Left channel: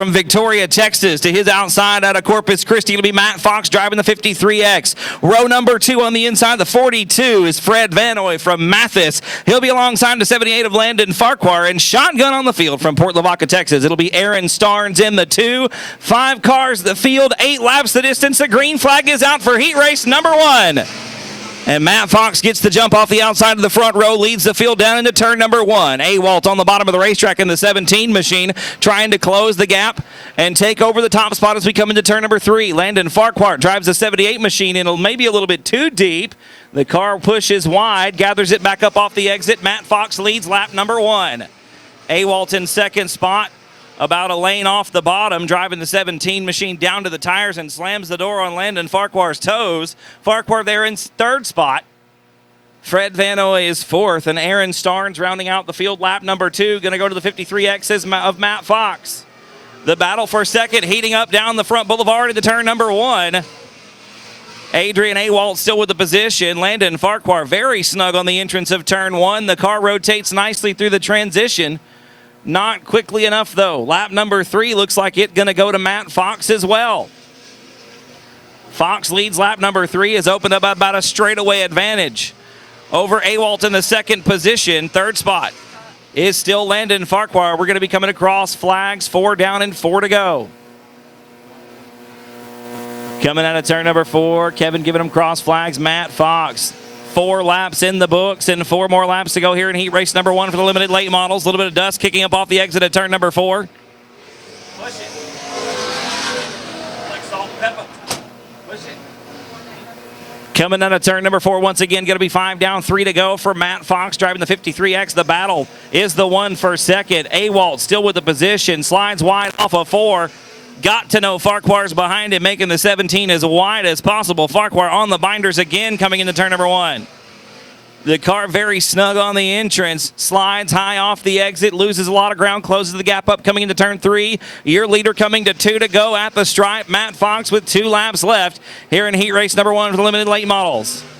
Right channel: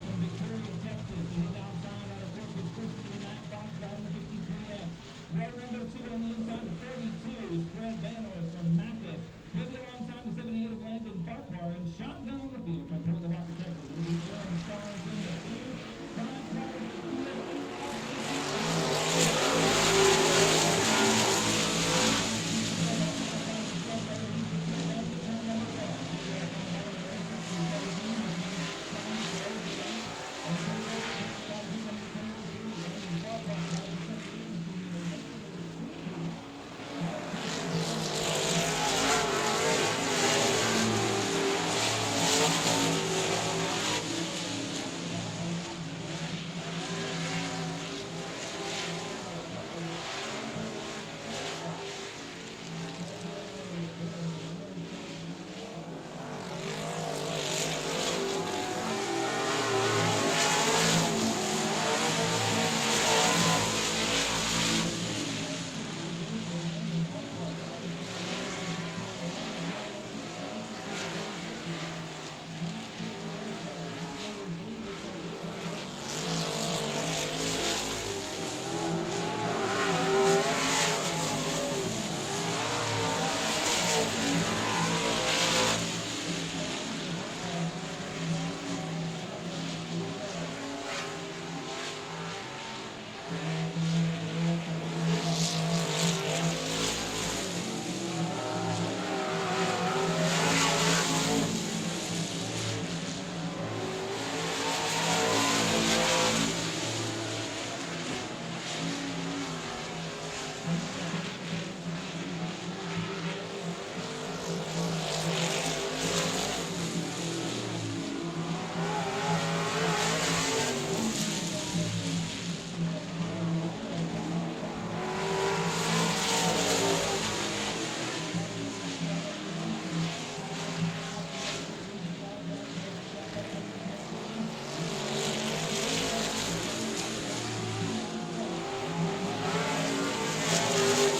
From Victoria, Texas to his outside out of Corpus Christi, it'll be Matt Fox driving the 53X. Row number 2 on the inside, the 42 is Fred Vanoy from Mathis. He'll be alongside the 78 of Landon Farquhar, and shotgun on the field from Port Lavaca, Texas. It'll be Aaron Starnes in the 2. 5 cars the field, 8 laps the distance. The green flag is out for heat race number 1. And Matt Fox gets the jump off the outside of the front row, leads the field down into turn number 1. Awalt on the bottom of the racetrack in the 17 machine, trying to close the gap and take over the top spot as we come into turn number 3. Landon Farquhar drives the 78 machine in maybe a little bit too deep. The car pushes wide, gathers it back up off the exit. Matt Fox leads lap number 1. Awalt in second spot, about a lane off the bottom, driving the 17 machine down to the tires and slams the door on Landon Farquhar's toes. Farquhar there in third spot. Fred Vanoy is fourth, and Aaron Starnes rounding out the field. Lap number 2, going to go to the 53Xs of Matt Fox. The battle for second heating up down the front boulevard into turn number 1. Adrian Awalt still with the position. Landon Farquhar very snug on the entrance of turn 1. The car rotates nicely through the transition. Not quickly enough, though. Lap number 3 looks like it's going to go to Matt Fox as well. Fox leads lap number 3, has opened up about a straightaway advantage over Awalt in the second position. Third spot is still Landon Farquhar. We're going to be coming across flags, 4 down and 4 to go. Coming out of turn number 4, Kevin giving him cross flags. Matt Fox, 4 laps in the books and 4 more laps to go here in heat race number 1 for the limited late models. A little bit of dust kicking up off the exit at turn number 4. Coming out of turn number 4 once again, going to be 5 down, 3 to go for Matt Fox driving the 53X. The battle is the one for second. Awalt still with the position, slides wide off of 4. Got to know Farquhar's behind him, making the 17 as wide as possible. Farquhar on the binders again coming into turn number 1. The car very snug on the entrance, slides high off the exit, loses a lot of ground, closes the gap up coming into turn 3. Your leader coming to 2 to go at the stripe. Matt Fox with 2 laps left here in heat race number 1 for the limited late models.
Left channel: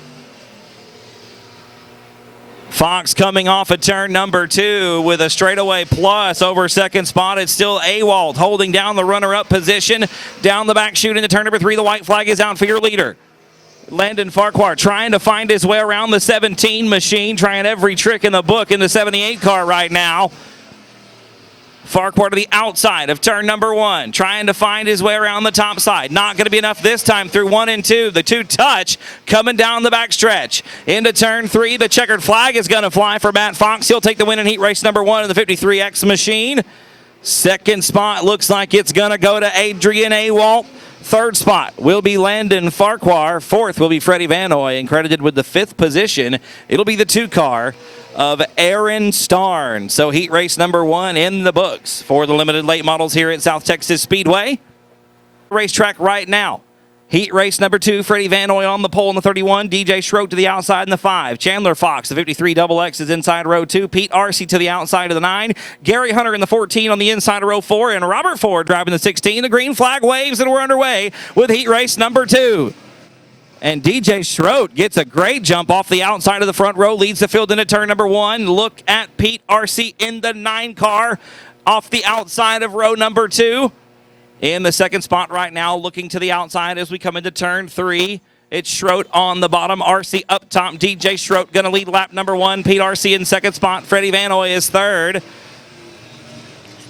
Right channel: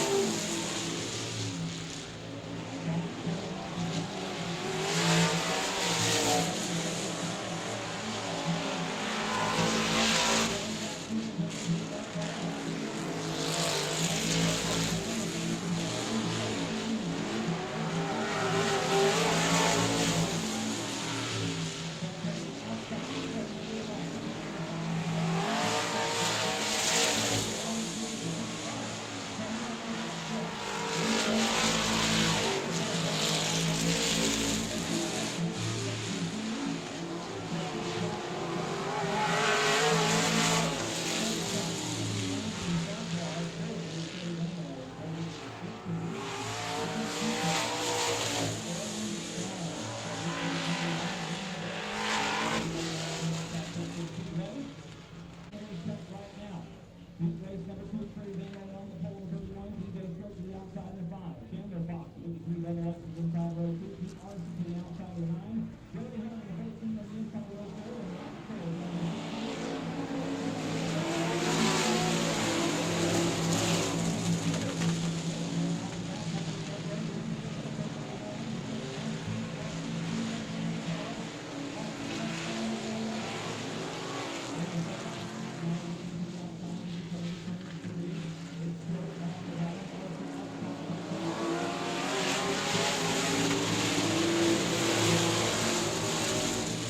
Fox coming off of turn number 2 with a straightaway plus over second spot. It's still Awalt holding down the runner-up position. Down the back chute into turn number 3. The white flag is out for your leader. Landon Farquhar trying to find his way around the 17 machine, trying every trick in the book in the 78 car right now. Farquhar to the outside of turn number 1, trying to find his way around the top side. Not going to be enough this time through 1 and 2. The 2 touch coming down the back stretch. Into turn 3, the checkered flag is going to fly for Matt Fox. He'll take the win in heat race number 1 in the 53X machine. Second spot looks like it's going to go to Adrian Awalt. Third spot will be Landon Farquhar. Fourth will be Freddie Vanoy, and credited with the 5th position, it'll be the 2 car of Aaron Starnes. So heat race number 1 in the books for the limited late models here at South Texas Speedway. Racetrack right now. Heat race number 2, Freddie Vanoy on the pole in the 31. DJ Schroet to the outside in the 5. Chandler Fox, the 53 XX is inside row 2. Pete Arcee to the outside of the 9. Gary Hunter in the 14 on the inside of row 4. And Robert Ford driving the 16. The green flag waves and we're underway with heat race number 2. And DJ Schroet gets a great jump off the outside of the front row, leads the field into turn number 1. Look at Pete Arcee in the 9 car off the outside of row number 2. In the second spot right now, looking to the outside as we come into turn 3. It's Schroet on the bottom, Arcee up top. DJ Schroet going to lead lap number 1. Pete Arcee in second spot. Freddie Vanoy is third.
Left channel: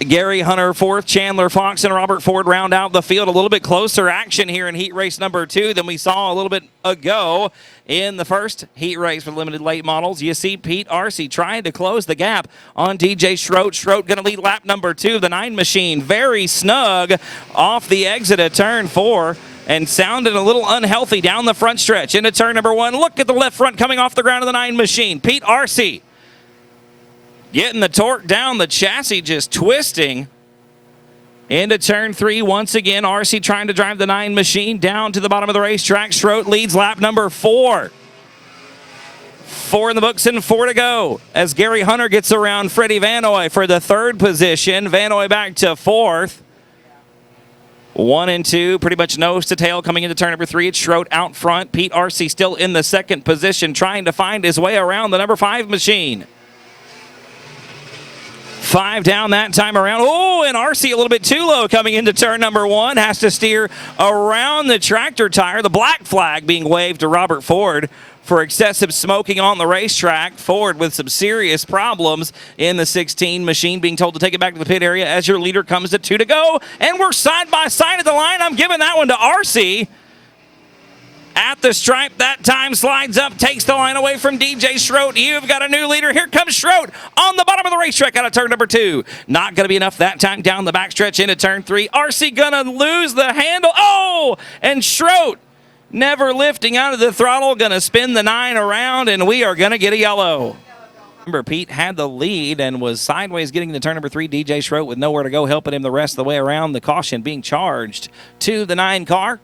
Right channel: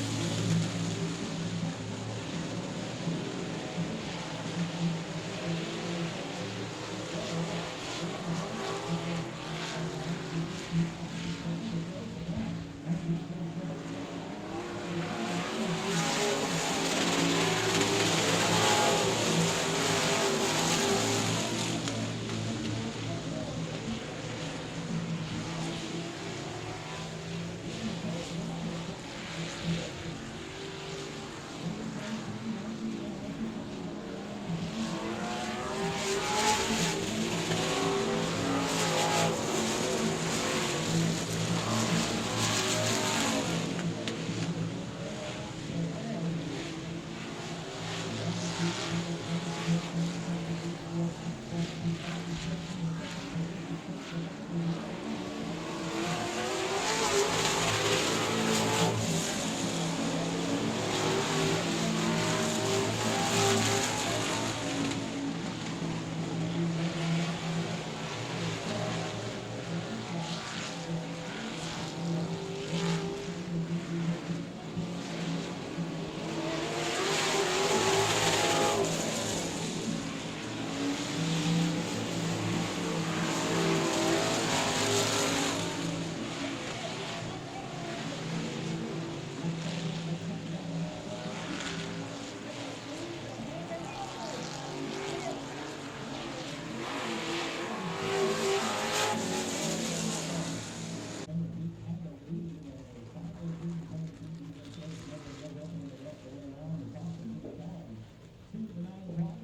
Gary Hunter fourth. Chandler Fox and Robert Ford round out the field. A little bit closer action here in heat race number 2 than we saw a little bit ago in the first heat race for limited late models. You see Pete Arcee trying to close the gap on DJ Schroet. Schroet going to lead lap number 2. The 9 machine very snug off the exit at turn 4 and sounded a little unhealthy down the front stretch into turn number 1. Look at the left front coming off the ground of the 9 machine. Pete Arcee getting the torque down, the chassis just twisting. Into turn 3 once again. Arcee trying to drive the 9 machine down to the bottom of the racetrack. Schroet leads lap number 4. 4 in the books and 4 to go as Gary Hunter gets around Freddie Vanoy for the 3rd position. Vanoy back to 4th. 1 and 2, pretty much nose to tail coming into turn number 3. It's Schroet out front. Pete Arcee still in the 2nd position, trying to find his way around the number 5 machine. 5 down that time around. Oh, and RC a little bit too low coming into turn number 1. Has to steer around the tractor tire. The black flag being waved to Robert Ford for excessive smoking on the racetrack. Ford with some serious problems in the 16 machine, being told to take it back to the pit area as your leader comes to 2 to go. And we're side by side at the line. I'm giving that one to RC. At the stripe, that time slides up, takes the line away from DJ Schroet. You've got a new leader. Here comes Schroet on the bottom of the racetrack out of turn number 2. Not going to be enough that time down the backstretch into turn 3. RC going to lose the handle. Oh, and Schroet never lifting out of the throttle. Going to spin the 9 around, and we are going to get a yellow. Remember, Pete had the lead and was sideways getting to turn number 3. DJ Schroet with nowhere to go, helping him the rest of the way around. The caution being charged to the 9 car.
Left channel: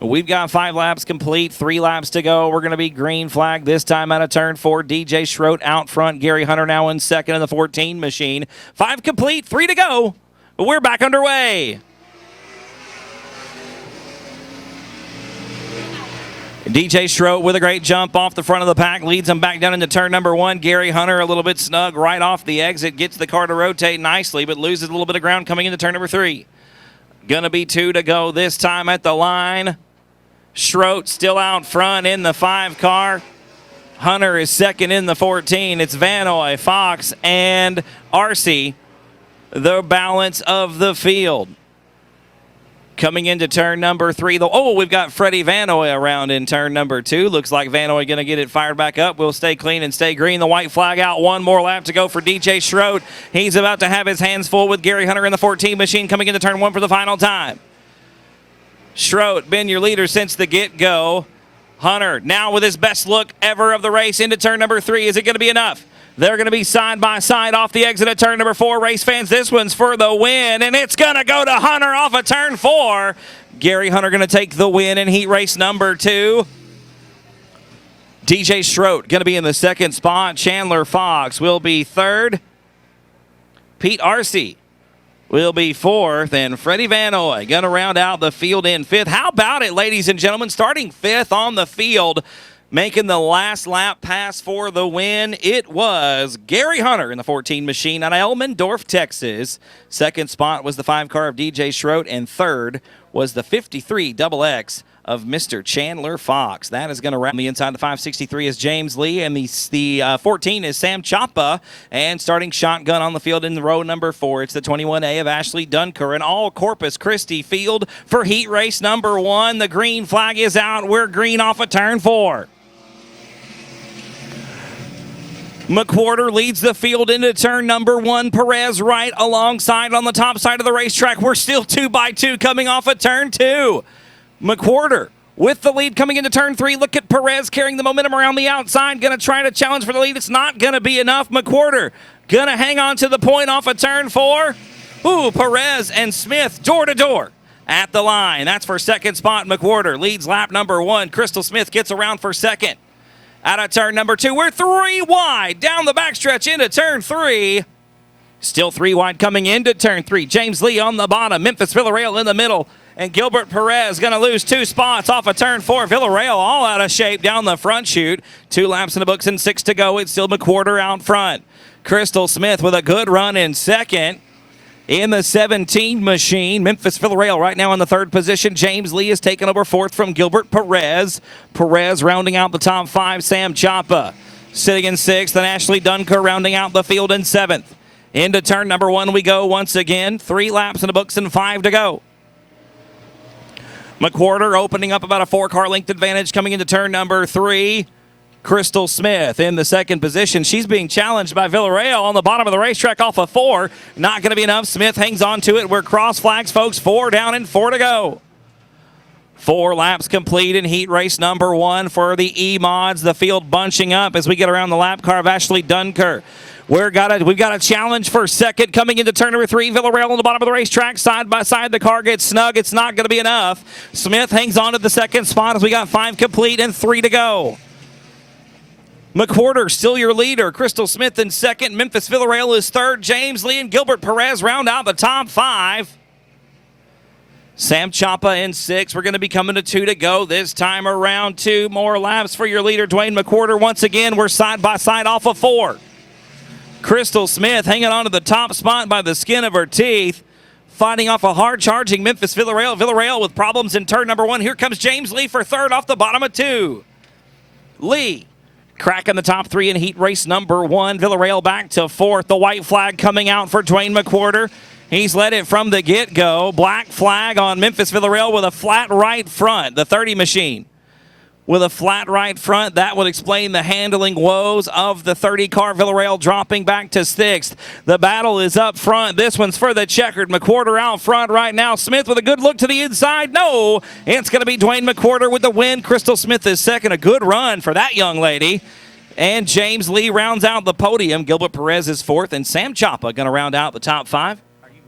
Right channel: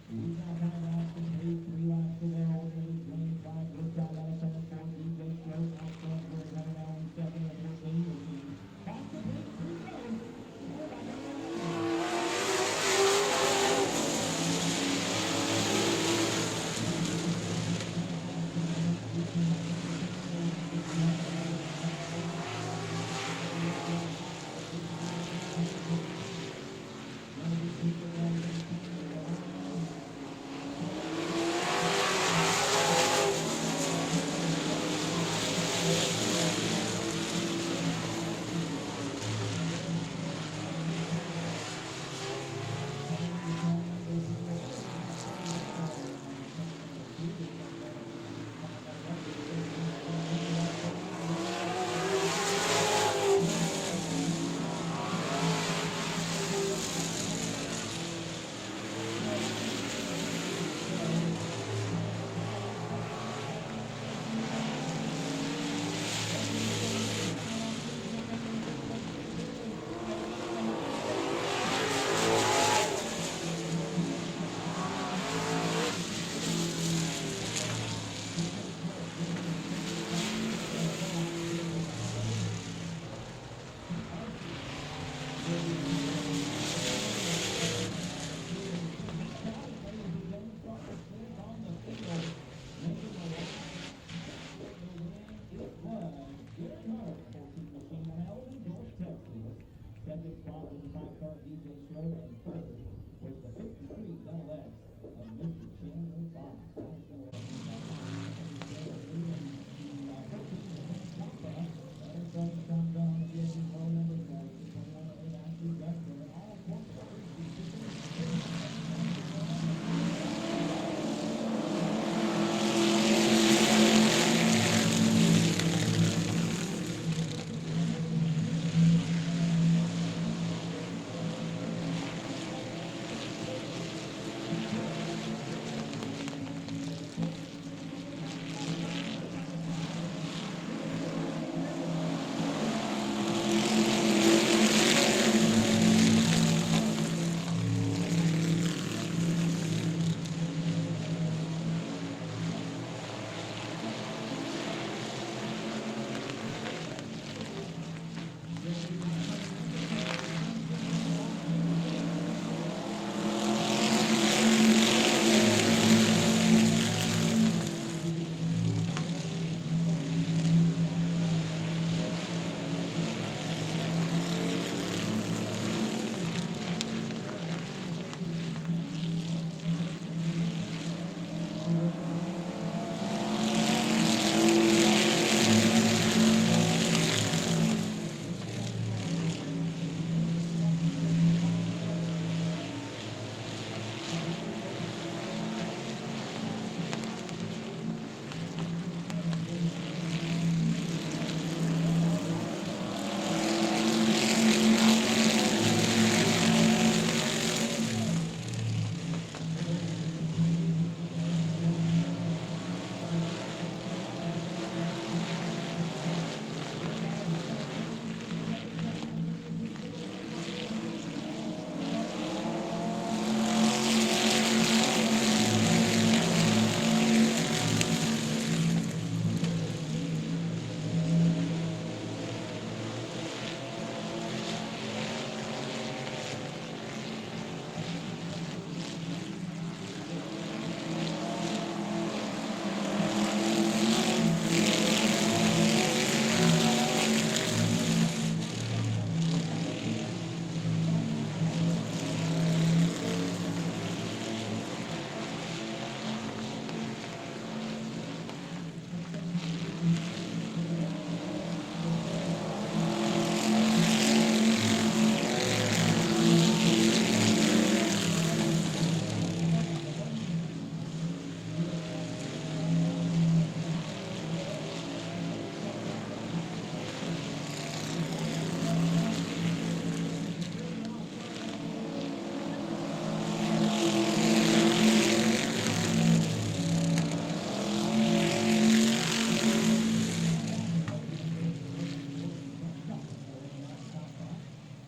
We've got 5 laps complete, 3 laps to go. We're going to be green flag this time out of turn 4. DJ Schroet out front. Gary Hunter now in second in the 14 machine. 5 complete, 3 to go. We're back underway. DJ Schroet with a great jump off the front of the pack, leads him back down into turn number 1. Gary Hunter a little bit snug right off the exit, gets the car to rotate nicely, but loses a little bit of ground coming into turn number 3. Gonna be 2 to go this time at the line. Schroet still out front in the 5 car. Hunter is second in the 14. It's Vanoy, Fox, and RC, the balance of the field. Coming into turn number 3, we've got Freddie Vanoy around in turn number 2. Looks like Vanoy going to get it fired back up. We'll stay clean and stay green. The white flag out. 1 more lap to go for DJ Schroet. He's about to have his hands full with Gary Hunter in the 14 machine coming into turn 1 for the final time. Schroet been your leader since the get-go. Hunter now with his best look ever of the race into turn number 3. Is it going to be enough? They're going to be side by side off the exit at turn number 4. Race fans, this one's for the win, and it's going to go to Hunter off of turn 4. Gary Hunter going to take the win in heat race number 2. DJ Schroet going to be in the second spot. Chandler Fox will be third. Pete RC will be 4th, and Freddie Vanoy going to round out the field in 5th. How about it, ladies and gentlemen? Starting 5th on the field, making the last lap pass for the win, it was Gary Hunter in the 14 machine out of Elmendorf, Texas. Second spot was the 5 car of DJ Schroet, and third was the 53 XX of Mr. Chandler Fox. That is going to wrap the inside. The 563 is James Lee, and the 14 is Sam Chapa. And starting shotgun on the field in row number 4, it's the 21A of Ashley Dunker, an all Corpus Christi field for heat race number 1. The green flag is out. We're green off of turn 4. McWhorter leads the field into turn number 1. Perez right alongside on the top side of the racetrack. We're still 2 by 2 coming off of turn 2. McWhorter with the lead coming into turn 3. Look at Perez carrying the momentum around the outside. Going to try to challenge for the lead. It's not going to be enough. McWhorter going to hang on to the point off of turn 4. Ooh, Perez and Smith door to door at the line. That's for second spot. McWhorter leads lap number 1. Crystal Smith gets around for second. Out of turn number 2, we're 3 wide down the backstretch into turn 3. Still 3 wide coming into turn 3. James Lee on the bottom, Memphis Villarreal in the middle, and Gilbert Perez going to lose 2 spots off of turn 4. Villarreal all out of shape down the front chute. 2 laps in the books and 6 to go. It's still McWhorter out front. Crystal Smith with a good run in second. In the 17 machine, Memphis Villarreal right now in the 3rd position. James Lee is taking over 4th from Gilbert Perez. Perez rounding out the top 5. Sam Chapa sitting in 6th, and Ashley Dunker rounding out the field in 7th. Into turn number 1 we go once again. 3 laps in the books and 5 to go. McWhorter opening up about a 4-car length advantage coming into turn number 3. Crystal Smith in the 2nd position. She's being challenged by Villarreal on the bottom of the racetrack off of 4. Not going to be enough. Smith hangs on to it. We're cross flags, folks. 4 down and 4 to go. 4 laps complete in heat race number 1 for the E-Mods. The field bunching up as we get around the lap car of Ashley Dunker. We've got a challenge for second coming into turn number 3. Villarreal on the bottom of the racetrack. Side by side, the car gets snug. It's not going to be enough. Smith hangs on to the 2nd spot as we got 5 complete and 3 to go. McWhorter still your leader. Crystal Smith in 2nd. Memphis Villarreal is 3rd. James Lee and Gilbert Perez round out the top 5. Sam Chapa in 6th. We're going to be coming to 2 to go this time around. 2 more laps for your leader, Dwayne McWhorter. Once again, we're side by side off of 4. Crystal Smith hanging on to the top spot by the skin of her teeth. Fighting off a hard-charging Memphis Villarreal. Villarreal with problems in turn number 1. Here comes James Lee for third off the bottom of 2. Lee cracking the top 3 in heat race number 1. Villarreal back to 4th. The white flag coming out for Dwayne McWhorter. He's led it from the get-go. Black flag on Memphis Villarreal with a flat right front. The 30 machine with a flat right front. That would explain the handling woes of the 30 car. Villarreal dropping back to 6th. The battle is up front. This one's for the checkered. McWhorter out front right now. Smith with a good look to the inside. No, it's going to be Dwayne McWhorter with the win. Crystal Smith is second. A good run for that young lady. And James Lee rounds out the podium. Gilbert Perez is 4th, and Sam Chapa going to round out the top 5.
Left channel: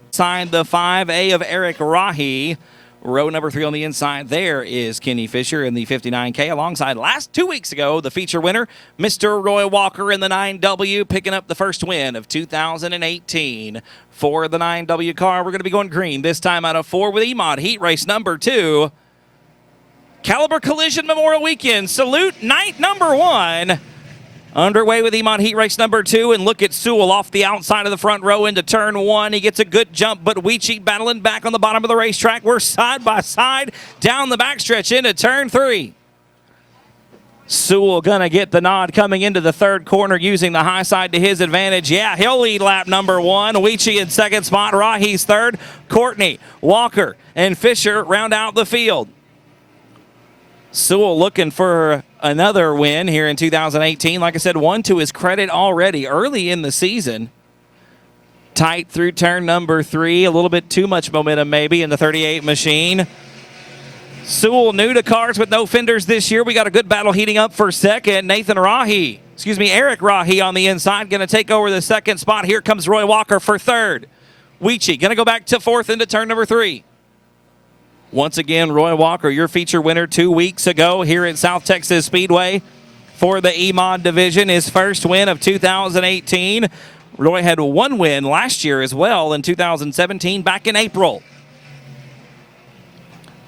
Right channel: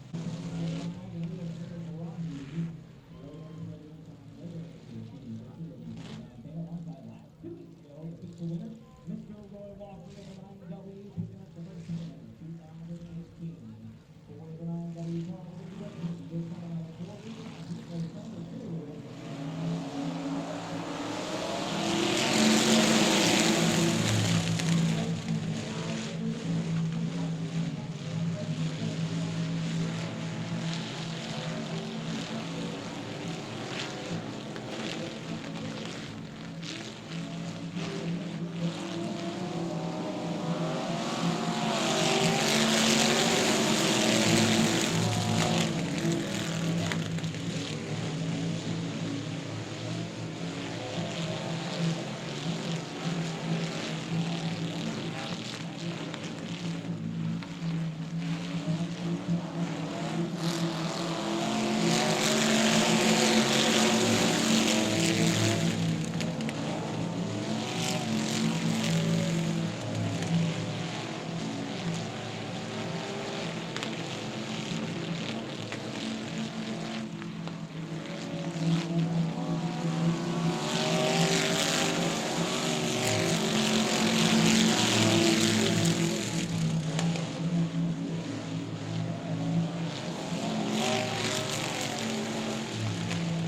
Inside the 5A of Eric Rahi. Row number 3 on the inside there is Kenny Fisher in the 59K, alongside last 2 weeks ago, the feature winner, Mr. Roy Walker in the 9W, picking up the first win of 2018 for the 9W car. We're going to be going green this time out of 4 with EMOD heat race number 2. Caliber Collision Memorial Weekend Salute night number 1. Underway with EMOD heat race number 2, and look at Sewell off the outside of the front row into turn 1. He gets a good jump, but Weechie battling back on the bottom of the racetrack. We're side by side down the backstretch into turn 3. Sewell gonna get the nod coming into the 3rd corner using the high side to his advantage. Yeah, he'll lead lap number 1. Weechie in 2nd spot, Rahi's 3rd. Courtney, Walker, and Fisher round out the field. Sewell looking for another win here in 2018. Like I said, 1 to his credit already early in the season. Tight through turn number 3. A little bit too much momentum maybe in the 38 machine. Sewell new to cars with no fenders this year. We got a good battle heating up for second. Eric Rahi on the inside going to take over the 2nd spot. Here comes Roy Walker for 3rd. Weechie going to go back to 4th into turn number 3. Once again, Roy Walker, your feature winner 2 weeks ago here at South Texas Speedway for the EMOD division. His first win of 2018. Roy had 1 win last year as well in 2017 back in April.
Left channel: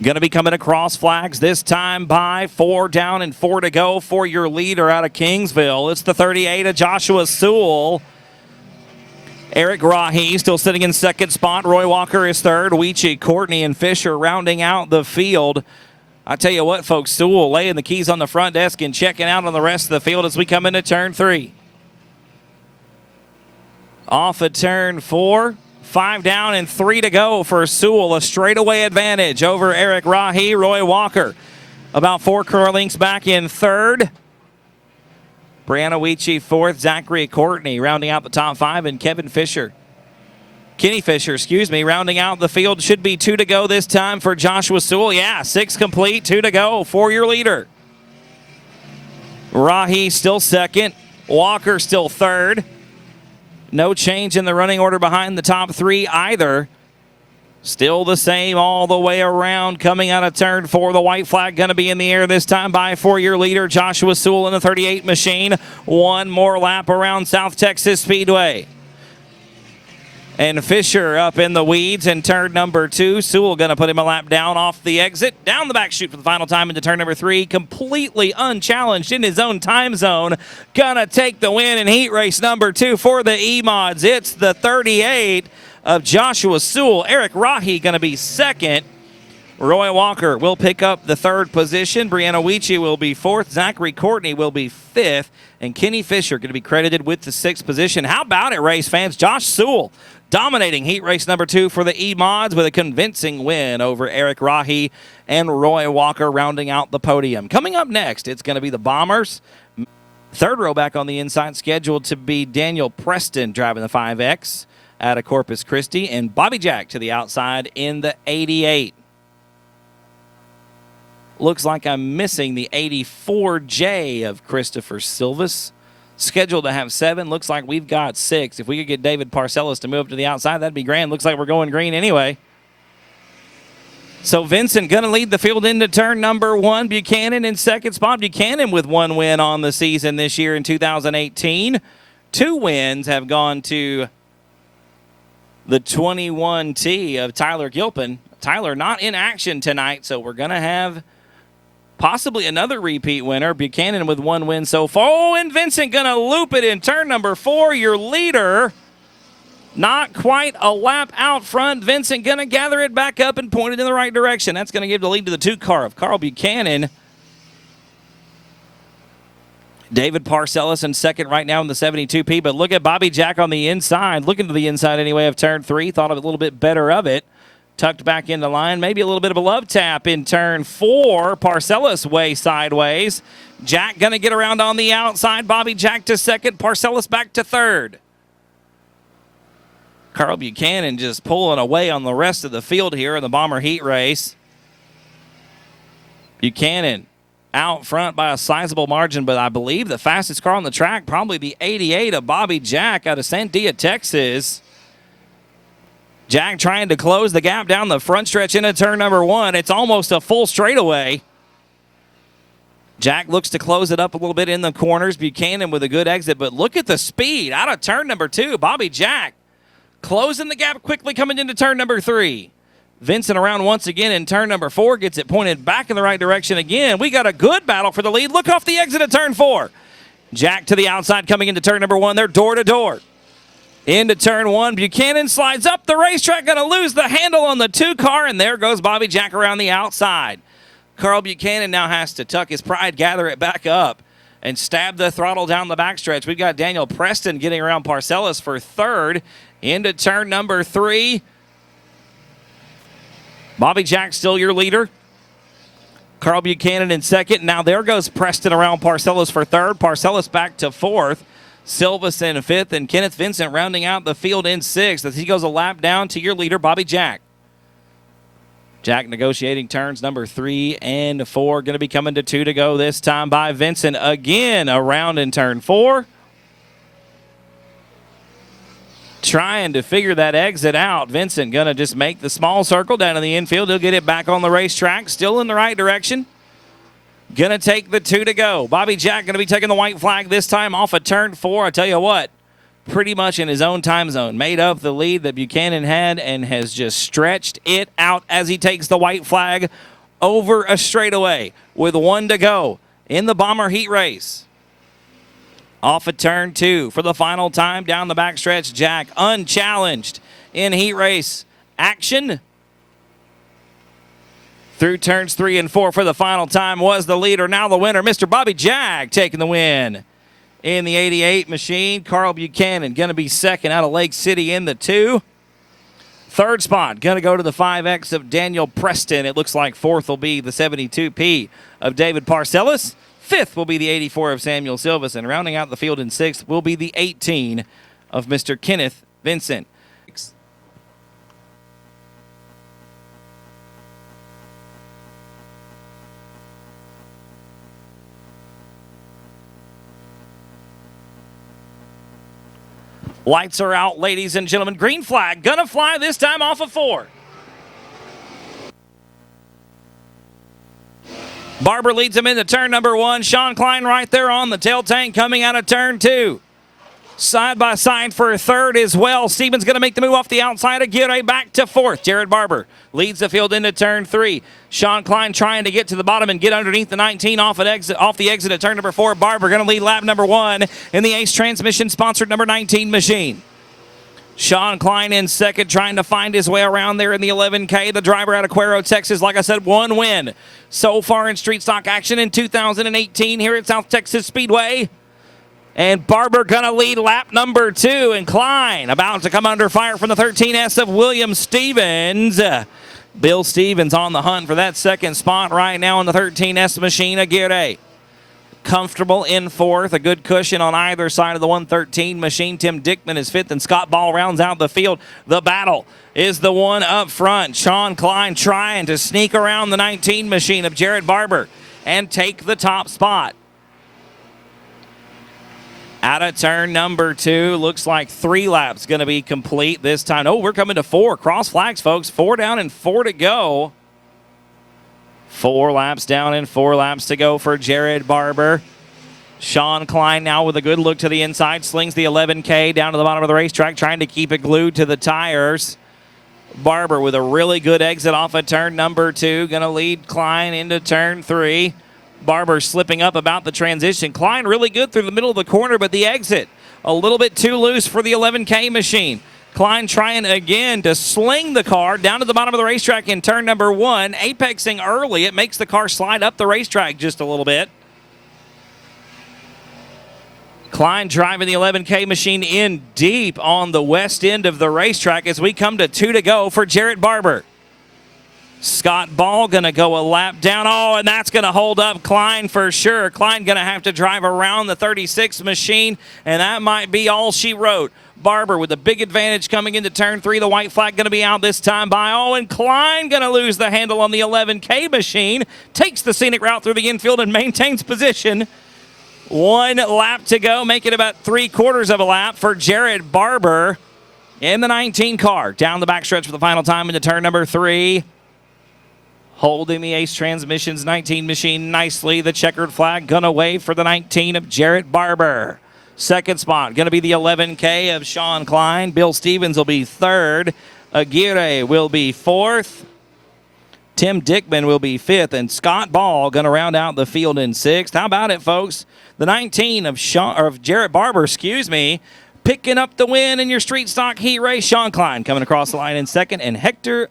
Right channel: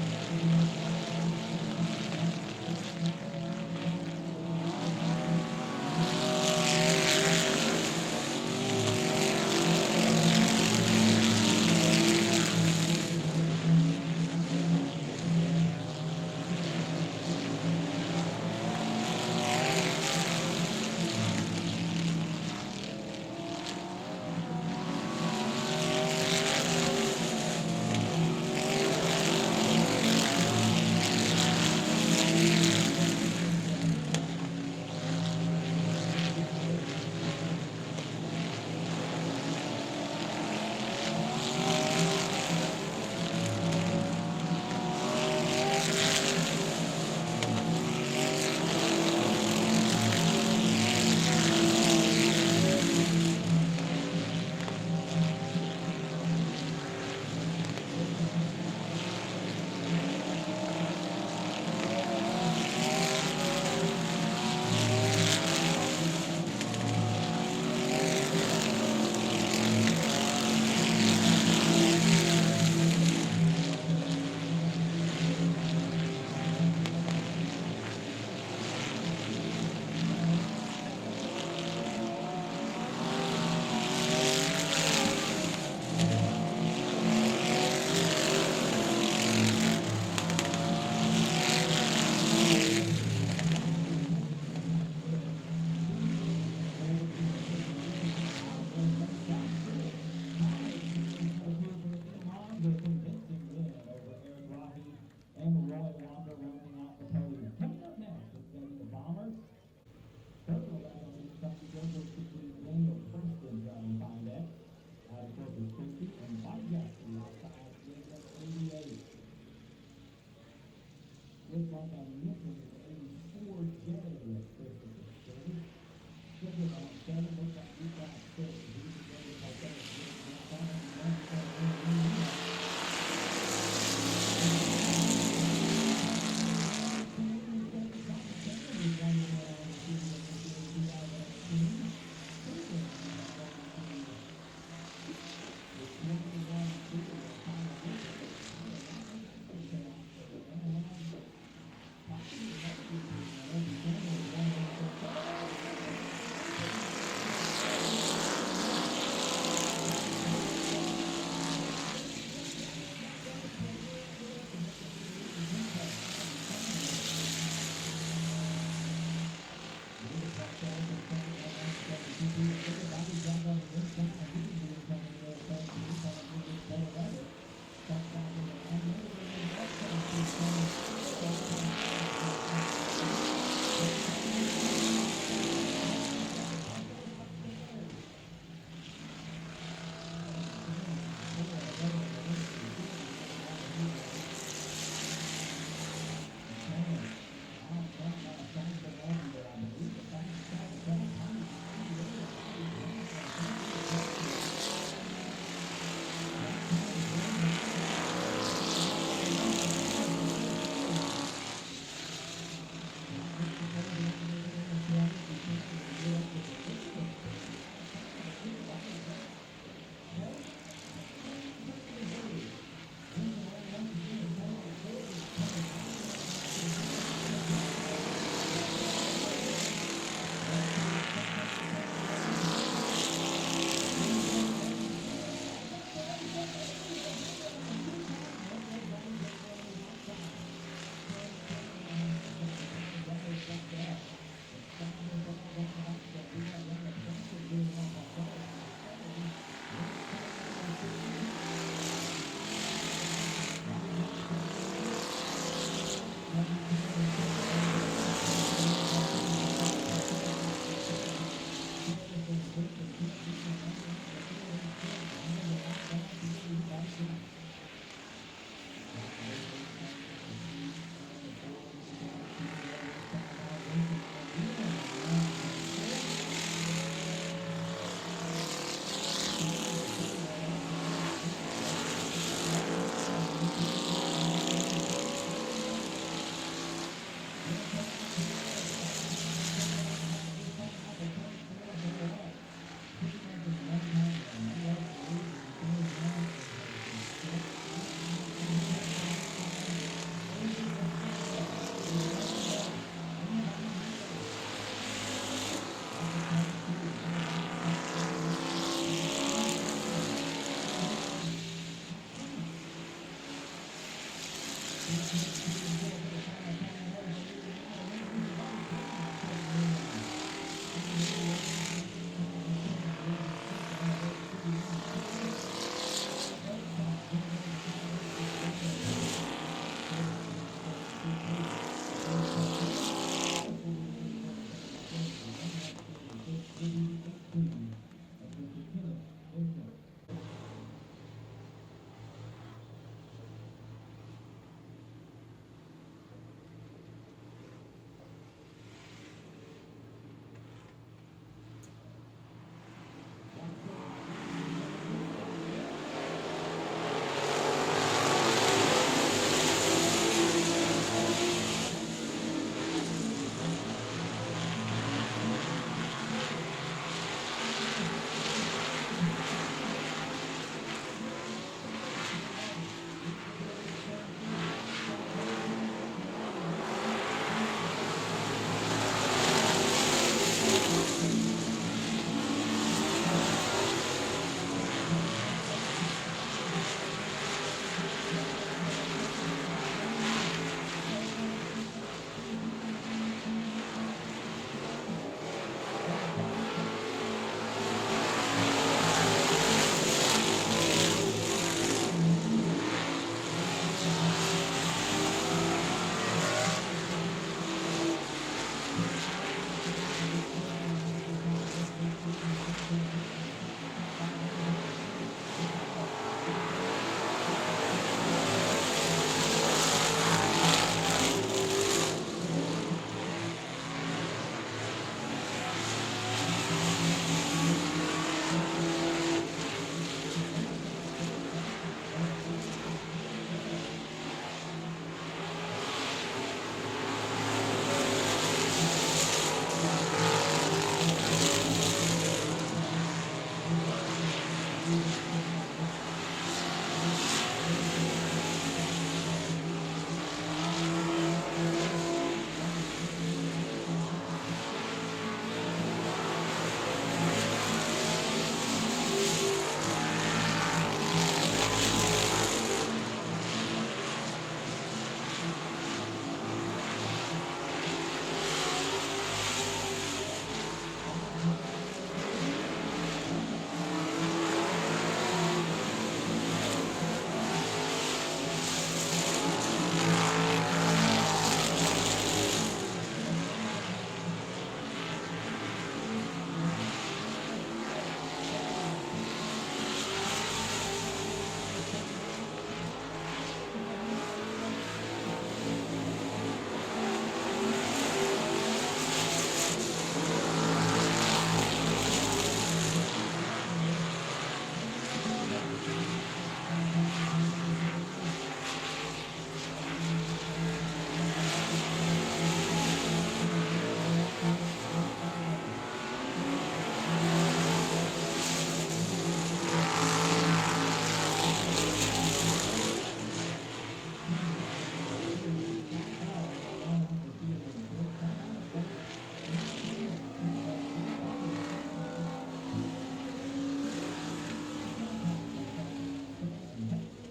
Going to be coming across flags this time by 4 down and 4 to go for your leader out of Kingsville. It's the 38 of Joshua Sewell. Eric Rahi still sitting in 2nd spot. Roy Walker is 3rd. Weechie, Courtney, and Fisher rounding out the field. I tell you what, folks, Sewell laying the keys on the front desk and checking out on the rest of the field as we come into turn 3. Off of turn 4. 5 down and 3 to go for Sewell. A straightaway advantage over Eric Rahi. Roy Walker about 4 car lengths back in 3rd. Brianna Weechie 4th, Zachary Courtney rounding out the top 5, and Kenny Fisher, rounding out the field. Should be 2 to go this time for Joshua Sewell. Yeah, 6 complete, 2 to go for your leader. Rahi still 2nd, Walker still 3rd. No change in the running order behind the top 3 either. Still the same all the way around. Coming out of turn 4, the white flag going to be in the air this time by 4-year leader Joshua Sewell in the 38 machine. 1 more lap around South Texas Speedway. And Fisher up in the weeds in turn number 2. Sewell going to put him a lap down off the exit. Down the back chute for the final time into turn number 3. Completely unchallenged in his own time zone. Gonna take the win in heat race number 2 for the EMODs. It's the 38 of Joshua Sewell. Eric Rahi going to be 2nd. Roy Walker will pick up the 3rd position. Brianna Weechie will be 4th. Zachary Courtney will be 5th. And Kenny Fisher going to be credited with the 6th position. How about it, race fans? Josh Sewell dominating heat race number 2 for the EMODs with a convincing win over Eric Rahi and Roy Walker rounding out the podium. Coming up next, it's going to be the Bombers. 3rd row back on the inside, scheduled to be Daniel Preston driving the 5X out of Corpus Christi, and Bobby Jack to the outside in the 88. Looks like I'm missing the 84J of Christopher Silvas. Scheduled to have 7. Looks like we've got 6. If we could get David Parcellis to move to the outside, that'd be grand. Looks like we're going green anyway. So Vincent going to lead the field into turn number 1. Buchanan in 2nd spot. Buchanan with 1 win on the season this year in 2018. 2 wins have gone to the 21T of Tyler Gilpin. Tyler not in action tonight, so we're going to have possibly another repeat winner. Buchanan with 1 win so far. Oh, and Vincent going to loop it in turn number 4. Your leader, not quite a lap out front. Vincent going to gather it back up and point it in the right direction. That's going to give the lead to the 2 car of Carl Buchanan. David Parcellis in second right now in the 72P, but look at Bobby Jack on the inside, looking to the inside anyway of turn 3. Thought of a little bit better of it. Tucked back into line, maybe a little bit of a love tap in turn 4. Parcellis way sideways. Jack going to get around on the outside. Bobby Jack to second, Parcellis back to third. Carl Buchanan just pulling away on the rest of the field here in the Bomber Heat Race. Buchanan out front by a sizable margin, but I believe the fastest car on the track, probably the 88 of Bobby Jack out of Sandia, Texas. Jack trying to close the gap down the front stretch into turn number 1. It's almost a full straightaway. Jack looks to close it up a little bit in the corners. Buchanan with a good exit, but look at the speed out of turn number 2. Bobby Jack closing the gap quickly coming into turn number 3. Vincent around once again in turn number 4, gets it pointed back in the right direction again. We got a good battle for the lead. Look off the exit of turn 4. Jack to the outside coming into turn number 1. They're door to door. Into turn 1, Buchanan slides up the racetrack, going to lose the handle on the 2 car, and there goes Bobby Jack around the outside. Carl Buchanan now has to tuck his pride, gather it back up, and stab the throttle down the backstretch. We've got Daniel Preston getting around Parcellis for third. Into turn number 3. Bobby Jack still your leader. Carl Buchanan in second. Now there goes Preston around Parcellis for third. Parcellis back to fourth. Silvas in fifth, and Kenneth Vincent rounding out the field in sixth as he goes a lap down to your leader, Bobby Jack. Jack negotiating turns number 3 and 4. Going to be coming to 2 to go this time by Vincent. Again around in turn 4. Trying to figure that exit out. Vincent going to just make the small circle down in the infield. He'll get it back on the racetrack. Still in the right direction. Going to take the 2 to go. Bobby Jack going to be taking the white flag this time off of turn 4. I tell you what, pretty much in his own time zone. Made up the lead that Buchanan had and has just stretched it out as he takes the white flag over a straightaway with 1 to go in the Bomber Heat Race. Off of turn 2 for the final time down the backstretch. Jack unchallenged in heat race action. Through turns 3 and 4 for the final time was the leader. Now the winner, Mr. Bobby Jack, taking the win in the 88 machine. Carl Buchanan going to be second out of Lake City in the 2. Third spot going to go to the 5X of Daniel Preston. It looks like fourth will be the 72P of David Parcellis. Fifth will be the 84 of Samuel Silvas, and rounding out the field in sixth will be the 18 of Mr. Kenneth Vincent. Lights are out, ladies and gentlemen. Green flag gonna fly this time off of 4. Barber leads him into turn number 1. Sean Klein right there on the tail tank coming out of turn 2. Side by side for third as well. Stevens going to make the move off the outside of Aguirre back to fourth. Jared Barber leads the field into turn 3. Sean Klein trying to get to the bottom and get underneath the 19 off the exit of turn number 4. Barber going to lead lap number 1 in the Ace Transmission sponsored number 19 machine. Sean Klein in second, trying to find his way around there in the 11K. The driver out of Cuero, Texas, like I said, 1 win so far in street stock action in 2018 here at South Texas Speedway. And Barber gonna lead lap number 2, and Klein about to come under fire from the 13S of William Stevens. Bill Stevens on the hunt for that second spot right now in the 13S machine. Aguirre comfortable in fourth, a good cushion on either side of the 113 machine. Tim Dickman is fifth, and Scott Ball rounds out the field. The battle is the one up front. Sean Klein trying to sneak around the 19 machine of Jared Barber and take the top spot. Out of turn number 2, looks like 3 laps going to be complete this time. Oh, we're coming to 4. Cross flags, folks. 4 down and 4 to go. 4 laps down and 4 laps to go for Jared Barber. Sean Klein now with a good look to the inside, slings the 11K down to the bottom of the racetrack, trying to keep it glued to the tires. Barber with a really good exit off of turn number 2, going to lead Klein into turn 3. Barber slipping up about the transition. Klein really good through the middle of the corner, but the exit a little bit too loose for the 11K machine. Klein trying again to sling the car down to the bottom of the racetrack in turn number 1. Apexing early, it makes the car slide up the racetrack just a little bit. Klein driving the 11K machine in deep on the west end of the racetrack as we come to 2 to go for Jarrett Barber. Scott Ball going to go a lap down. Oh, and that's going to hold up Klein for sure. Klein going to have to drive around the 36 machine, and that might be all she wrote. Barber with a big advantage coming into turn 3. The white flag going to be out this time by Owen. Klein going to lose the handle on the 11K machine. Takes the scenic route through the infield and maintains position. 1 lap to go, make it about 3/4 of a lap for Jarrett Barber in the 19 car. Down the backstretch for the final time into turn number 3. Holding the Ace Transmissions 19 machine nicely. The checkered flag gonna wave for the 19 of Jarrett Barber. Second spot gonna be the 11K of Sean Klein. Bill Stevens will be 3rd. Aguirre will be 4th. Tim Dickman will be 5th, and Scott Ball gonna round out the field in 6th. How about it, folks? The 19 of Jarrett Barber, picking up the win in your street stock heat race. Sean Klein coming across the line in 2nd, and Hector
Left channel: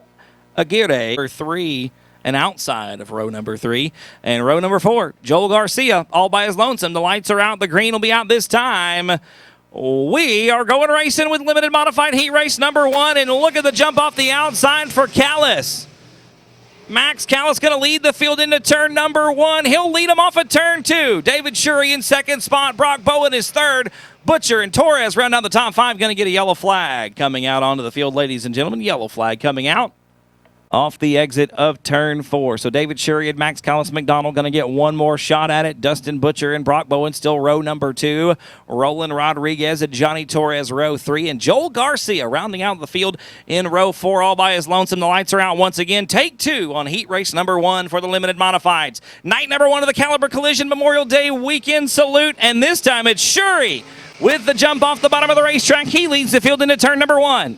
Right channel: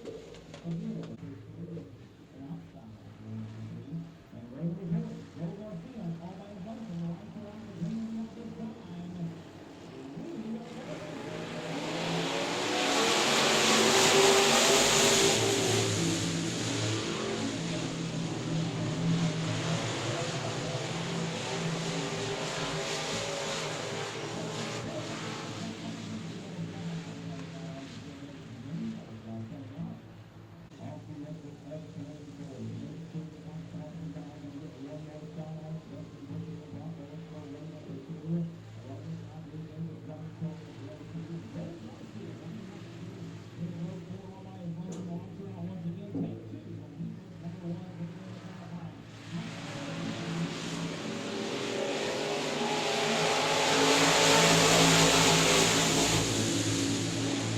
Aguirre for 3 and outside of row number 3. And row number 4, Joel Garcia all by his lonesome. The lights are out, the green will be out this time. We are going racing with limited modified heat race number 1, and look at the jump off the outside for Callis. Max Callis going to lead the field into turn number 1. He'll lead him off at turn 2. David Shurry in 2nd spot. Brock Bowen is 3rd. Butcher and Torres round out the top 5. Going to get a yellow flag coming out onto the field, ladies and gentlemen. Yellow flag coming out off the exit of turn 4. So David Shurry and Max Callis McDonald going to get one more shot at it. Dustin Butcher and Brock Bowen still row number 2. Roland Rodriguez and Johnny Torres row 3. And Joel Garcia rounding out the field in row 4 all by his lonesome. The lights are out once again. Take 2 on heat race number 1 for the limited modifieds. Night number 1 of the Caliber Collision Memorial Day weekend salute. And this time it's Shurry with the jump off the bottom of the racetrack. He leads the field into turn number 1.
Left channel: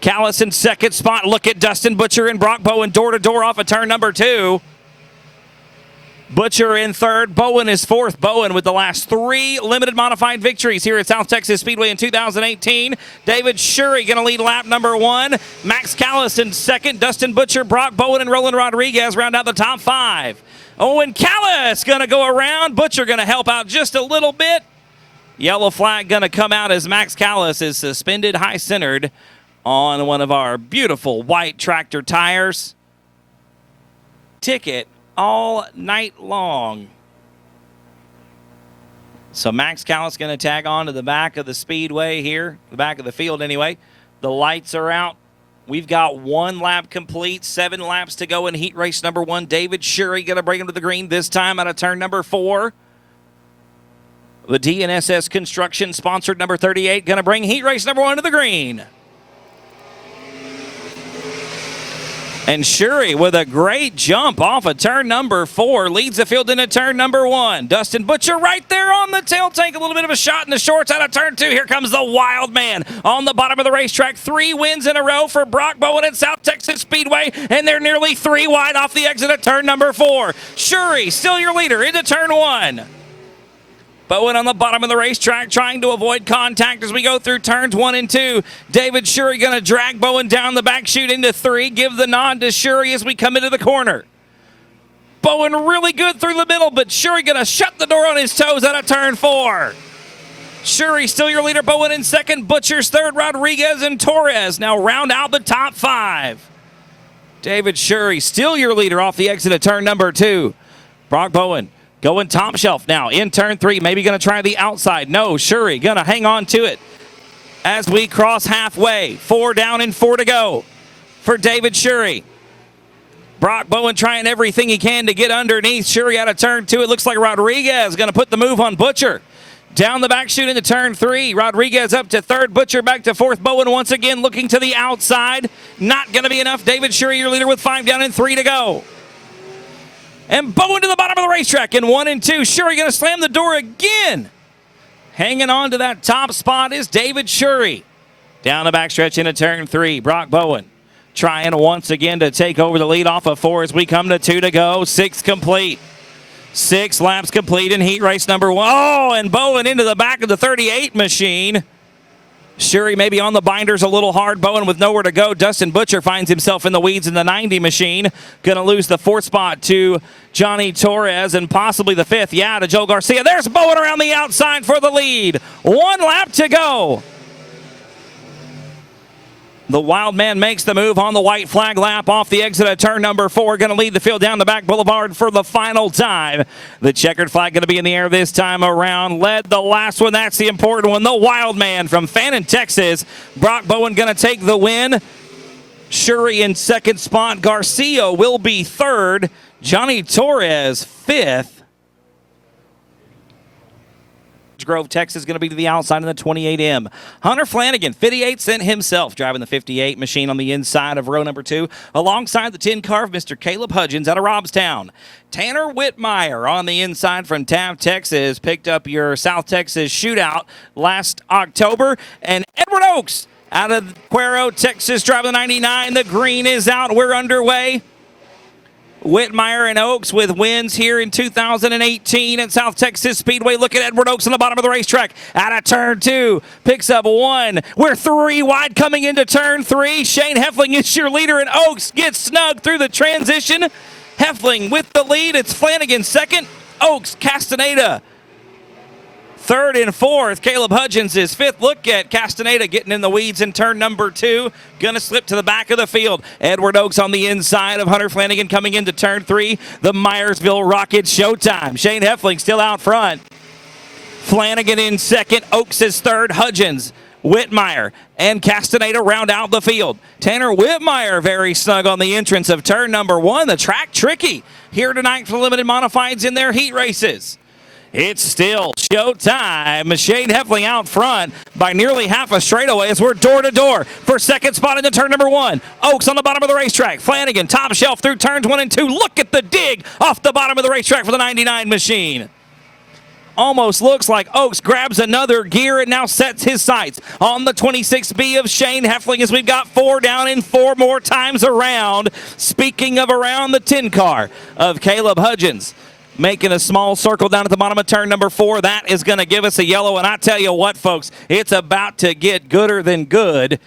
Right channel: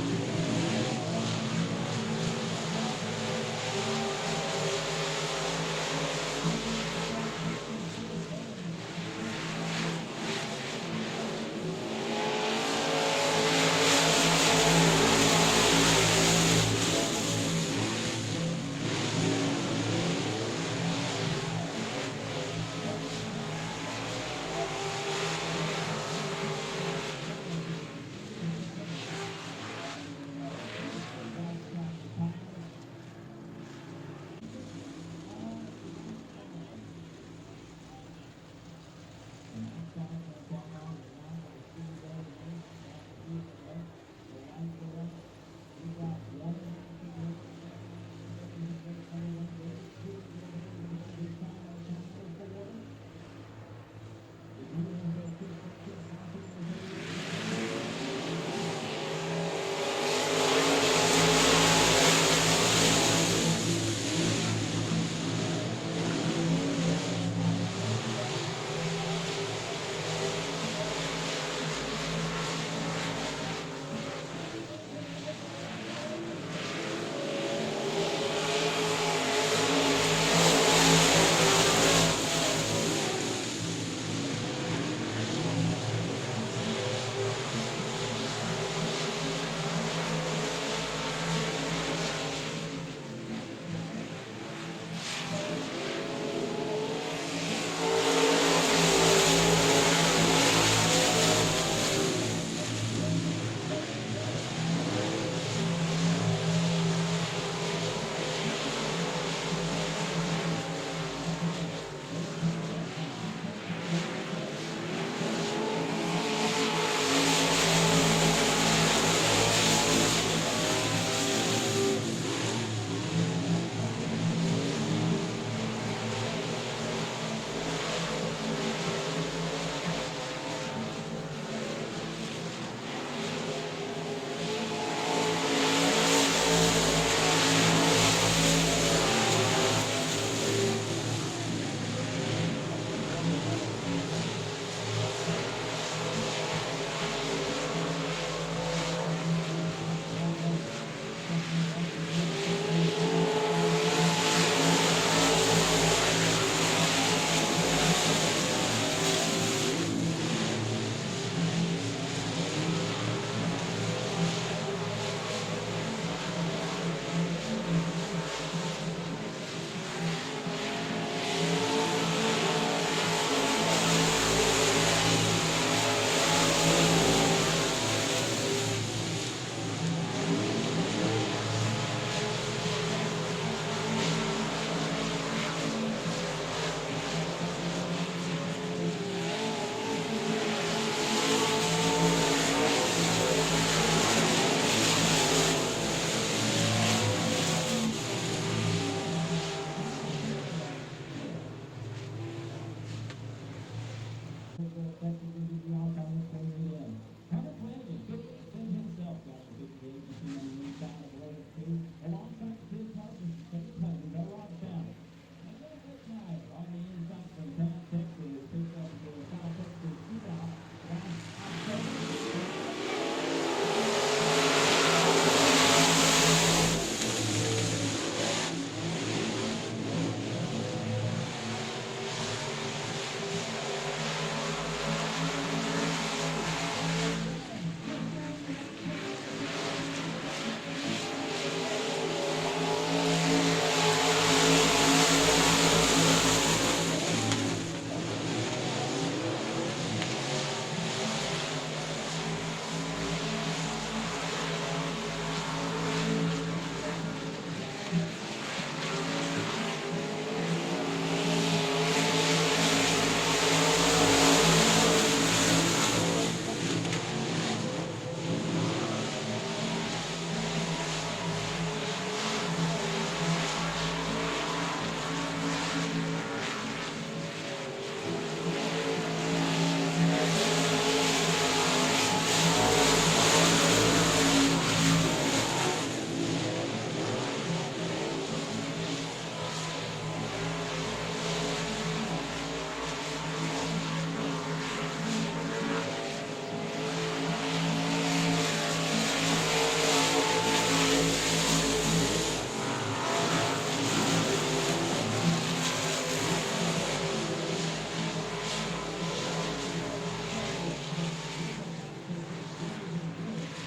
Callis in 2nd spot. Look at Dustin Butcher and Brock Bowen door-to-door off of turn number 2. Butcher in 3rd. Bowen is 4th. Bowen with the last 3 limited modified victories here at South Texas Speedway in 2018. David Shurry going to lead lap number 1. Max Callis in 2nd. Dustin Butcher, Brock Bowen, and Roland Rodriguez round out the top 5. Owen Callis going to go around. Butcher going to help out just a little bit. Yellow flag going to come out as Max Callis is suspended high-centered on one of our beautiful white tractor tires. Ticket all night long. So Max Callis going to tag on to the back of the speedway here, the back of the field anyway. The lights are out. We've got 1 lap complete, 7 laps to go in heat race number 1. David Shurry going to bring him to the green this time out of turn number 4. The DNSS Construction sponsored number 38 going to bring heat race number 1 to the green. And Shurry with a great jump off of turn number 4 leads the field into turn number 1. Dustin Butcher right there on the tail tank. A little bit of a shot in the shorts out of turn 2. Here comes the wild man on the bottom of the racetrack. 3 wins in a row for Brock Bowen at South Texas Speedway, and they're nearly 3 wide off the exit of turn number 4. Shurry still your leader into turn 1. Bowen on the bottom of the racetrack trying to avoid contact as we go through turns 1 and 2. David Shurry going to drag Bowen down the back chute into 3. Give the nod to Shurry as we come into the corner. Bowen really good through the middle, but Shurry going to shut the door on his toes out of turn 4. Shurry still your leader. Bowen in 2nd. Butcher's 3rd. Rodriguez and Torres now round out the top 5. David Shurry still your leader off the exit of turn number 2. Brock Bowen going top shelf now in turn 3. Maybe going to try the outside. No, Shurry going to hang on to it as we cross halfway. 4 down and 4 to go for David Shurry. Brock Bowen trying everything he can to get underneath Shurry out of turn 2. It looks like Rodriguez going to put the move on Butcher. Down the back chute into turn 3. Rodriguez up to 3rd. Butcher back to 4th. Bowen once again looking to the outside. Not going to be enough. David Shurry your leader with 5 down and 3 to go. And Bowen to the bottom of the racetrack in 1 and 2. Shurry going to slam the door again. Hanging on to that top spot is David Shurry. Down the backstretch into turn 3. Brock Bowen trying once again to take over the lead off of 4 as we come to 2 to go. 6 complete. 6 laps complete in heat race number 1. Oh, and Bowen into the back of the 38 machine. Shuri maybe on the binders a little hard. Bowen with nowhere to go. Dustin Butcher finds himself in the weeds in the 90 machine. Going to lose the 4th spot to Johnny Torres and possibly the 5th. Yeah, to Joe Garcia. There's Bowen around the outside for the lead. 1 lap to go. The wild man makes the move on the white flag lap off the exit of turn number 4. Going to lead the field down the back boulevard for the final time. The checkered flag going to be in the air this time around. Led the last one. That's the important one. The wild man from Fannin, Texas. Brock Bowen going to take the win. Shuri in 2nd spot. Garcia will be 3rd. Johnny Torres 5th. Grove, Texas, going to be to the outside in the 28M. Hunter Flanagan, 58, sent himself, driving the 58 machine on the inside of row number 2, alongside the 10 car of Mr. Caleb Hudgens out of Robstown. Tanner Whitmire on the inside from Taft, Texas, picked up your South Texas shootout last October. And Edward Oaks out of Cuero, Texas, driving the 99. The green is out. We're underway. Whitmire and Oaks with wins here in 2018 at South Texas Speedway. Look at Edward Oaks on the bottom of the racetrack. Out of turn 2, picks up 1. We're 3 wide coming into turn 3. Shane Heffling is your leader, and Oaks gets snug through the transition. Heffling with the lead. It's Flanagan 2nd. Oaks, Castaneda 3rd and 4th. Caleb Hudgens is 5th. Look at Castaneda getting in the weeds in turn number 2. Going to slip to the back of the field. Edward Oaks on the inside of Hunter Flanagan coming into turn 3. The Myersville Rockets showtime. Shane Heffling still out front. Flanagan in 2nd. Oaks is 3rd. Hudgens, Whitmire, and Castaneda round out the field. Tanner Whitmire very snug on the entrance of turn number 1. The track tricky here tonight for limited modifieds in their heat races. It's still showtime. Shane Heffling out front by nearly half a straightaway as we're door to door for 2nd spot into turn number 1. Oaks on the bottom of the racetrack. Flanagan top shelf through turns 1 and 2. Look at the dig off the bottom of the racetrack for the 99 machine. Almost looks like Oaks grabs another gear and now sets his sights on the 26B of Shane Heffling as we've got 4 down and 4 more times around. Speaking of around, the 10 car of Caleb Hudgens making a small circle down at the bottom of turn number 4. That is going to give us a yellow, and I tell you what, folks, it's about to get gooder than good.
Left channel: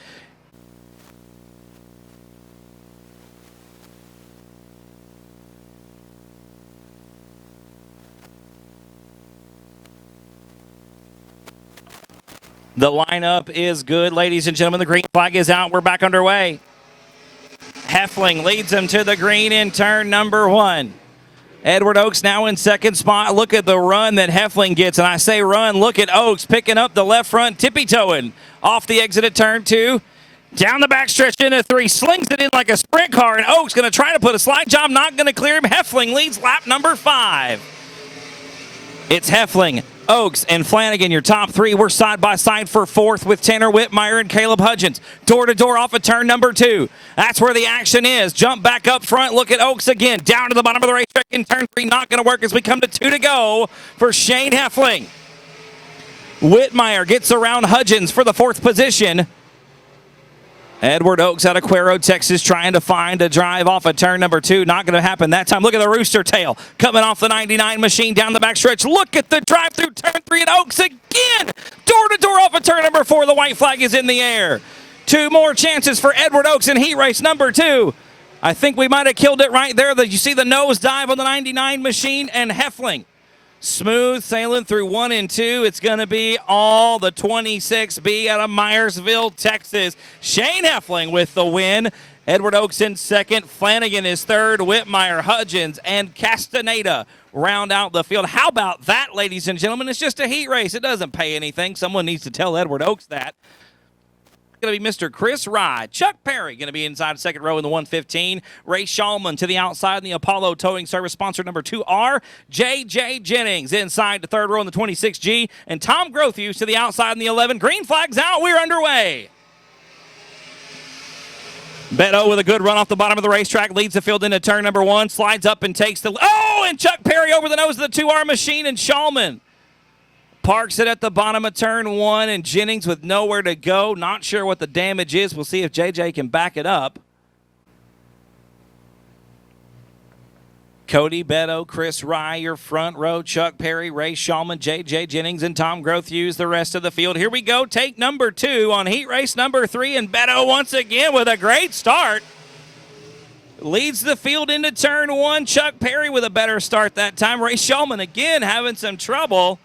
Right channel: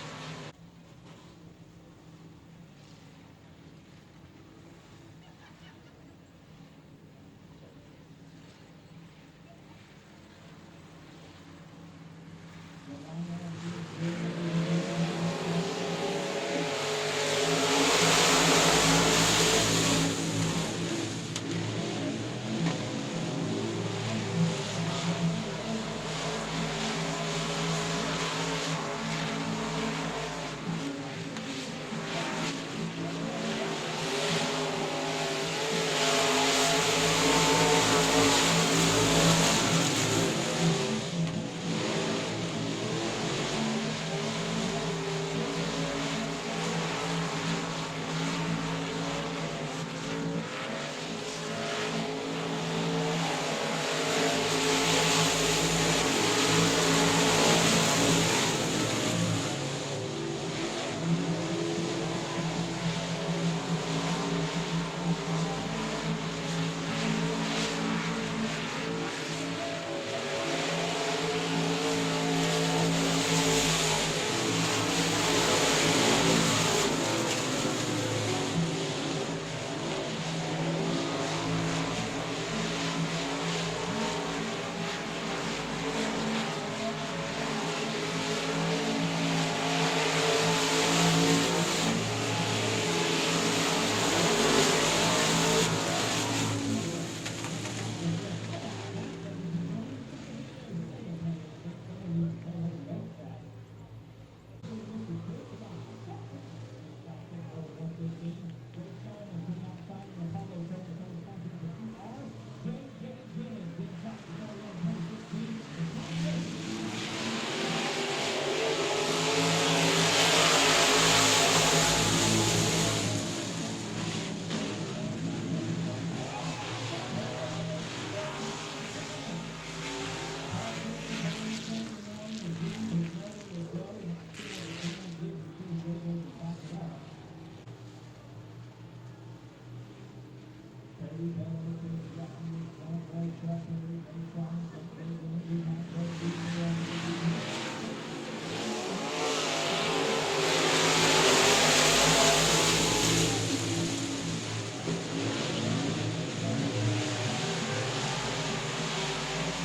The lineup is good, ladies and gentlemen. The green flag is out. We're back underway. Heffling leads them to the green in turn number 1. Edward Oaks now in 2nd spot. Look at the run that Heffling gets. And I say run, look at Oaks picking up the left front, tippy-toeing off the exit of turn 2. Down the backstretch into 3, slings it in like a sprint car, and Oaks going to try to put a slide job, not going to clear him. Heffling leads lap number 5. It's Heffling, Oaks, and Flanagan, your top 3. We're side by side for 4th with Tanner Whitmire and Caleb Hudgens. Door to door off of turn number 2. That's where the action is. Jump back up front. Look at Oaks again. Down to the bottom of the racetrack in turn 3. Not going to work as we come to 2 to go for Shane Heffling. Whitmire gets around Hudgens for the 4th position. Edward Oaks out of Cuero, Texas, trying to find a drive off of turn number 2. Not going to happen that time. Look at the rooster tail coming off the 99 machine down the backstretch. Look at the drive through turn 3 and Oaks again. Door to door off of turn number 4. The white flag is in the air. 2 more chances for Edward Oaks in heat race number 2. I think we might have killed it right there. You see the nose dive on the 99 machine, and Heffling smooth sailing through 1 and 2. It's going to be all the 26B out of Myersville, Texas. Shane Heffling with the win. Edward Oaks in 2nd. Flanagan is 3rd. Whitmire, Hudgens, and Castaneda round out the field. How about that, ladies and gentlemen? It's just a heat race. It doesn't pay anything. Someone needs to tell Edward Oaks that. Going to be Mr. Chris Rye. Chuck Perry going to be inside 2nd row in the 115. Ray Shulman to the outside in the Apollo Towing Service, sponsor number 2R. J.J. Jennings inside the 3rd row in the 26G. And Tom Grothuse to the outside in the 11. Green flag's out. We're underway. Beto with a good run off the bottom of the racetrack. Leads the field into turn number 1. Slides up and takes the... Oh, and Chuck Perry over the nose of the 2R machine, and Shulman parks it at the bottom of turn 1, and Jennings with nowhere to go. Not sure what the damage is. We'll see if JJ can back it up. Cody Beto, Chris Rye, your front row, Chuck Perry, Ray Shulman, J.J. Jennings, and Tom Grothuse, the rest of the field. Here we go, take number 2 on heat race number 3, and Beto once again with a great start. Leads the field into turn 1. Chuck Perry with a better start that time. Ray Shulman again having some trouble.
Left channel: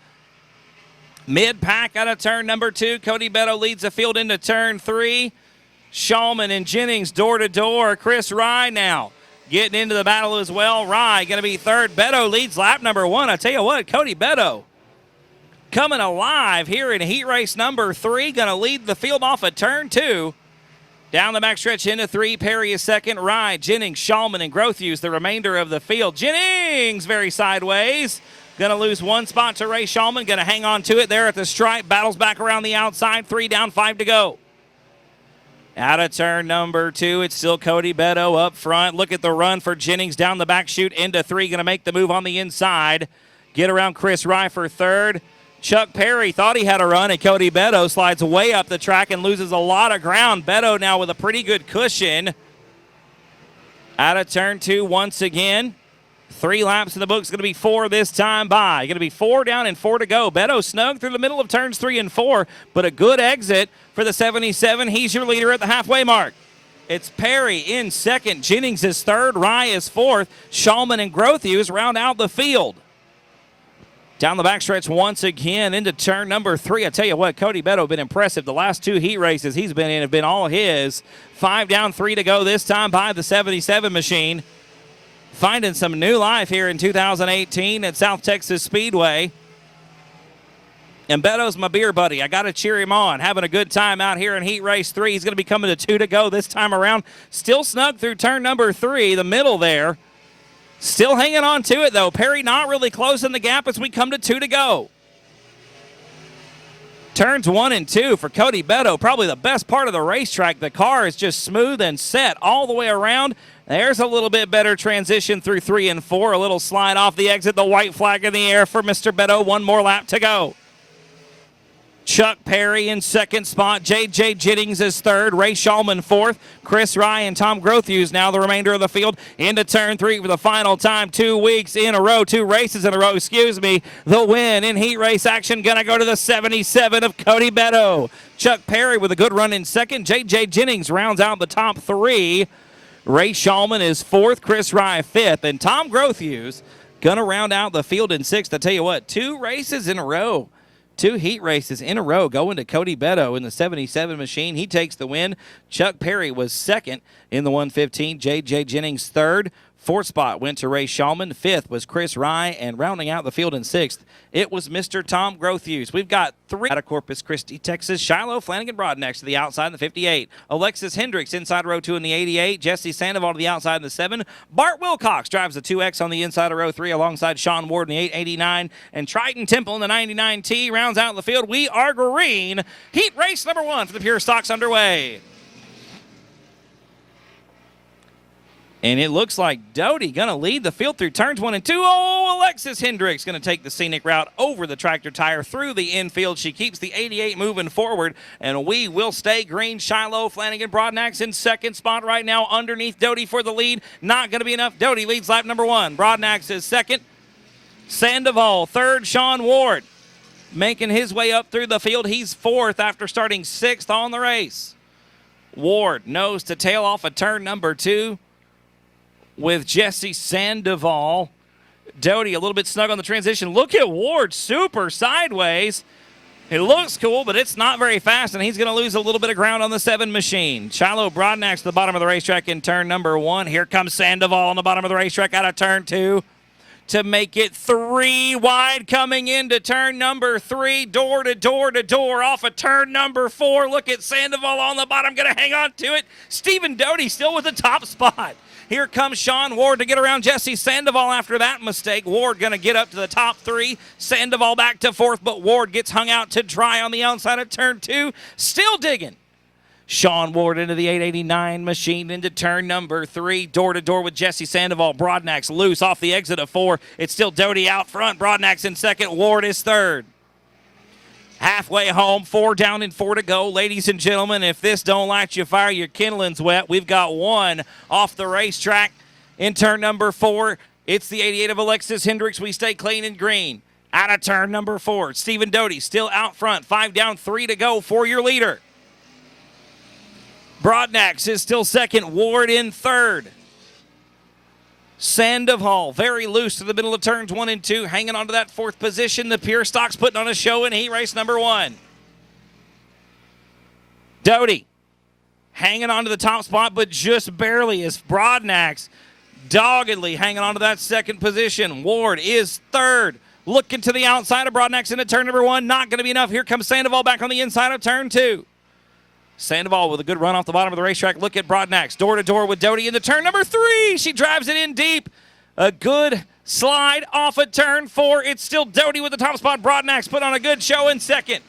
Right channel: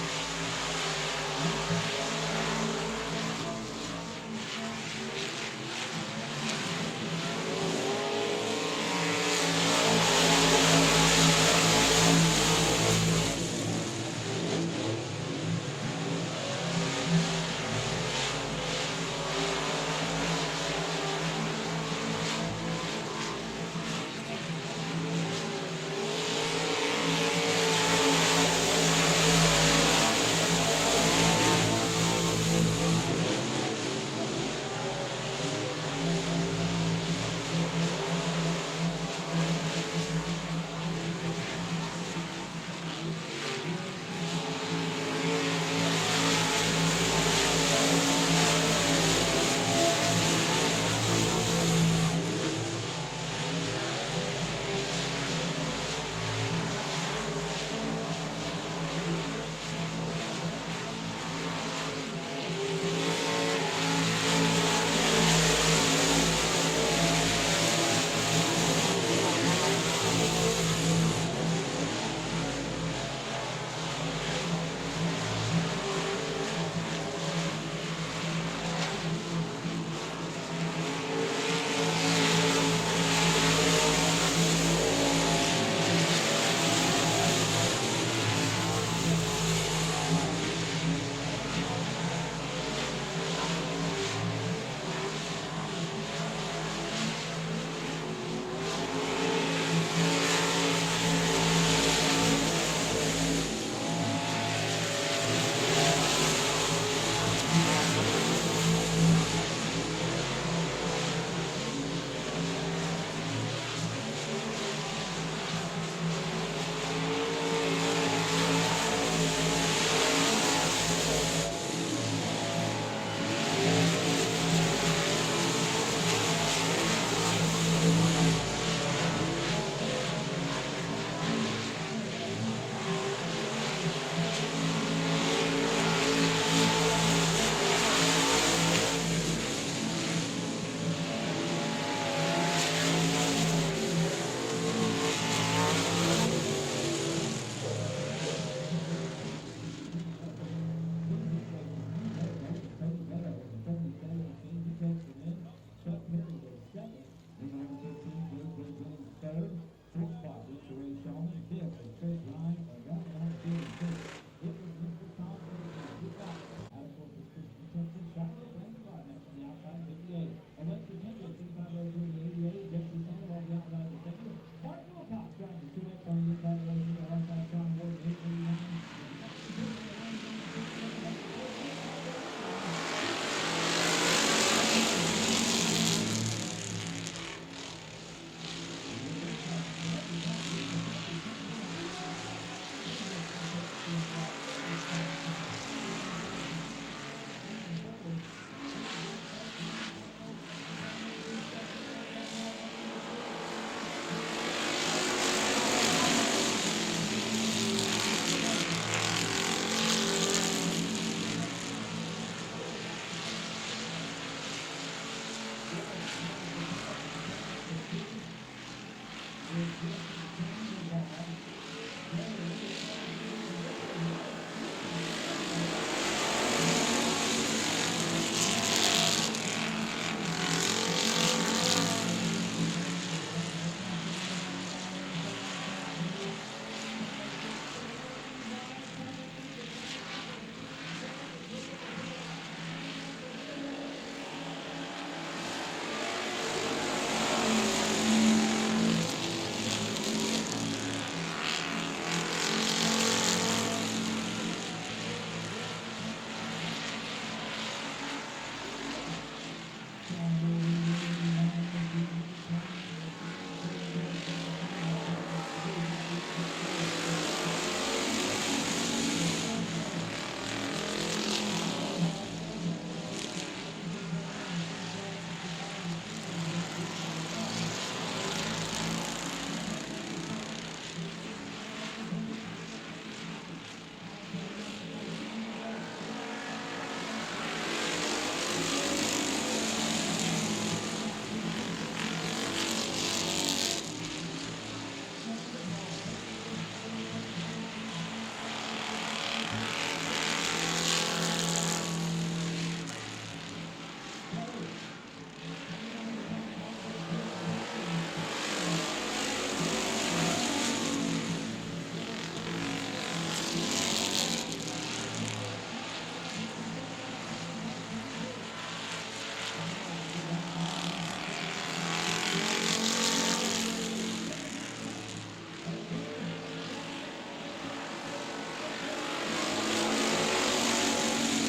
Mid-pack out of turn number 2. Cody Beto leads the field into turn 3. Shulman and Jennings door to door. Chris Rye now getting into the battle as well. Rye going to be third. Beto leads lap number 1. I tell you what, Cody Beto coming alive here in heat race number 3. Going to lead the field off of turn 2. Down the backstretch into 3. Perry is second. Rye, Jennings, Shulman, and Grothuse the remainder of the field. Jennings very sideways. Going to lose 1 spot to Ray Shulman. Going to hang on to it there at the stripe. Battles back around the outside. 3 down, 5 to go. Out of turn number 2, it's still Cody Beto up front. Look at the run for Jennings down the back chute into 3. Going to make the move on the inside. Get around Chris Rye for third. Chuck Perry thought he had a run, and Cody Beto slides way up the track and loses a lot of ground. Beto now with a pretty good cushion. Out of turn 2 once again. 3 laps in the books, going to be 4 this time by. Going to be 4 down and 4 to go. Beto snug through the middle of turns 3 and 4, but a good exit for the 77. He's your leader at the halfway mark. It's Perry in second. Jennings is third. Rye is fourth. Shulman and Grothuse round out the field. Down the backstretch once again into turn number 3. I tell you what, Cody Beto been impressive. The last 2 heat races he's been in have been all his. 5 down, 3 to go this time by the 77 machine. Finding some new life here in 2018 at South Texas Speedway. And Beto's my beer buddy. I got to cheer him on. Having a good time out here in heat race 3. He's going to be coming to 2 to go this time around. Still snug through turn number 3, the middle there. Still hanging on to it, though. Perry not really closing the gap as we come to 2 to go. Turns 1 and 2 for Cody Beto. Probably the best part of the racetrack. The car is just smooth and set all the way around. There's a little bit better transition through 3 and 4. A little slide off the exit. The white flag in the air for Mr. Beto. 1 more lap to go. Chuck Perry in second spot. J.J. Jennings is third. Ray Shulman fourth. Chris Rye and Tom Grothuse now the remainder of the field into turn 3 for the final time. 2 weeks in a row, 2 races in a row, excuse me. The win in heat race action gonna go to the 77 of Cody Beto. Chuck Perry with a good run in second. J.J. Jennings rounds out the top 3. Ray Shulman is fourth. Chris Rye fifth. And Tom Grothuse gonna round out the field in 6th. I tell you what, 2 races in a row. 2 heat races in a row going to Cody Beto in the 77 machine. He takes the win. Chuck Perry was second in the 115. J.J. Jennings third. 4th spot went to Ray Shulman. 5th was Chris Rye. And rounding out the field in 6th, it was Mr. Tom Grothuse. We've got 3 out of Corpus Christi, Texas. Shiloh Flanagan Broadnax to the outside in the 58. Alexis Hendricks inside row 2 in the 88. Jesse Sandoval to the outside in the 7. Bart Wilcox drives the 2X on the inside of row 3 alongside Sean Ward in the 889. And Triton Temple in the 99T rounds out the field. We are green. Heat race number 1 for the Pure Stocks underway. And it looks like Doty gonna lead the field through turns 1 and 2. Oh, Alexis Hendricks gonna take the scenic route over the tractor tire through the infield. She keeps the 88 moving forward, and we will stay green. Shiloh Flanagan Broadnax in second spot right now underneath Doty for the lead. Not gonna be enough. Doty leads lap number 1. Broadnax is second. Sandoval third. Sean Ward making his way up through the field. He's 4th after starting 6th on the race. Ward nose to tail off of turn number 2. With Jesse Sandoval. Doty a little bit snug on the transition. Look at Ward, super sideways. It looks cool, but it's not very fast, and he's going to lose a little bit of ground on the 7 machine. Shiloh Broadnax to the bottom of the racetrack in turn number 1. Here comes Sandoval on the bottom of the racetrack out of turn 2 to make it 3 wide coming into turn number 3. Door to door to door off of turn number 4. Look at Sandoval on the bottom, going to hang on to it. Stephen Doty still with the top spot. Here comes Sean Ward to get around Jesse Sandoval after that mistake. Ward going to get up to the top 3. Sandoval back to 4th, but Ward gets hung out to dry on the outside of turn 2. Still digging. Sean Ward into the 889 machine into turn number 3. Door to door with Jesse Sandoval. Broadnax loose off the exit of 4. It's still Doty out front. Broadnax in second. Ward is third. Halfway home, 4 down and 4 to go. Ladies and gentlemen, if this don't light you fire, your kindling's wet. We've got 1 off the racetrack in turn number 4. It's the 88 of Alexis Hendricks. We stay clean and green. Out of turn number 4, Stephen Doty still out front. 5 down, 3 to go for your leader. Broadnax is still second. Ward in third. Sandoval very loose to the middle of turns 1 and 2, hanging on to that 4th position. The Pure Stock's putting on a show in heat race number 1. Doty hanging on to the top spot, but just barely as Broadnax doggedly hanging on to that 2nd position. Ward is 3rd. Looking to the outside of Broadnax into turn number 1. Not going to be enough. Here comes Sandoval back on the inside of turn 2. Sandoval with a good run off the bottom of the racetrack. Look at Broadnax. Door to door with Doty into turn number 3. She drives it in deep. A good slide off of turn 4. It's still Doty with the top spot. Broadnax put on a good show in 2nd.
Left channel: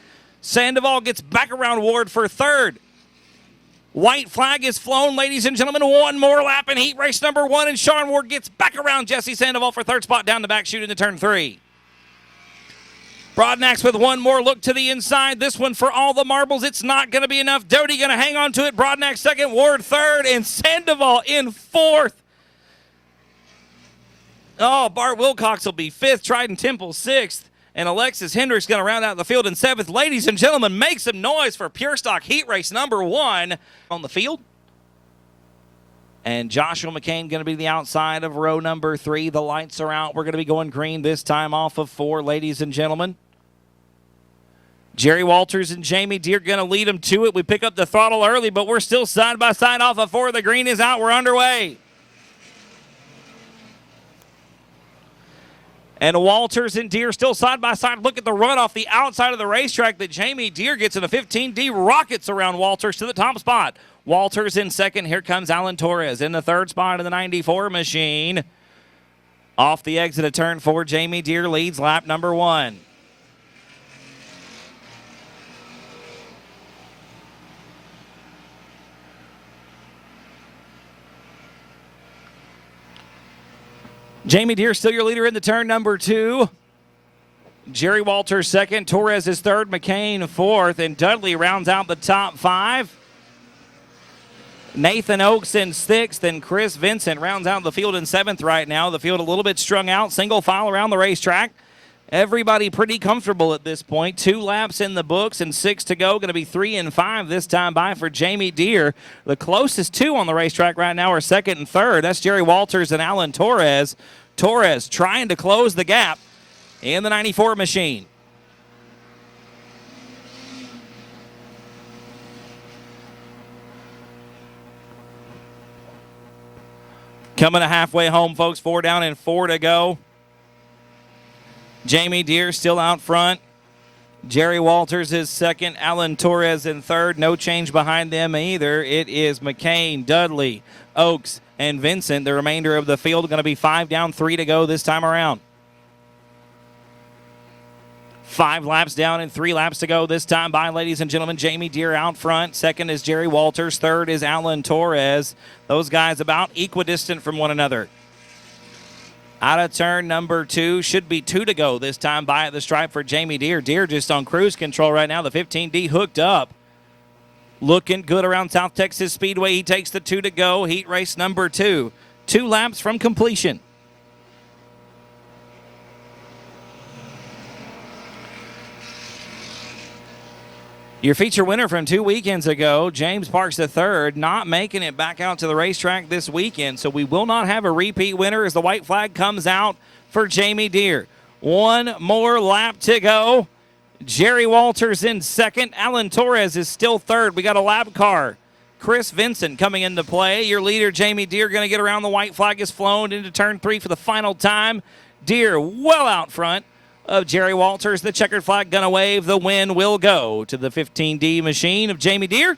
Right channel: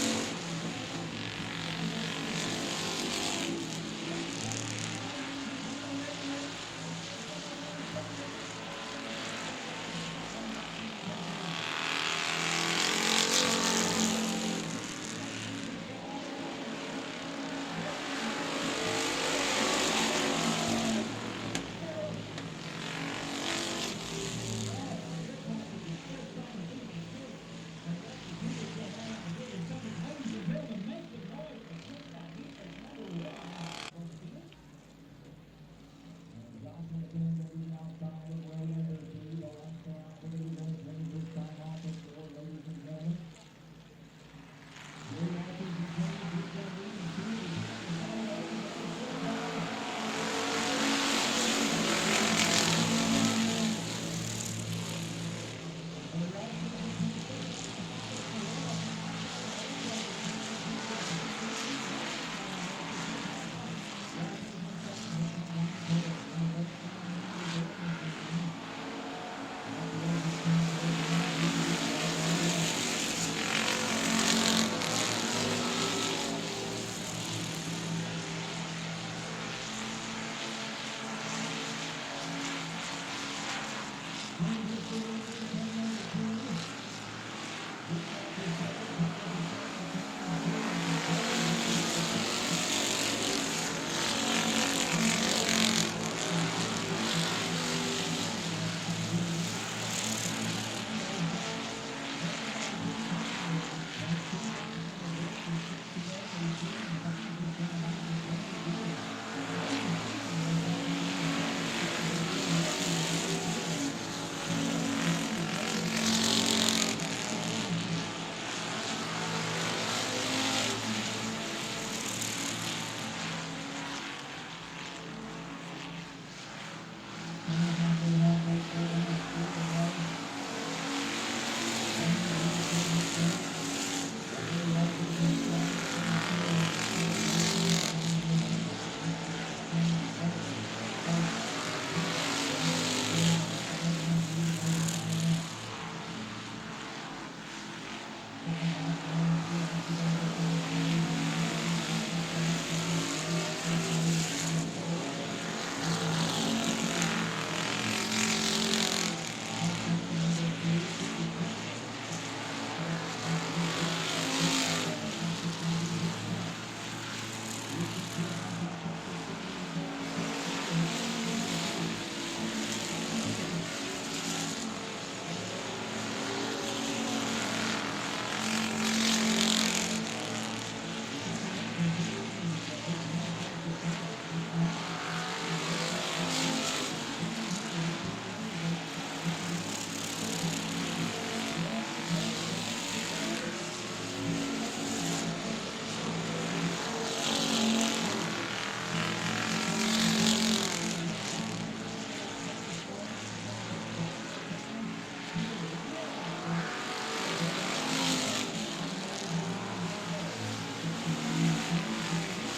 Sandoval gets back around Ward for 3rd. White flag is flown, ladies and gentlemen. 1 more lap in heat race number 1, and Sean Ward gets back around Jesse Sandoval for 3rd spot down the back chute into turn 3. Broadnax with 1 more look to the inside. This one for all the marbles. It's not going to be enough. Doty going to hang on to it. Broadnax 2nd, Ward 3rd, and Sandoval in 4th. Oh, Bart Wilcox will be 5th. Trident Temple 6th. And Alexis Hendricks going to round out the field in 7th. Ladies and gentlemen, make some noise for Pure Stock Heat Race number 1 on the field. And Joshua McCain going to be the outside of row number 3. The lights are out. We're going to be going green this time off of 4, ladies and gentlemen. Jerry Walters and Jamie Deere going to lead them to it. We pick up the throttle early, but we're still side by side off of 4. The green is out. We're underway. And Walters and Deere still side by side. Look at the run off the outside of the racetrack that Jamie Deere gets in the 15D. Rockets around Walters to the top spot. Walters in 2nd. Here comes Alan Torres in the 3rd spot of the 94 machine. Off the exit of turn 4, Jamie Deere leads lap number 1. Jamie Deere still your leader in the turn number 2. Jerry Walters 2nd, Torres is 3rd, McCain 4th, and Dudley rounds out the top 5. Nathan Oakes in 6th, and Chris Vincent rounds out the field in 7th right now. The field a little bit strung out, single file around the racetrack. Everybody pretty comfortable at this point. 2 laps in the books and 6 to go. Going to be 3 and 5 this time by for Jamie Deere. The closest 2 on the racetrack right now are 2nd and 3rd. That's Jerry Walters and Alan Torres. Torres trying to close the gap in the 94 machine. Coming to halfway home, folks. 4 down and 4 to go. Jamie Deere still out front. Jerry Walters is 2nd. Alan Torres in 3rd. No change behind them either. It is McCain, Dudley, Oakes, and Vincent. The remainder of the field going to be 5 down, 3 to go this time around. 5 laps down and 3 laps to go this time by, ladies and gentlemen. Jamie Deere out front. 2nd is Jerry Walters. 3rd is Alan Torres. Those guys about equidistant from one another. Out of turn number 2. Should be 2 to go this time by at the stripe for Jamie Deere. Deere just on cruise control right now. The 15D hooked up. Looking good around South Texas Speedway. He takes the 2 to go. Heat race number 2. 2 laps from completion. Your feature winner from 2 weekends ago, James Parks III, not making it back out to the racetrack this weekend. So we will not have a repeat winner as the white flag comes out for Jamie Deere. 1 more lap to go. Jerry Walters in 2nd. Alan Torres is still 3rd. We got a lap car. Chris Vincent coming into play. Your leader, Jamie Deere, going to get around. The white flag is flown into turn 3 for the final time. Deere well out front of Jerry Walters. The checkered flag going to wave. The win will go to the 15D machine of Jamie Deere.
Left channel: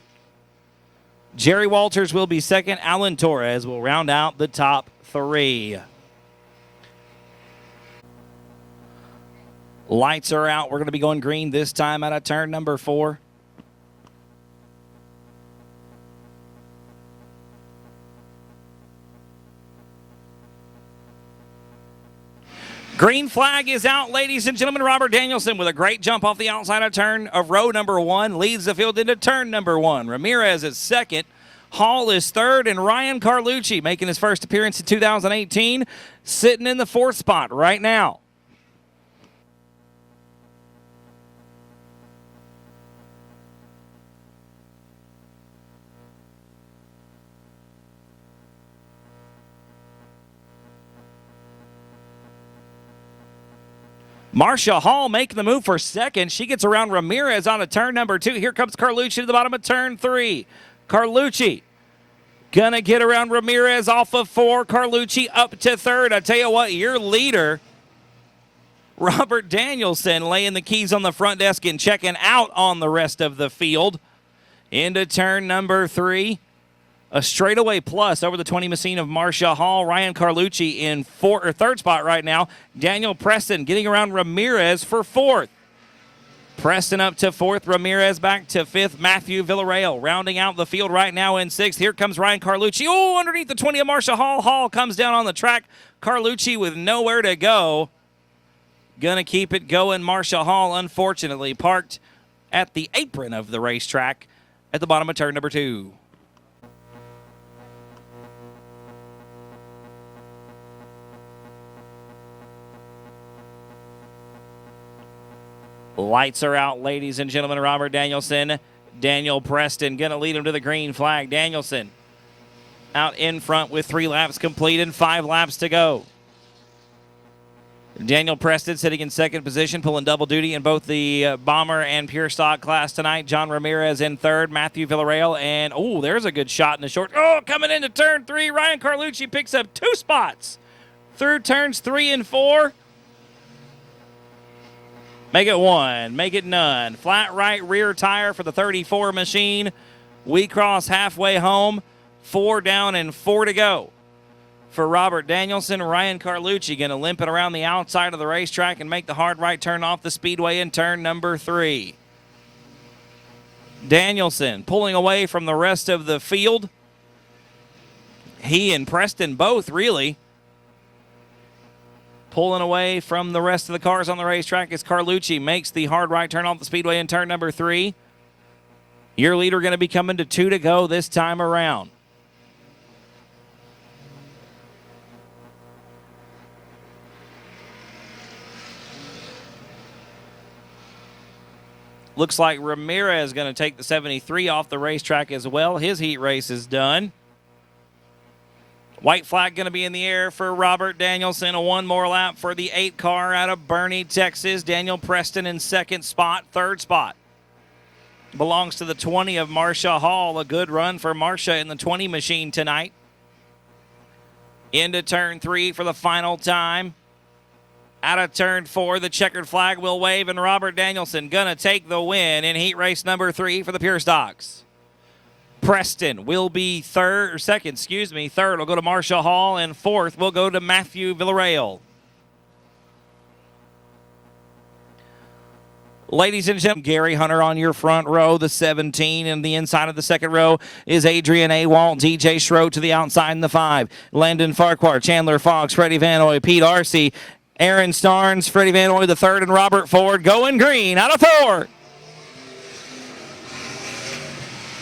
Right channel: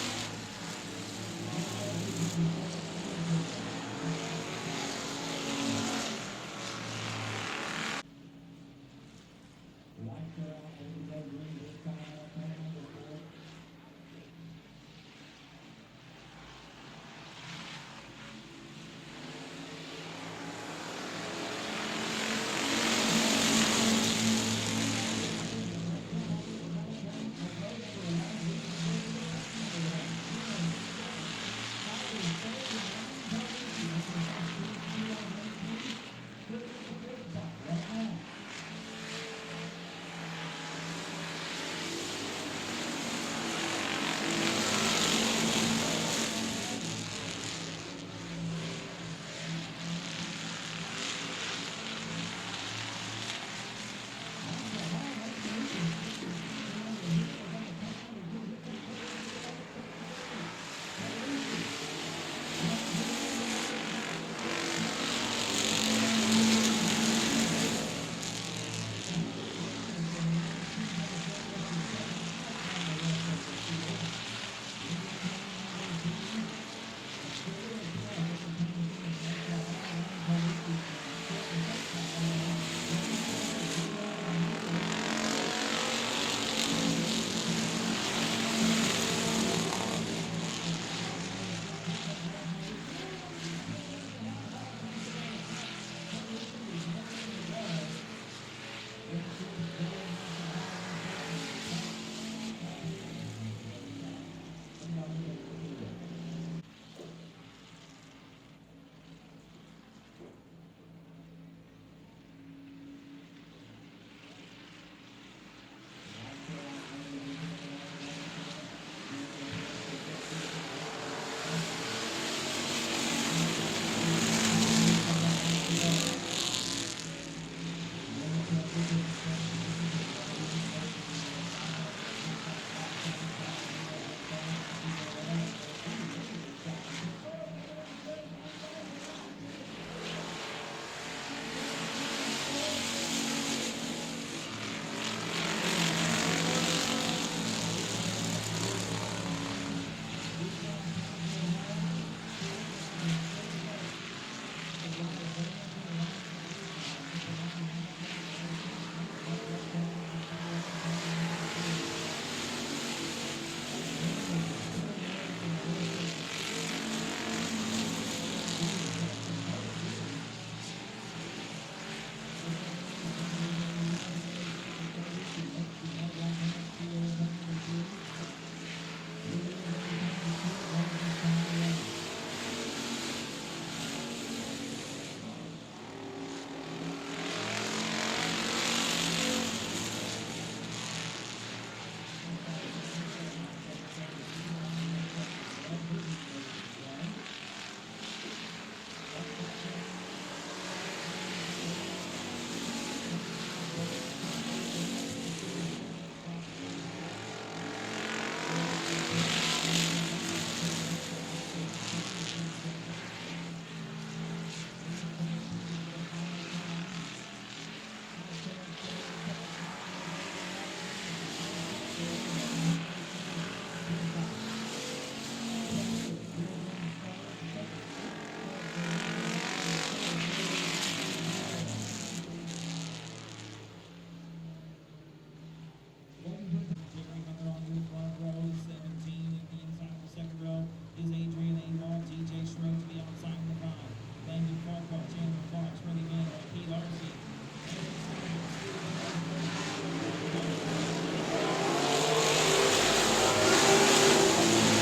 Jerry Walters will be 2nd. Alan Torres will round out the top 3. Lights are out. We're going to be going green this time out of turn number 4. Green flag is out, ladies and gentlemen. Robert Danielson with a great jump off the outside of turn of row number 1 leads the field into turn number 1. Ramirez is 2nd. Hall is 3rd, and Ryan Carlucci making his first appearance in 2018. sitting in the 4th spot right now. Marcia Hall making the move for 2nd. She gets around Ramirez on a turn number 2. Here comes Carlucci to the bottom of turn 3. Carlucci gonna get around Ramirez off of 4. Carlucci up to 3rd. I tell you what, your leader, Robert Danielson, laying the keys on the front desk and checking out on the rest of the field. Into turn number 3. A straightaway plus over the 20 machine of Marcia Hall. Ryan Carlucci in 3rd spot right now. Daniel Preston getting around Ramirez for 4th. Preston up to 4th. Ramirez back to 5th. Matthew Villarreal rounding out the field right now in 6th. Here comes Ryan Carlucci. Oh, underneath the 20 of Marcia Hall. Hall comes down on the track. Carlucci with nowhere to go. Gonna keep it going. Marcia Hall, unfortunately, parked at the apron of the racetrack at the bottom of turn number 2. Lights are out, ladies and gentlemen. Robert Danielson, Daniel Preston gonna lead him to the green flag. Danielson out in front with 3 laps completed, 5 laps to go. Daniel Preston sitting in 2nd position, pulling double duty in both the Bomber and Pure Stock class tonight. John Ramirez in 3rd, Matthew Villarreal, and oh, there's a good shot in the short. Oh, coming into turn 3, Ryan Carlucci picks up 2 spots through turns 3 and 4. Make it 1, make it none. Flat right rear tire for the 34 machine. We cross halfway home. 4 down and 4 to go for Robert Danielson. Ryan Carlucci going to limp it around the outside of the racetrack and make the hard right turn off the speedway in turn number 3. Danielson pulling away from the rest of the field. He and Preston both really pulling away from the rest of the cars on the racetrack as Carlucci makes the hard right turn off the speedway in turn number 3. Your leader going to be coming to 2 to go this time around. Looks like Ramirez going to take the 73 off the racetrack as well. His heat race is done. White flag going to be in the air for Robert Danielson. A 1 more lap for the 8 car out of Boerne, Texas. Daniel Preston in 2nd spot. 3rd spot belongs to the 20 of Marcia Hall. A good run for Marcia in the 20 machine tonight. Into turn 3 for the final time. Out of turn 4, the checkered flag will wave, and Robert Danielson going to take the win in heat race number 3 for the Pure Stocks. Preston will be 2nd. Third will go to Marcia Hall, and 4th will go to Matthew Villarreal. Ladies and gentlemen, Gary Hunter on your front row, the 17, and the inside of the 2nd row is Adrian Awalt, DJ Schroed to the outside in the 5. Landon Farquhar, Chandler Fox, Freddie Vanoy, Pete Arcee, Aaron Starnes, Freddie Vanoy the 3rd, and Robert Ford going green out of 4.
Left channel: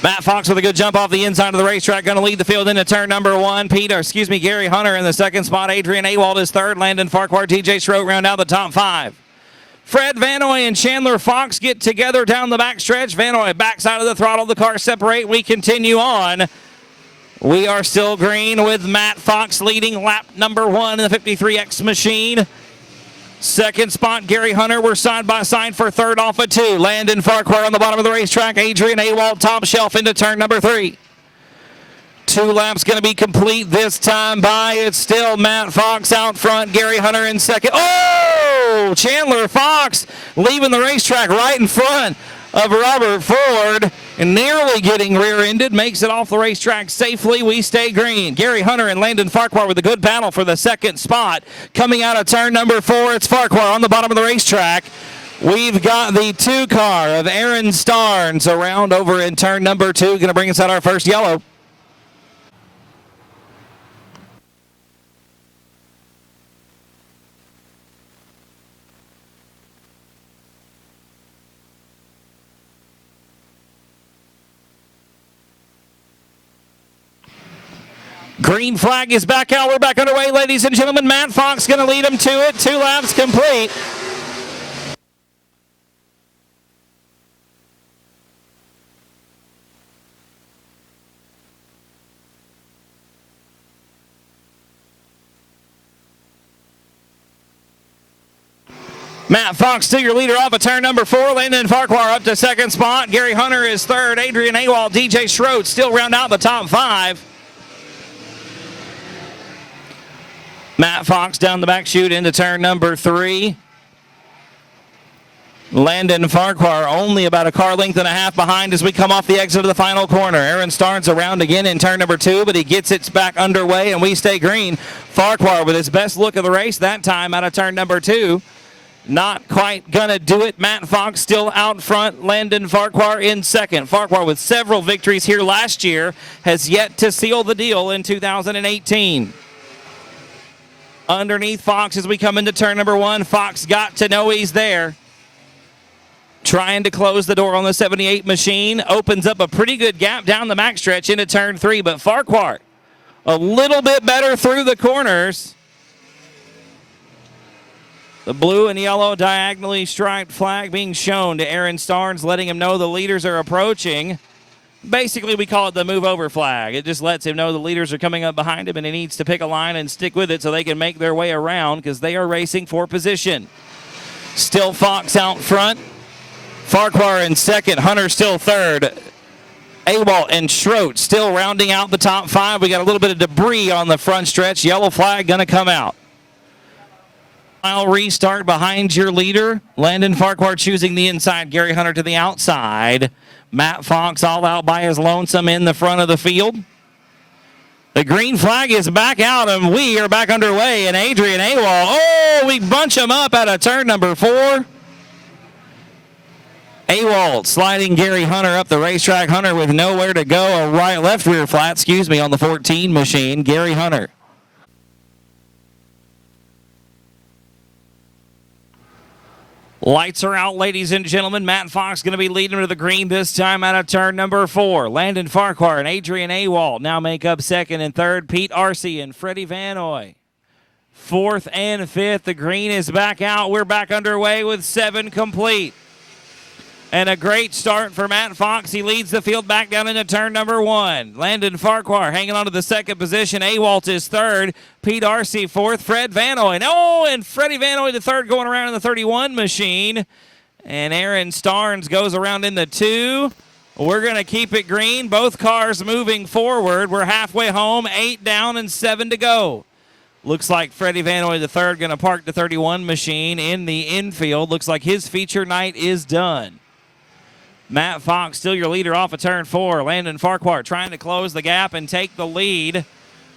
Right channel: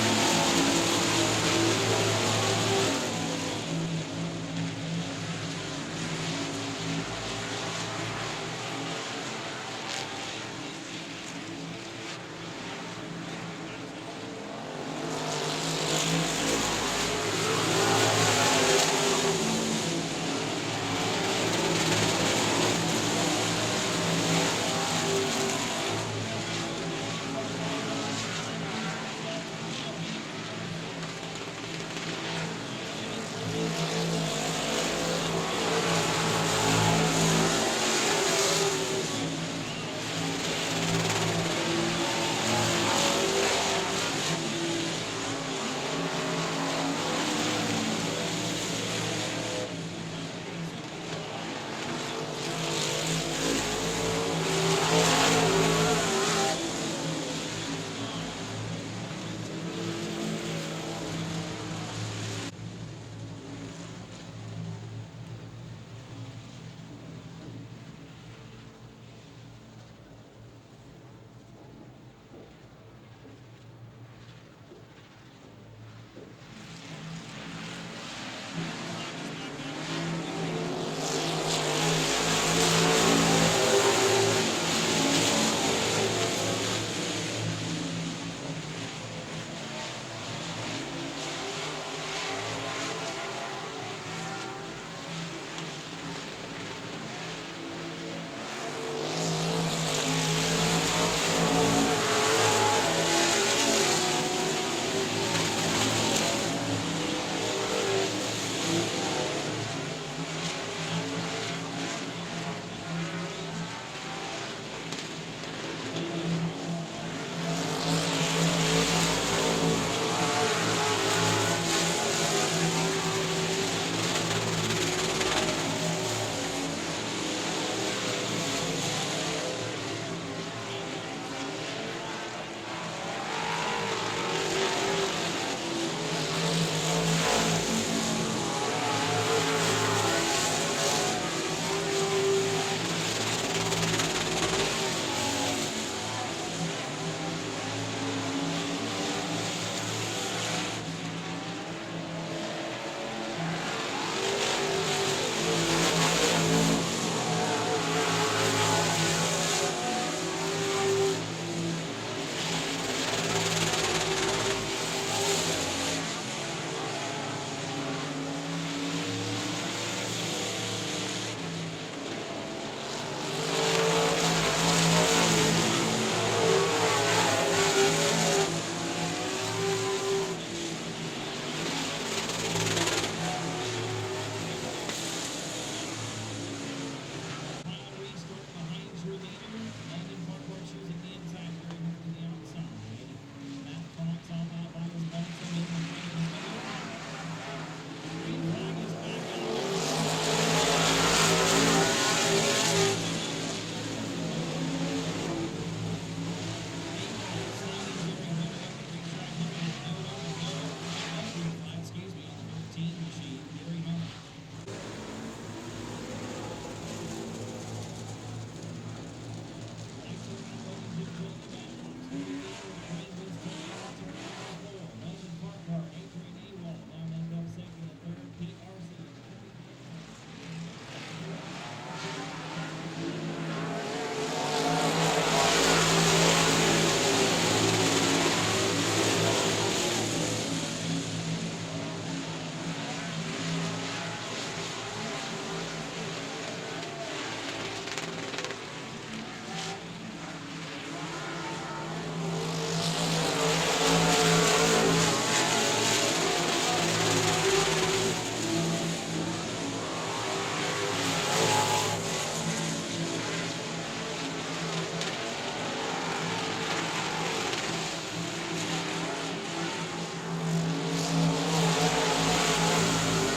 Matt Fox with a good jump off the inside of the racetrack, going to lead the field into turn number 1. Gary Hunter in the 2nd spot. Adrian Awalt is 3rd. Landon Farquhar, TJ Schroed round out the top 5. Fred Vanoy and Chandler Fox get together down the backstretch. Vanoy backside of the throttle. The cars separate. We continue on. We are still green with Matt Fox leading lap number 1 in the 53X machine. 2nd spot, Gary Hunter. We're side by side for 3rd off of 2. Landon Farquhar on the bottom of the racetrack. Adrian Awalt top shelf into turn number 3. 2 laps going to be complete this time by. It's still Matt Fox out front. Gary Hunter in 2nd. Oh! Chandler Fox leaving the racetrack right in front of Robert Ford and nearly getting rear-ended. Makes it off the racetrack safely. We stay green. Gary Hunter and Landon Farquhar with a good battle for the 2nd spot. Coming out of turn number 4, it's Farquhar on the bottom of the racetrack. We've got the 2 car of Aaron Starnes around over in turn number 2. Going to bring us out our first yellow. Green flag is back out. We're back underway, ladies and gentlemen. Matt Fox going to lead them to it. 2 laps complete. Matt Fox still your leader off of turn number 4. Landon Farquhar up to second spot. Gary Hunter is third. Adrian Awald, DJ Schroed still round out the top 5. Matt Fox down the back chute into turn number 3. Landon Farquhar only about a car length and a half behind as we come off the exit of the final corner. Aaron Starnes around again in turn number 2, but he gets it back underway and we stay green. Farquhar with his best look of the race that time out of turn number 2. Not quite gonna do it. Matt Fox still out front. Landon Farquhar in second. Farquhar with several victories here last year has yet to seal the deal in 2018. Underneath Fox as we come into turn number 1. Fox got to know he's there. Trying to close the door on the 78 machine. Opens up a pretty good gap down the backstretch into turn 3, but Farquhar a little bit better through the corners. The blue and yellow diagonally striped flag being shown to Aaron Starnes, letting him know the leaders are approaching. Basically, we call it the move over flag. It just lets him know the leaders are coming up behind him and he needs to pick a line and stick with it so they can make their way around because they are racing for position. Still Fox out front. Farquhar in second. Hunter still third. Awalt and Schroed still rounding out the top 5. We got a little bit of debris on the front stretch. Yellow flag going to come out. Final restart behind your leader. Landon Farquhar choosing the inside. Gary Hunter to the outside. Matt Fox all out by his lonesome in the front of the field. The green flag is back out and we are back underway. And Adrian Awald, oh, we bunch him up out of turn number 4. Awald sliding Gary Hunter up the racetrack. Hunter with nowhere to go. A left rear flat, on the 14 machine. Gary Hunter. Lights are out, ladies and gentlemen. Matt Fox going to be leading to the green this time out of turn number 4. Landon Farquhar and Adrian Awald now make up second and third. Pete Arce and Freddie Vanoy. 4th and 5th. The green is back out. We're back underway with 7 complete. And a great start for Matt Fox. He leads the field back down into turn number 1. Landon Farquhar hanging on to the second position. Awalt is third. Pete Arce 4th. Fred Vanoy. Oh, and Freddie Vanoy the third going around in the 31 machine. And Aaron Starnes goes around in the 2. We're going to keep it green. Both cars moving forward. We're halfway home. 8 down and 7 to go. Looks like Freddie Vanoy the third going to park the 31 machine in the infield. Looks like his feature night is done. Matt Fox still your leader off of turn 4. Landon Farquhar trying to close the gap and take the lead.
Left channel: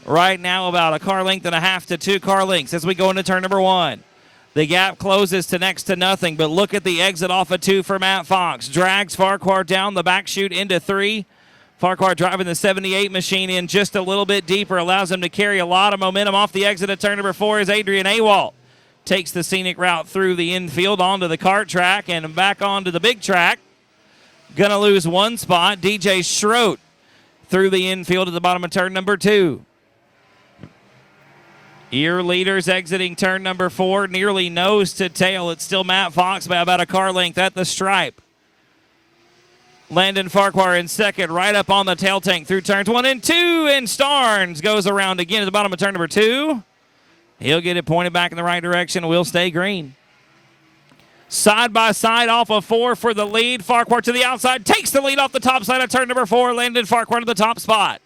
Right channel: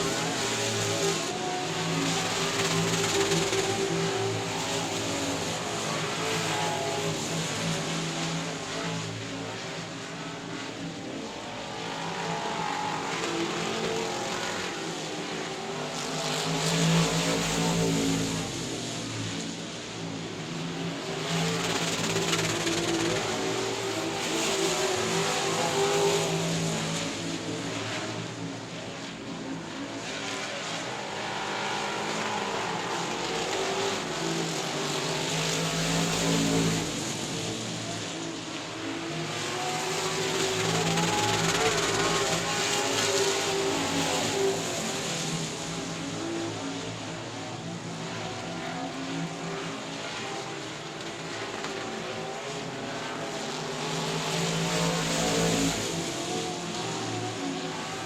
Right now about a car length and a half to 2 car lengths as we go into turn number 1. The gap closes to next to nothing, but look at the exit off of 2 for Matt Fox. Drags Farquhar down the back chute into 3. Farquhar driving the 78 machine in just a little bit deeper, allows him to carry a lot of momentum off the exit of turn number 4 as Adrian Awald takes the scenic route through the infield onto the kart track and back onto the big track. Gonna lose 1 spot. DJ Schroed through the infield at the bottom of turn number 2. Your leaders exiting turn number 4, nearly nose to tail. It's still Matt Fox by about a car length at the stripe. Landon Farquhar in second, right up on the tail tank through turns 1 and 2, and Starnes goes around again at the bottom of turn number 2. He'll get it pointed back in the right direction. We'll stay green. Side by side off of 4 for the lead. Farquhar to the outside, takes the lead off the top side of turn number 4. Landon Farquhar to the top spot.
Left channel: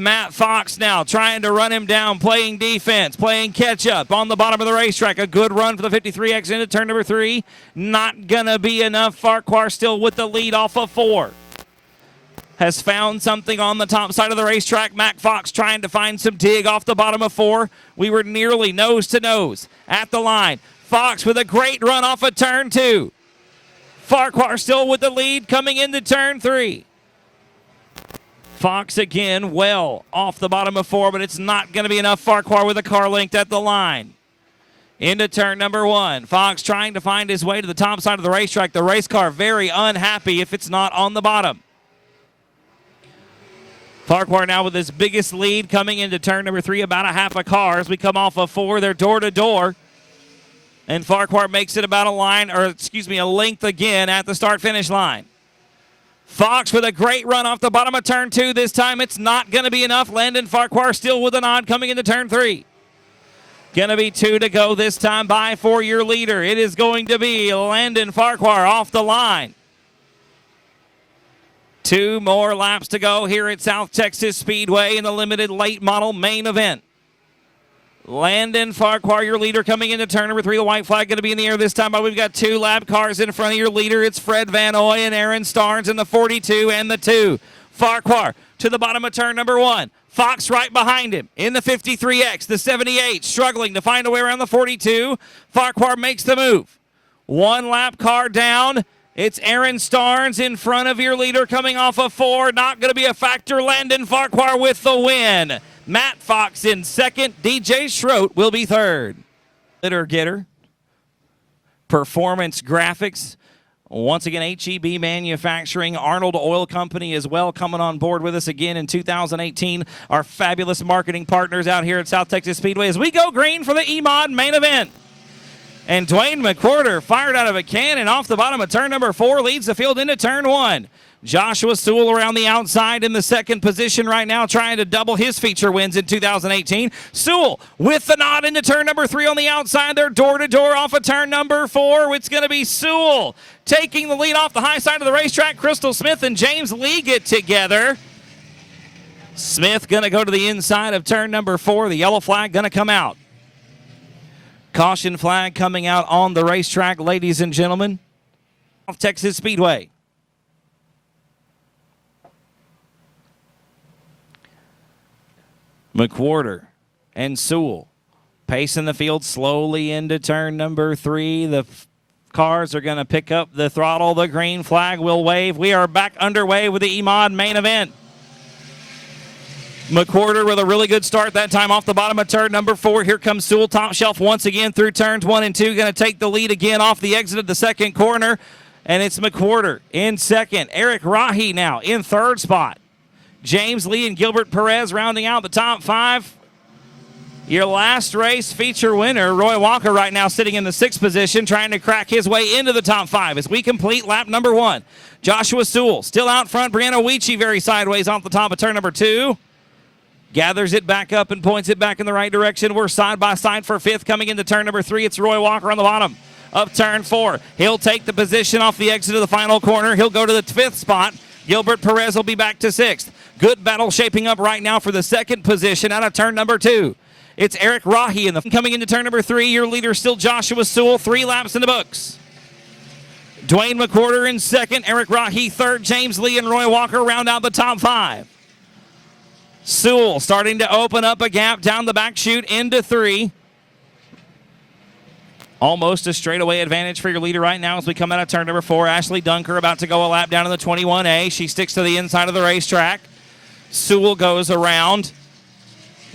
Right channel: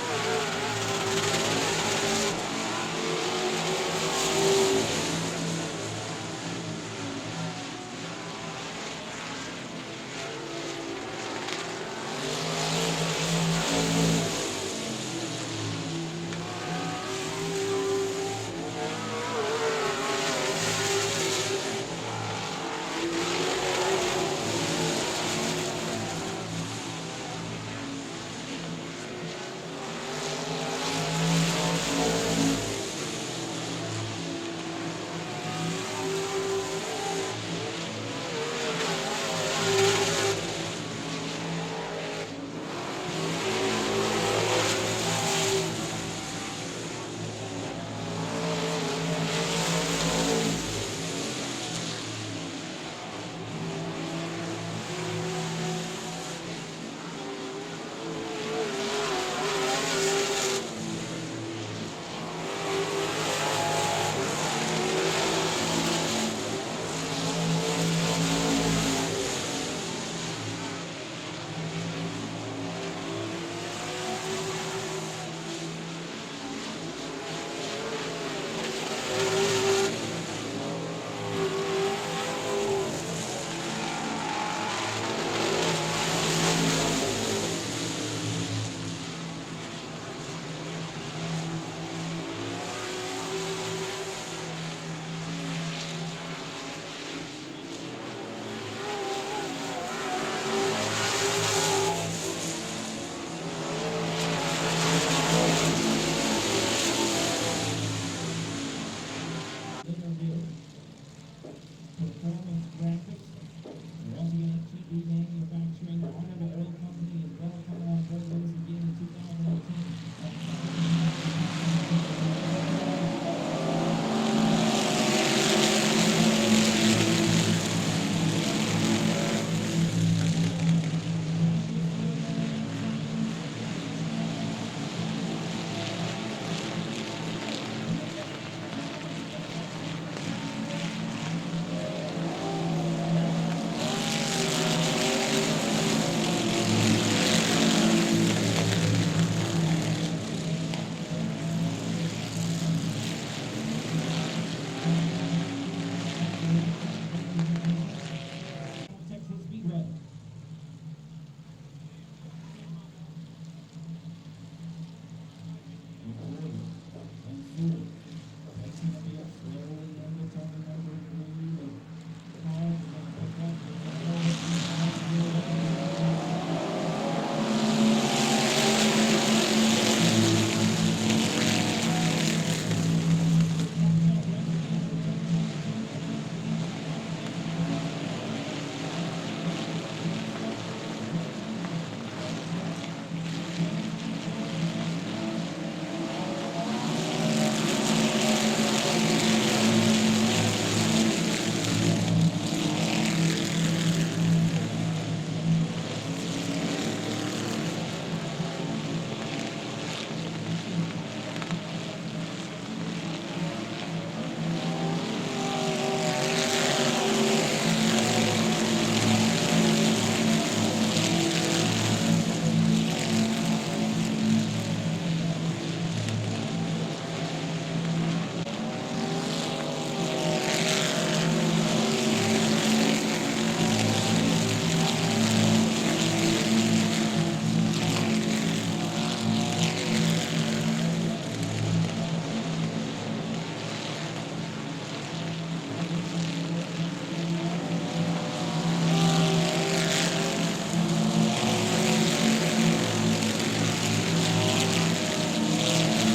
Matt Fox now trying to run him down, playing defense, playing catch up on the bottom of the racetrack. A good run for the 53X into turn number 3. Not gonna be enough. Farquhar still with the lead off of 4. Has found something on the top side of the racetrack. Matt Fox trying to find some dig off the bottom of 4. We were nearly nose to nose at the line. Fox with a great run off of turn 2. Farquhar still with the lead coming into turn 3. Fox again well off the bottom of 4, but it's not going to be enough. Farquhar with a car length at the line. Into turn number 1. Fox trying to find his way to the top side of the racetrack. The race car very unhappy if it's not on the bottom. Farquhar now with his biggest lead coming into turn number 3, about a half a car. As we come off of 4, they're door to door. And Farquhar makes it about a length again at the start-finish line. Fox with a great run off the bottom of turn 2. This time it's not going to be enough. Landon Farquhar still with a nod coming into turn 3. Going to be 2 to go this time by for your leader. It is going to be Landon Farquhar off the line. 2 more laps to go here at South Texas Speedway in the limited late model main event. Landon Farquhar, your leader, coming into turn number 3. The white flag going to be in the air this time. But we've got 2 lap cars in front of your leader. It's Fred Van Oy and Aaron Starnes in the 42 and the 2. Farquhar to the bottom of turn number 1. Fox right behind him in the 53X. The 78 struggling to find a way around the 42. Farquhar makes the move. 1 lap car down. It's Aaron Starnes in front of your leader coming off of 4. Not going to be a factor. Landon Farquhar with the win. Matt Fox in second. DJ Schroet will be third. Litter getter. Performance Graphics. Once again, HEB Manufacturing, Arnold Oil Company as well coming on board with us again in 2018. Our fabulous marketing partners out here at South Texas Speedway as we go green for the EMOD main event. And Dwayne McWhorter fired out of a cannon off the bottom of turn number 4, leads the field into turn 1. Joshua Sewell around the outside in the second position right now, trying to double his feature wins in 2018. Sewell with the nod into turn number 3 on the outside. They're door to door off of turn number 4. It's going to be Sewell taking the lead off the high side of the racetrack. Crystal Smith and James Lee get together. Smith going to go to the inside of turn number 4. The yellow flag going to come out. Caution flag coming out on the racetrack, ladies and gentlemen. South Texas Speedway. McWhorter and Sewell pacing the field slowly into turn number 3. The cars are going to pick up the throttle. The green flag will wave. We are back underway with the EMOD main event. McWhorter with a really good start that time off the bottom of turn number 4. Here comes Sewell, top shelf once again through turns 1 and 2. Going to take the lead again off the exit of the second corner. And it's McWhorter in second. Eric Rahi now in third spot. James Lee and Gilbert Perez rounding out the top 5. Your last race feature winner, Roy Walker, right now sitting in the 6th position, trying to crack his way into the top 5 as we complete lap number 1. Joshua Sewell still out front. Brianna Weechie very sideways off the top of turn number 2. Gathers it back up and points it back in the right direction. We're side by side for 5th. Coming into turn number 3, it's Roy Walker on the bottom of turn 4. He'll take the position off the exit of the final corner. He'll go to the 5th spot. Gilbert Perez will be back to 6th. Good battle shaping up right now for the 2nd position out of turn number 2. It's Eric Rahi coming into turn number 3. Your leader still Joshua Sewell. 3 laps in the books. Dwayne McWhorter in 2nd. Eric Rahi 3rd. James Lee and Roy Walker round out the top 5. Sewell starting to open up a gap down the back chute into 3. Almost a straightaway advantage for your leader right now as we come out of turn number 4. Ashley Dunker about to go a lap down to the 21A. She sticks to the inside of the racetrack. Sewell goes around.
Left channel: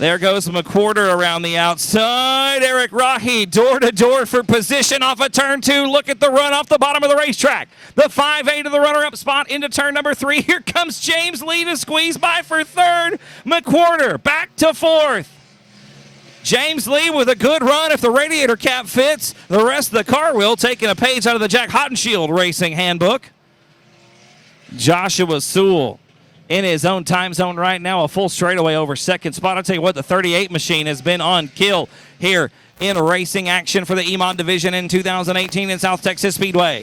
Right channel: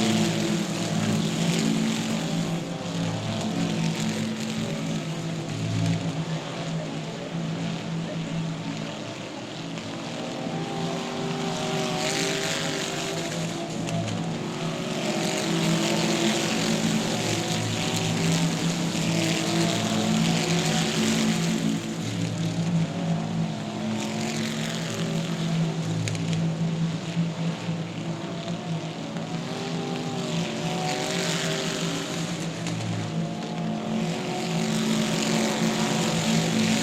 There goes McWhorter around the outside. Eric Rahi door to door for position off of turn 2. Look at the run off the bottom of the racetrack. The 5A to the runner-up spot into turn number 3. Here comes James Lee to squeeze by for 3rd. McWhorter back to 4th. James Lee with a good run if the radiator cap fits. The rest of the car will, taking a page out of the Jack Hottenshield Racing Handbook. Joshua Sewell in his own time zone right now, a full straightaway over 2nd spot. I'll tell you what, the 38 machine has been on kill here in racing action for the EMOD division in 2018 in South Texas Speedway.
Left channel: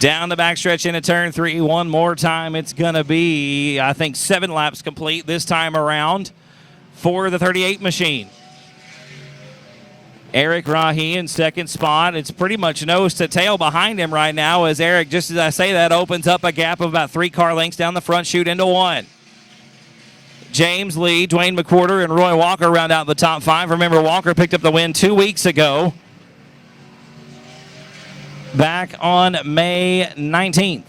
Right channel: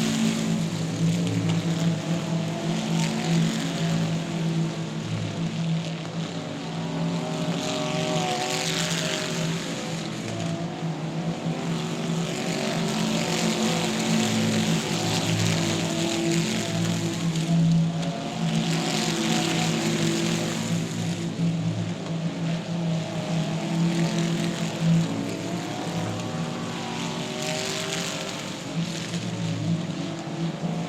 Down the backstretch into turn 3 one more time. It's going to be, I think, 7 laps complete this time around for the 38 machine. Eric Rahi in 2nd spot. It's pretty much nose to tail behind him right now as Eric, just as I say that, opens up a gap of about 3 car lengths down the front chute into 1. James Lee, Dwayne McWhorter, and Roy Walker round out the top 5. Remember, Walker picked up the win 2 weeks ago, back on May 19th.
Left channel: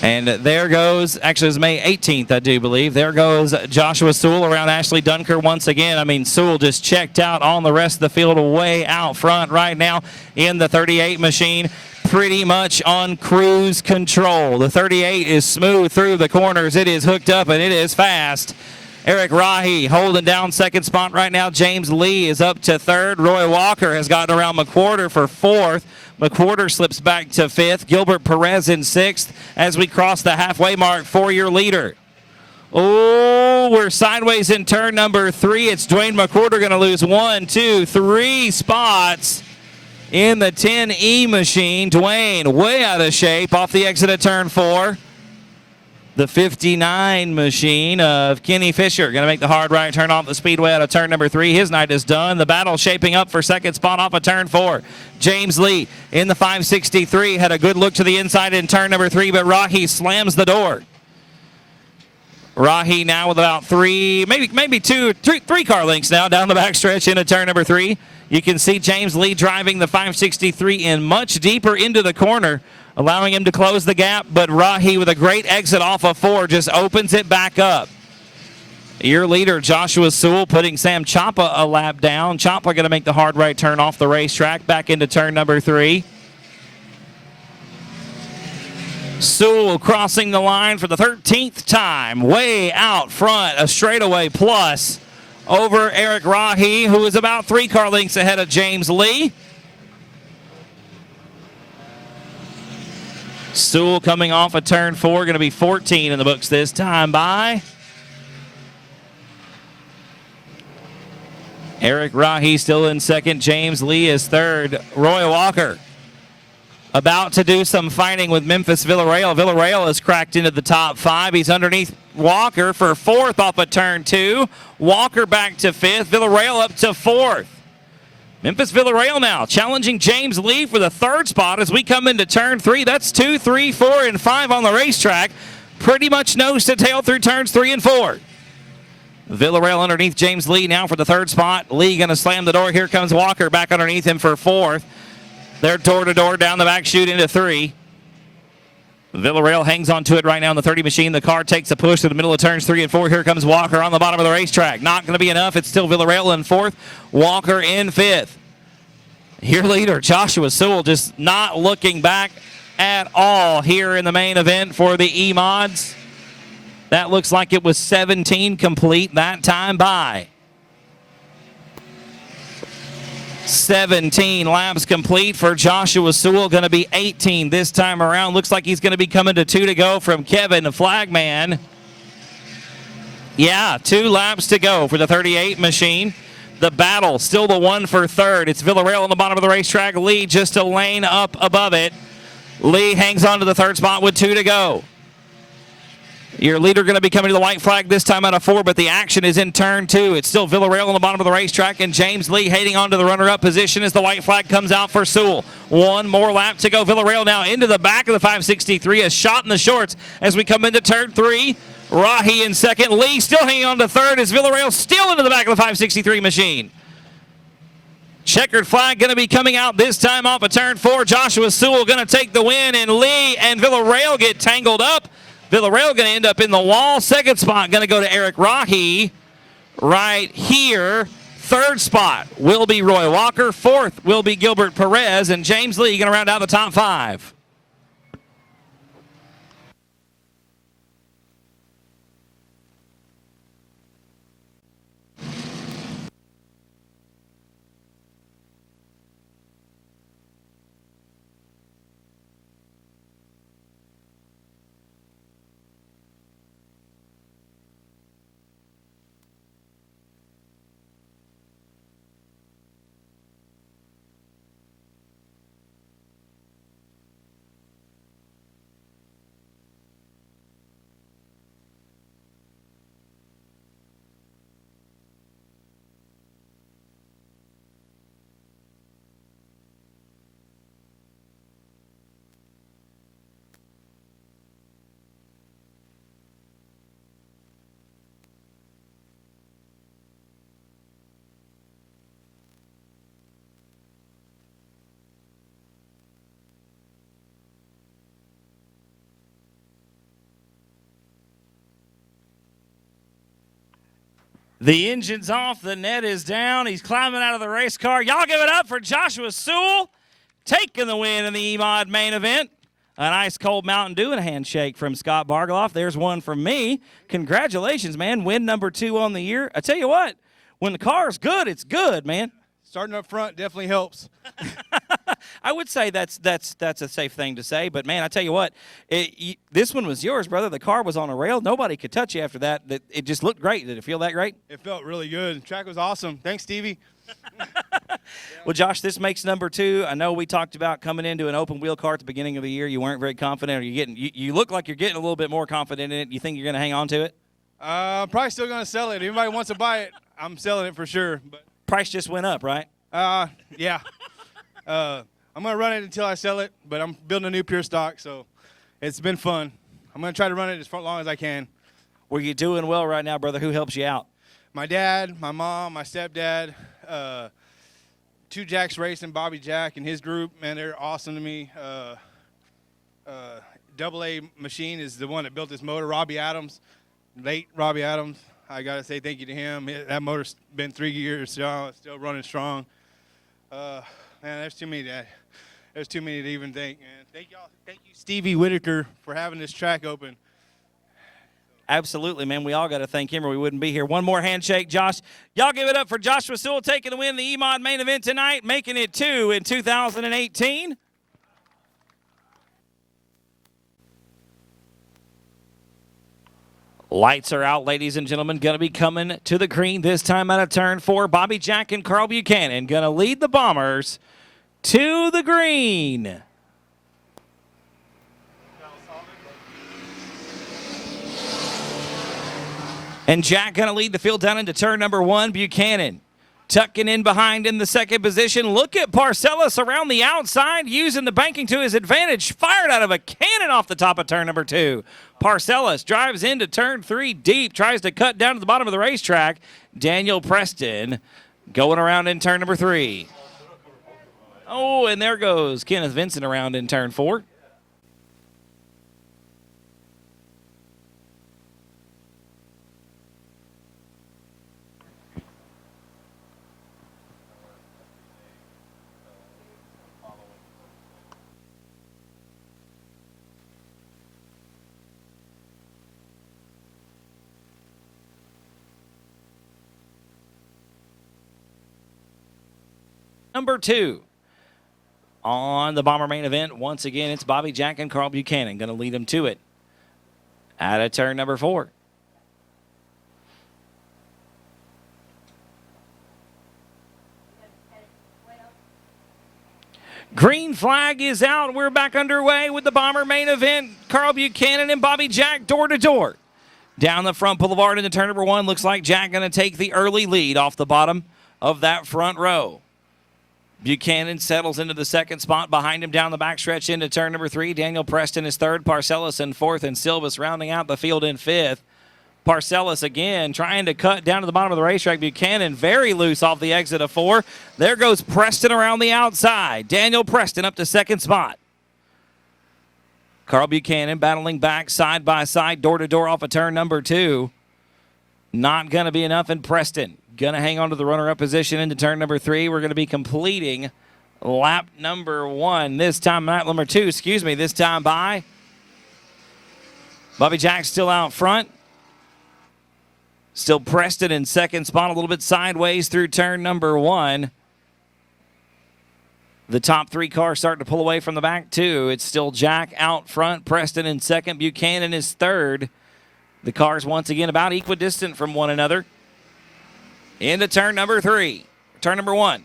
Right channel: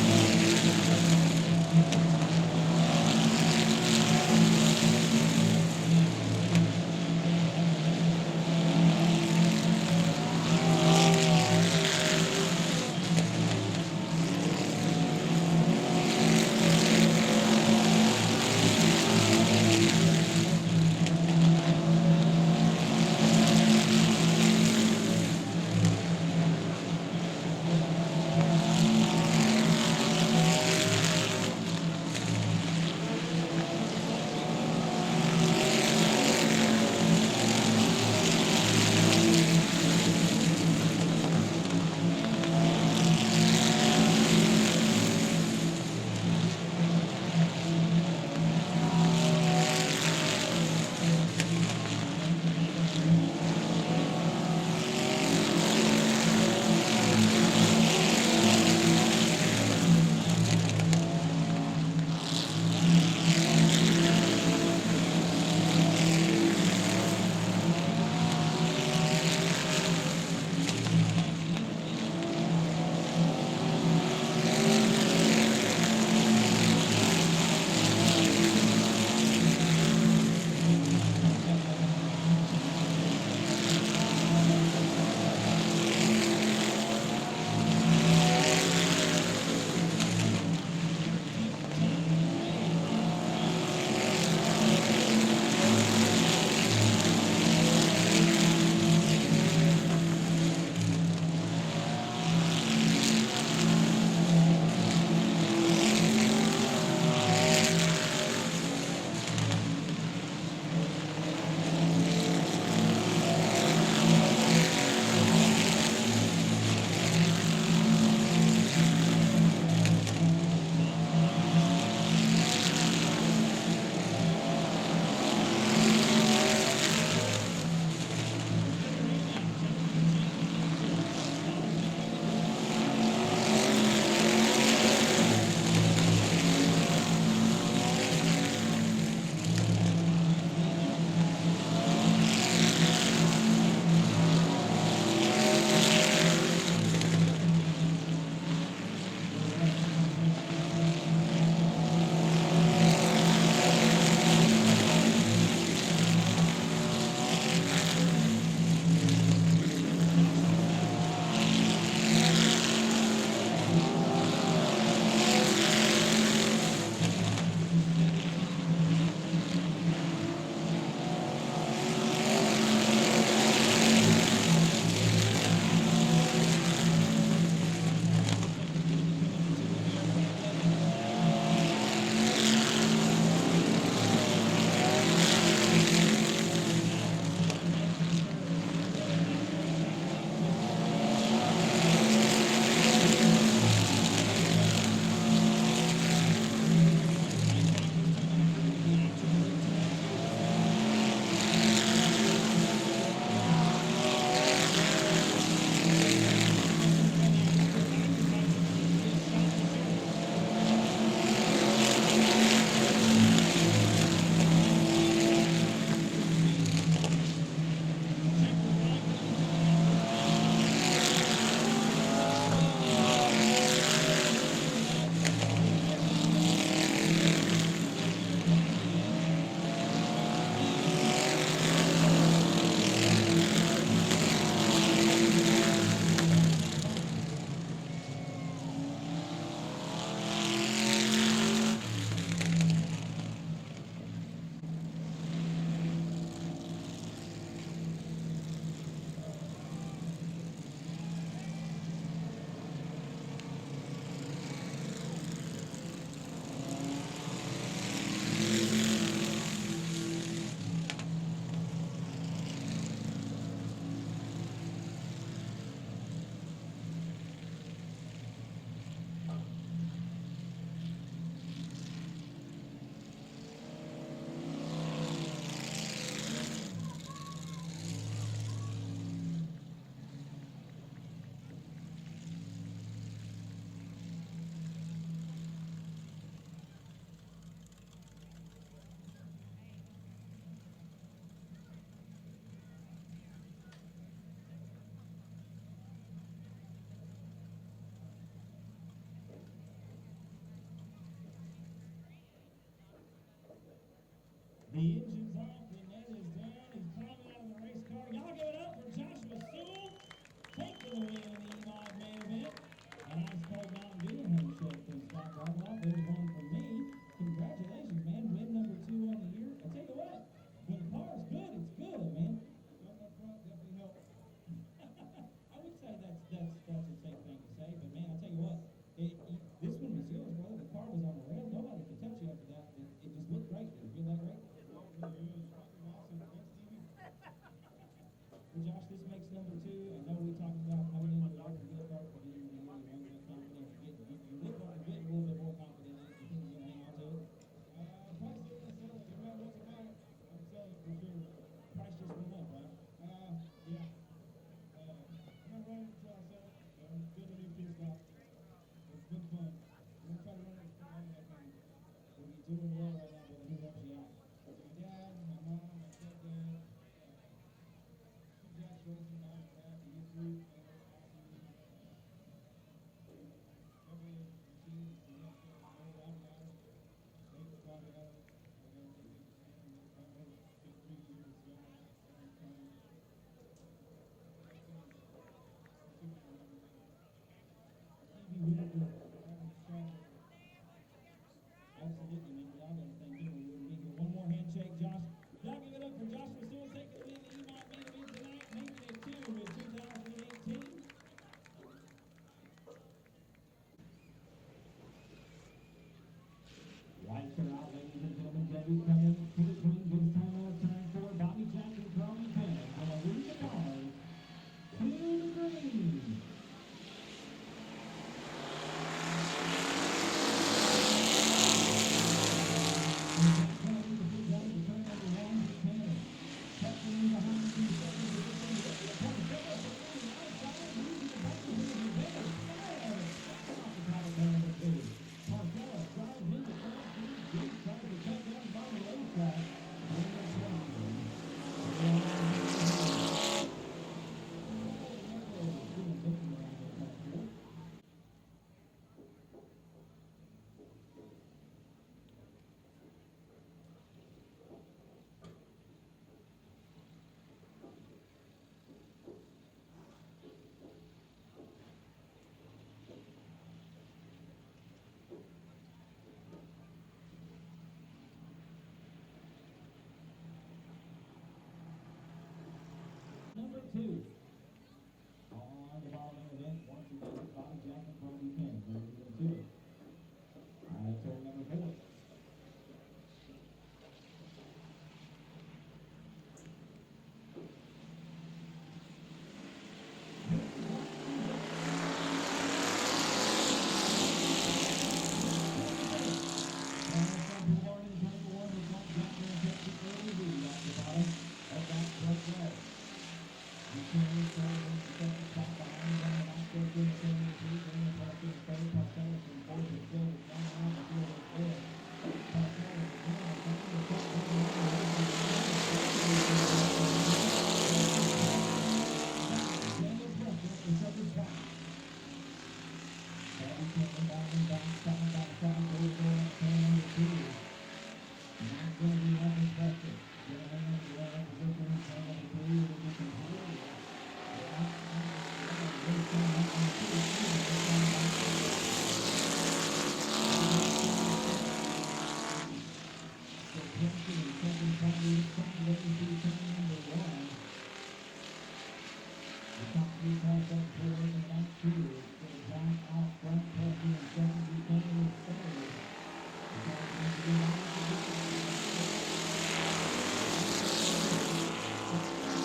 And there goes, actually it was May 18th, I do believe. There goes Joshua Sewell around Ashley Dunker once again. I mean, Sewell just checked out on the rest of the field way out front right now in the 38 machine, pretty much on cruise control. The 38 is smooth through the corners. It is hooked up and it is fast. Eric Rahi holding down second spot right now. James Lee is up to third. Roy Walker has gotten around McWhorter for fourth. McWhorter slips back to fifth. Gilbert Perez in sixth as we cross the halfway mark for your leader. Oh, we're sideways in turn number 3. It's Dwayne McWhorter going to lose 1, 2, 3 spots in the 10E machine. Dwayne way out of shape off the exit of turn 4. The 59 machine of Kenny Fisher going to make the hard right turn off the speedway out of turn number 3. His night is done. The battle shaping up for second spot off of turn 4. James Lee in the 563 had a good look to the inside in turn number 3, but Rahi slams the door. Rahi now with about three car lengths now down the backstretch into turn number 3. You can see James Lee driving the 563 in much deeper into the corner, allowing him to close the gap, but Rahi with a great exit off of 4 just opens it back up. Your leader, Joshua Sewell, putting Sam Chapa a lap down. Chapa going to make the hard right turn off the racetrack back into turn number 3. Sewell crossing the line for the 13th time, way out front, a straightaway plus over Eric Rahi, who is about 3 car lengths ahead of James Lee. Sewell coming off of turn 4, going to be 14 in the books this time by Eric Rahi still in second. James Lee is third. Roy Walker about to do some fighting with Memphis Villarreal. Villarreal has cracked into the top 5. He's underneath Walker for 4th off of turn 2. Walker back to 5th. Villarreal up to 4th. Memphis Villarreal now challenging James Lee for the 3rd spot as we come into turn 3. That's 2, 3, 4, and 5 on the racetrack. Pretty much nose to tail through turns 3 and 4. Villarreal underneath James Lee now for the 3rd spot. Lee going to slam the door. Here comes Walker back underneath him for 4th. They're door-to-door down the back chute into 3. Villarreal hangs on to it right now in the 30 machine. The car takes a push to the middle of turns 3 and 4. Here comes Walker on the bottom of the racetrack. Not going to be enough. It's still Villarreal in 4th. Walker in 5th. Your leader, Joshua Sewell, just not looking back at all here in the main event for the E-Mods. That looks like it was 17 complete that time by. 17 laps complete for Joshua Sewell. Going to be 18 this time around. Looks like he's going to be coming to 2 to go from Kevin, the flagman. Yeah, 2 laps to go for the 38 machine. The battle, still the 1 for 3rd. It's Villarreal on the bottom of the racetrack. Lee just a lane up above it. Lee hangs on to the 3rd spot with 2 to go. Your leader going to be coming to the white flag this time out of 4, but the action is in turn 2. It's still Villarreal on the bottom of the racetrack, and James Lee heading on to the runner-up position as the white flag comes out for Sewell. 1 more lap to go. Villarreal now into the back of the 563. A shot in the shorts as we come into turn 3. Rahi in 2nd. Lee still hanging on to 3rd as Villarreal still into the back of the 563 machine. Checkered flag going to be coming out this time off of turn 4. Joshua Sewell going to take the win, and Lee and Villarreal get tangled up. Villarreal going to end up in the wall. 2nd spot going to go to Eric Rahi right here. 3rd spot will be Roy Walker. 4th will be Gilbert Perez, and James Lee going to round out the top 5. The engine's off, the net is down. He's climbing out of the race car. Y'all give it up for Joshua Sewell. taking the win in the EMOD main event. An ice cold Mountain Dew and a handshake from Scott Bargeloff. There's one from me. Congratulations, man. Win number 2 on the year. I tell you what, when the car's good, it's good, man. Starting up front definitely helps. I would say that's a safe thing to say, but man, I tell you what, this one was yours, brother. The car was on a rail. Nobody could touch you after that. It just looked great. Did it feel that great? It felt really good. The track was awesome. Thanks, Stevie. Well, Josh, this makes number 2. I know we talked about coming into an open wheel car at the beginning of the year. You weren't very confident. Or you look like you're getting a little bit more confident in it. You think you're going to hang on to it? Probably still going to sell it. If anybody wants to buy it, I'm selling it for sure. But price just went up, right? Yeah. I'm going to run it until I sell it, but I'm building a new pure stock, so it's been fun. I'm going to try to run it as long as I can. Well, you're doing well right now, brother. Who helps you out? My dad, my mom, my stepdad, 2 Jacks Racing, Bobby Jack and his group, man, they're awesome to me. Double A Machine is the one that built this motor, Robbie Adams, late Robbie Adams. I got to say thank you to him. That motor's been 3 years, still running strong. Man, there's too many to even thank, man. Thank y'all. Thank you, Stevie Whitaker, for having this track open. Absolutely, man. We all got to thank him or we wouldn't be here. One more handshake, Josh. Y'all give it up for Joshua Sewell taking the win in the EMOD main event tonight, making it 2 in 2018. Lights are out, ladies and gentlemen. Going to be coming to the green this time out of turn 4. Bobby Jack and Carl Buchanan going to lead the Bombers to the green. And Jack going to lead the field down into turn number 1. Buchanan tucking in behind in the second position. Look at Parcellis around the outside using the banking to his advantage. Fired out of a cannon off the top of turn number 2. Parcellis drives into turn 3 deep, tries to cut down to the bottom of the racetrack. Daniel Preston going around in turn number 3. Oh, and there goes Kenneth Vincent around in turn 4. Number 2 on the Bomber main event. Once again, it's Bobby Jack and Carl Buchanan going to lead them to it out of turn number 4. Green flag is out. We're back underway with the Bomber main event. Carl Buchanan and Bobby Jack door to door. Down the front boulevard into turn number 1. Looks like Jack going to take the early lead off the bottom of that front row. Buchanan settles into the second spot. Behind him down the backstretch into turn number 3. Daniel Preston is 3rd. Parcellis in 4th. And Silvas rounding out the field in 5th. Parcellis again trying to cut down to the bottom of the racetrack. Buchanan very loose off the exit of 4. There goes Preston around the outside. Daniel Preston up to 2nd spot. Carl Buchanan battling back side by side, door to door off of turn number 2. Not going to be enough in Preston. Going to hang on to the runner-up position into turn number 3. We're going to be completing lap number 1. This time, lap number 2, excuse me, this time by Bobby Jack still out front. Still Preston in 2nd spot, a little bit sideways through turn number 1. The top 3 cars starting to pull away from the back 2. It's still Jack out front, Preston in 2nd, Buchanan is 3rd. The cars once again about equidistant from one another. Into turn number 3, turn number 1.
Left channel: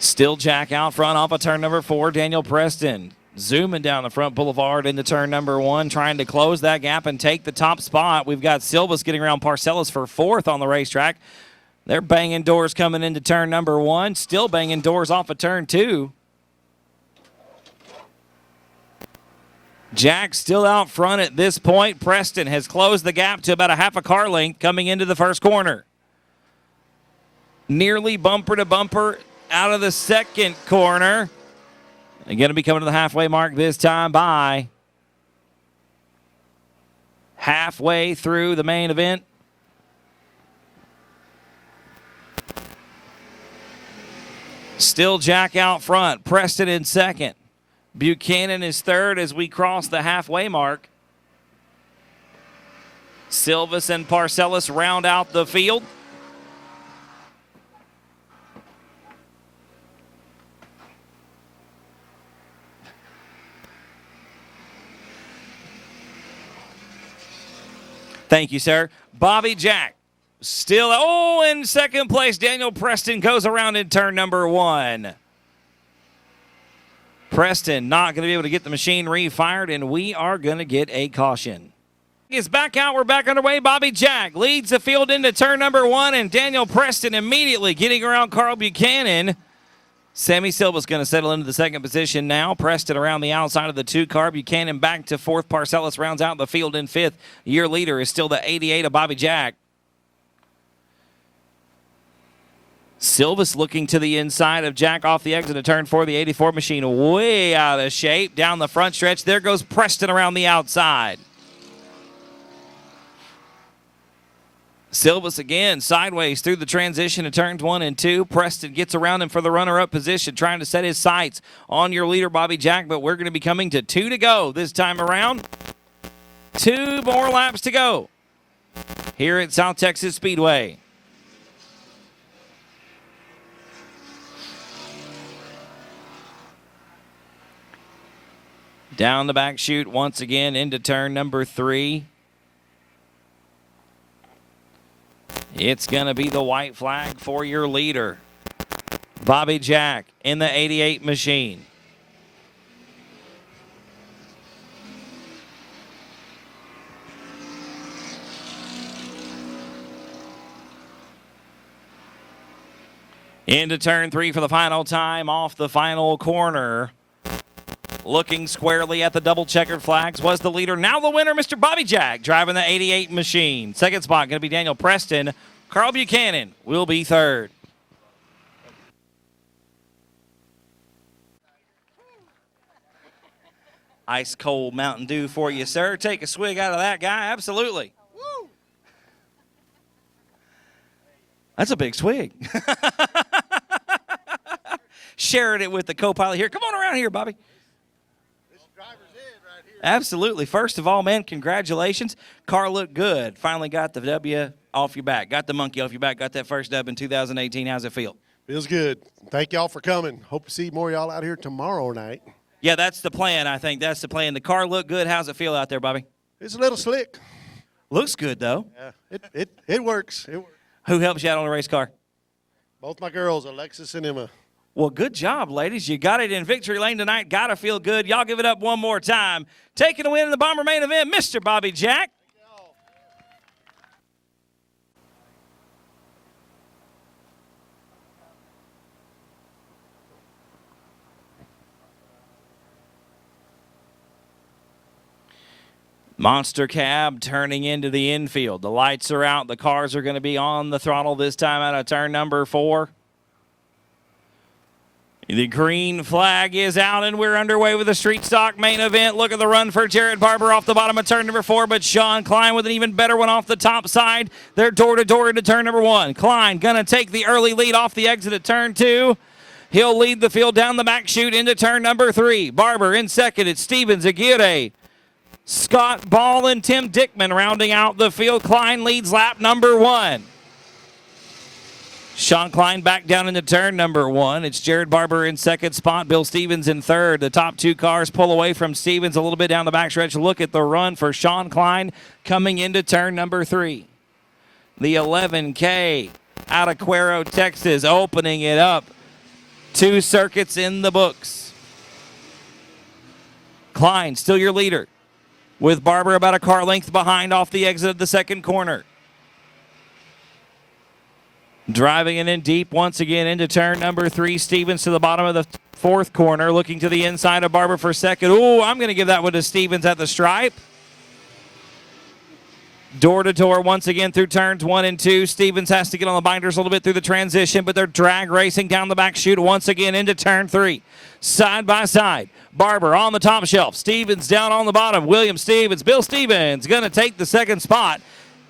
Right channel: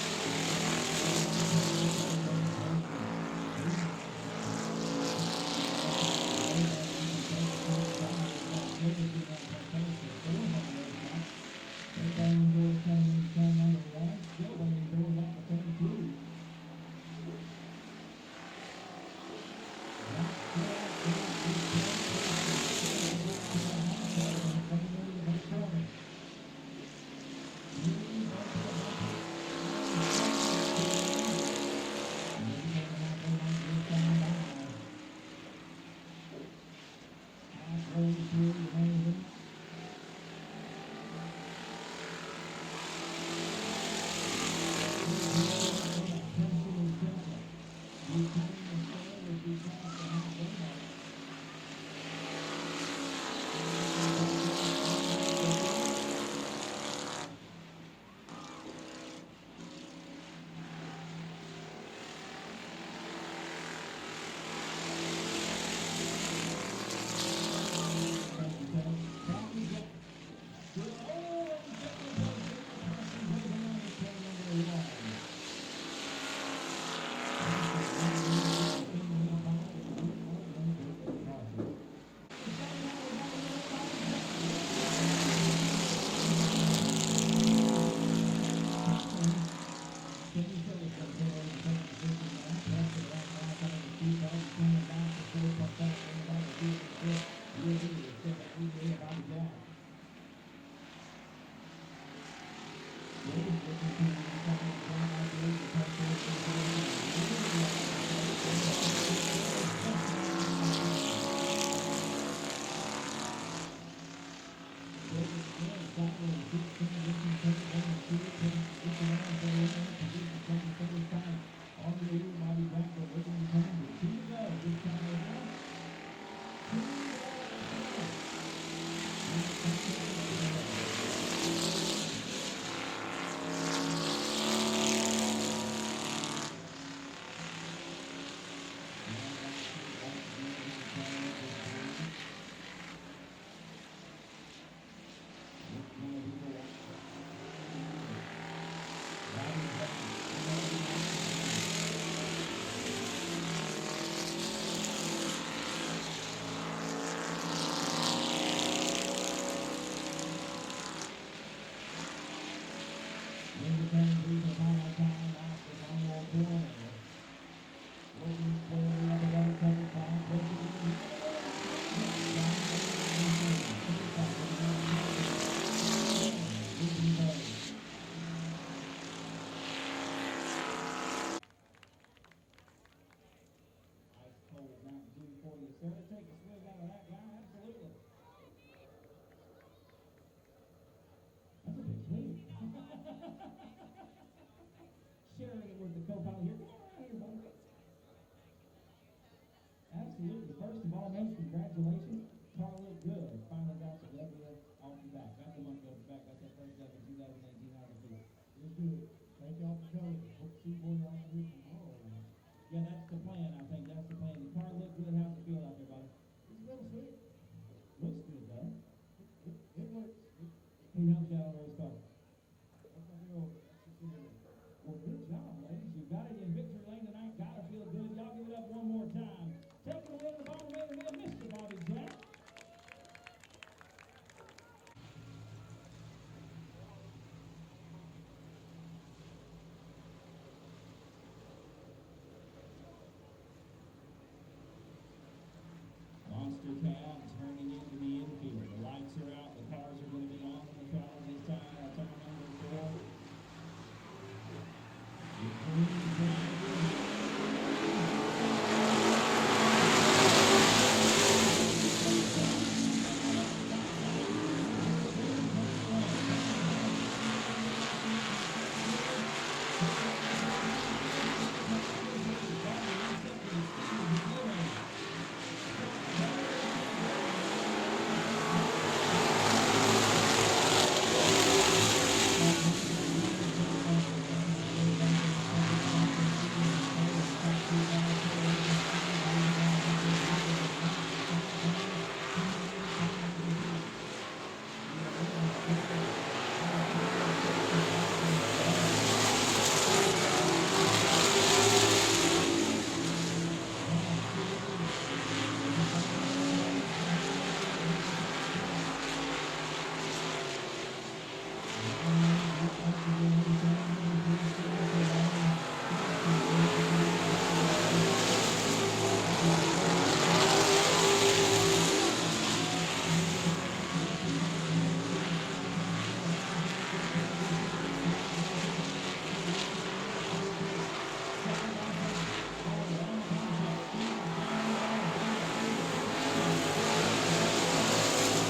Still Jack out front off of turn number 4, Daniel Preston. Zooming down the front boulevard into turn number 1, trying to close that gap and take the top spot. We've got Silvas getting around Parcellis for 4th on the racetrack. They're banging doors coming into turn number 1, still banging doors off of turn 2. Jack still out front at this point. Preston has closed the gap to about a half a car length coming into the first corner. Nearly bumper to bumper out of the second corner. And going to be coming to the halfway mark this time by halfway through the main event. Still Jack out front. Preston in second. Buchanan is third as we cross the halfway mark. Silvis and Parcellis round out the field. Thank you, sir. Bobby Jack still, in second place. Daniel Preston goes around in turn number 1. Preston not going to be able to get the machine refired, and we are going to get a caution. Is back out. We're back underway. Bobby Jack leads the field into turn number 1, and Daniel Preston immediately getting around Carl Buchanan. Sammy Silva's going to settle into the second position now. Preston around the outside of the 2 car. Buchanan back to 4th. Parcellis rounds out the field in 5th. Your leader is still the 88 of Bobby Jack. Silvis looking to the inside of Jack off the exit of turn 4. The 84 machine way out of shape. Down the front stretch. There goes Preston around the outside. Silvis again sideways through the transition to turns 1 and 2. Preston gets around him for the runner-up position, trying to set his sights on your leader, Bobby Jack, but we're going to be coming to 2 to go this time around. 2 more laps to go here at South Texas Speedway. Down the back chute once again into turn number 3. It's going to be the white flag for your leader, Bobby Jack, in the 88 machine. Into turn 3 for the final time off the final corner. Looking squarely at the double checkered flags was the leader. Now the winner, Mr. Bobby Jack, driving the 88 machine. Second spot going to be Daniel Preston. Carl Buchanan will be third. Ice cold Mountain Dew for you, sir. Take a swig out of that guy. Absolutely. Woo. That's a big swig. Sharing it with the co-pilot here. Come on around here, Bobby. Absolutely. First of all, man, congratulations. Car looked good. Finally got the W off your back. Got the monkey off your back. Got that first dub in 2018. How's it feel? Feels good. Thank y'all for coming. Hope to see more of y'all out here tomorrow night. Yeah, that's the plan, I think. That's the plan. The car looked good. How's it feel out there, Bobby? It's a little slick. Looks good, though. Yeah, it works. It works. Who helps you out on the race car? Both my girls, Alexis and Emma. Well, good job, ladies. You got it in victory lane tonight. Got to feel good. Y'all give it up one more time. Taking a win in the Bomber main event, Mr. Bobby Jack. Monster cab turning into the infield. The lights are out. The cars are going to be on the throttle this time out of turn number 4. The green flag is out, and we're underway with the street stock main event. Look at the run for Jared Barber off the bottom of turn number 4, but Sean Klein with an even better one off the top side. They're door-to-door into turn number 1. Klein going to take the early lead off the exit of turn 2. He'll lead the field down the back chute into turn number 3. Barber in second. It's Stevens, Aguirre, Scott Ball, and Tim Dickman rounding out the field. Klein leads lap number 1. Sean Klein back down into turn number 1. It's Jared Barber in second spot. Bill Stevens in third. The top 2 cars pull away from Stevens a little bit down the backstretch. Look at the run for Sean Klein coming into turn number 3. The 11K out of Cuero, Texas, opening it up. 2 circuits in the books. Klein still your leader, with Barber about a car length behind off the exit of the second corner. Driving it in deep once again into turn number 3. Stevens to the bottom of the 4th corner, looking to the inside of Barber for second. Ooh, I'm going to give that one to Stevens at the stripe. Door to door once again through turns 1 and 2. Stevens has to get on the binders a little bit through the transition, but they're drag racing down the back chute once again into turn 3. Side by side. Barber on the top shelf. Stevens down on the bottom. William Stevens. Bill Stevens going to take the second spot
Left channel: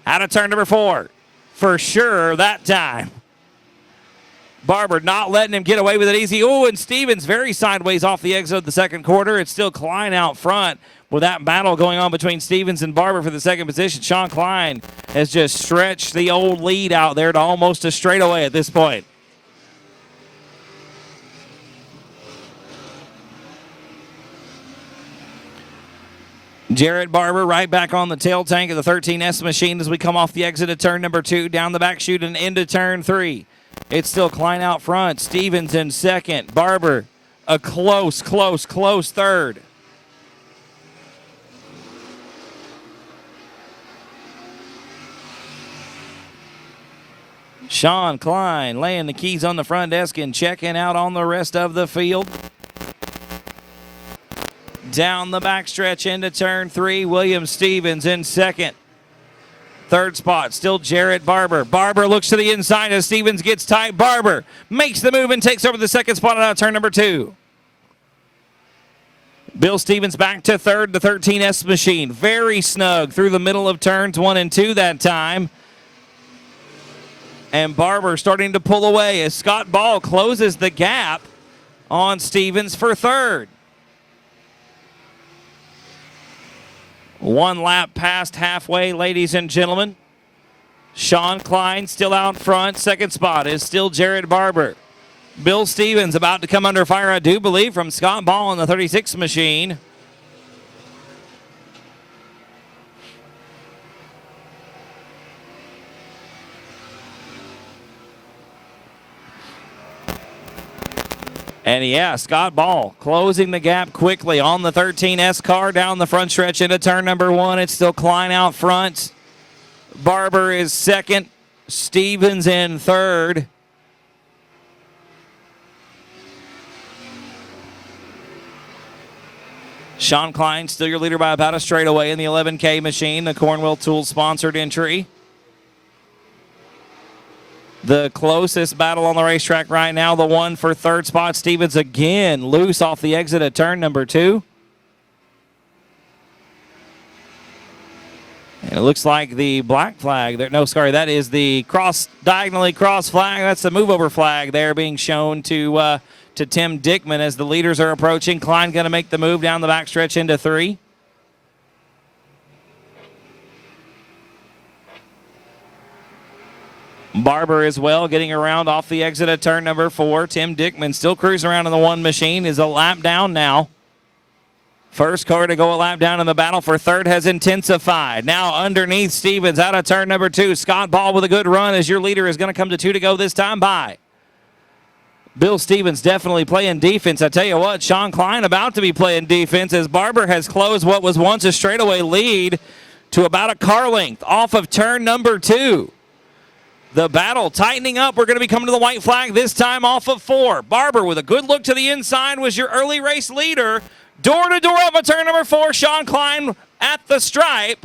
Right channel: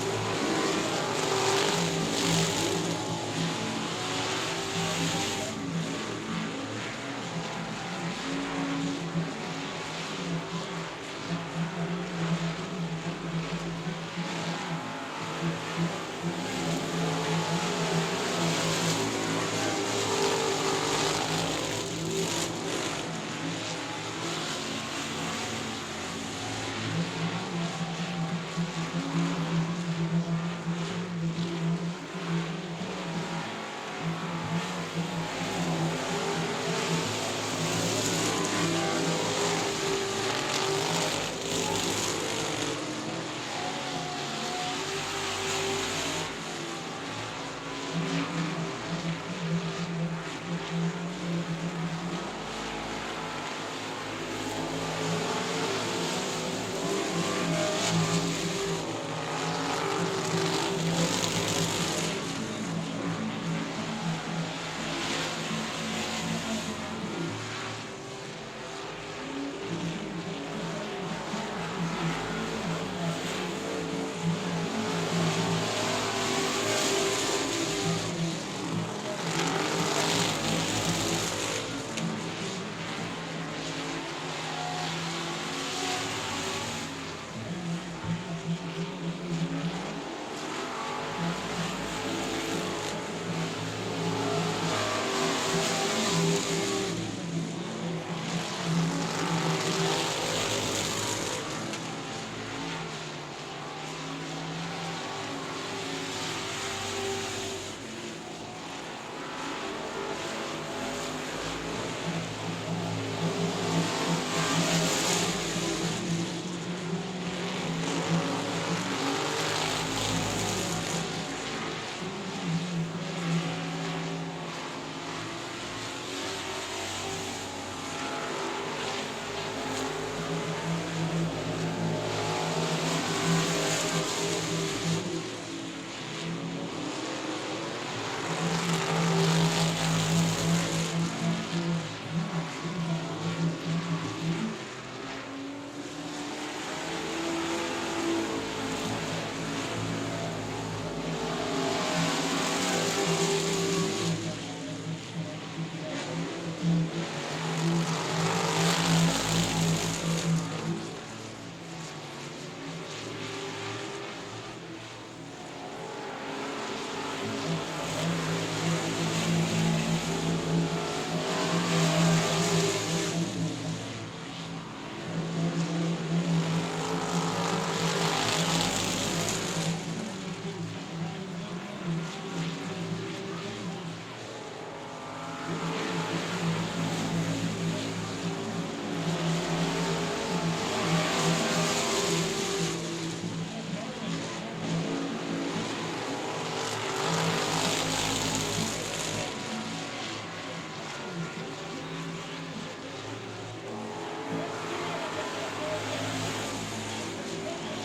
out of turn number 4. For sure that time. Barber not letting him get away with it easy. Oh, and Stevens very sideways off the exit of the second quarter. It's still Klein out front with that battle going on between Stevens and Barber for the second position. Sean Klein has just stretched the old lead out there to almost a straightaway at this point. Jarrett Barber right back on the tail tank of the 13S machine as we come off the exit of turn number 2, down the back chute and into turn 3. It's still Klein out front. Stevens in second. Barber a close third. Sean Klein laying the keys on the front desk and checking out on the rest of the field. Down the backstretch into turn 3, William Stevens in second. Third spot, still Jarrett Barber. Barber looks to the inside as Stevens gets tight. Barber makes the move and takes over the second spot out of turn number 2. Bill Stevens back to third, the 13S machine. Very snug through the middle of turns 1 and 2 that time. And Barber starting to pull away as Scott Ball closes the gap on Stevens for third. 1 lap past halfway, ladies and gentlemen. Sean Klein still out front. Second spot is still Jarrett Barber. Bill Stevens about to come under fire, I do believe, from Scott Ball on the 36 machine. And yeah, Scott Ball closing the gap quickly on the 13S car down the front stretch into turn number 1. It's still Klein out front. Barber is second. Stevens in third. Sean Klein still your leader by about a straightaway in the 11K machine, the Cornwell Tools sponsored entry. The closest battle on the racetrack right now, the one for third spot. Stevens again loose off the exit at turn number 2. It looks like the black flag there. No, sorry, that is the diagonally cross flag. That's the move over flag there being shown to Tim Dickman as the leaders are approaching. Klein going to make the move down the backstretch into 3. Barber as well getting around off the exit at turn number 4. Tim Dickman still cruising around in the 1 machine, is a lap down now. First car to go a lap down in the battle for third has intensified. Now underneath Stevens out of turn number 2. Scott Ball with a good run as your leader is going to come to 2 to go this time by. Bill Stevens definitely playing defense. I tell you what, Sean Klein about to be playing defense as Barber has closed what was once a straightaway lead to about a car length off of turn number 2. The battle tightening up. We're going to be coming to the white flag this time off of 4. Barber with a good look to the inside was your early race leader. Door to door up at turn number 4. Sean Klein at the stripe.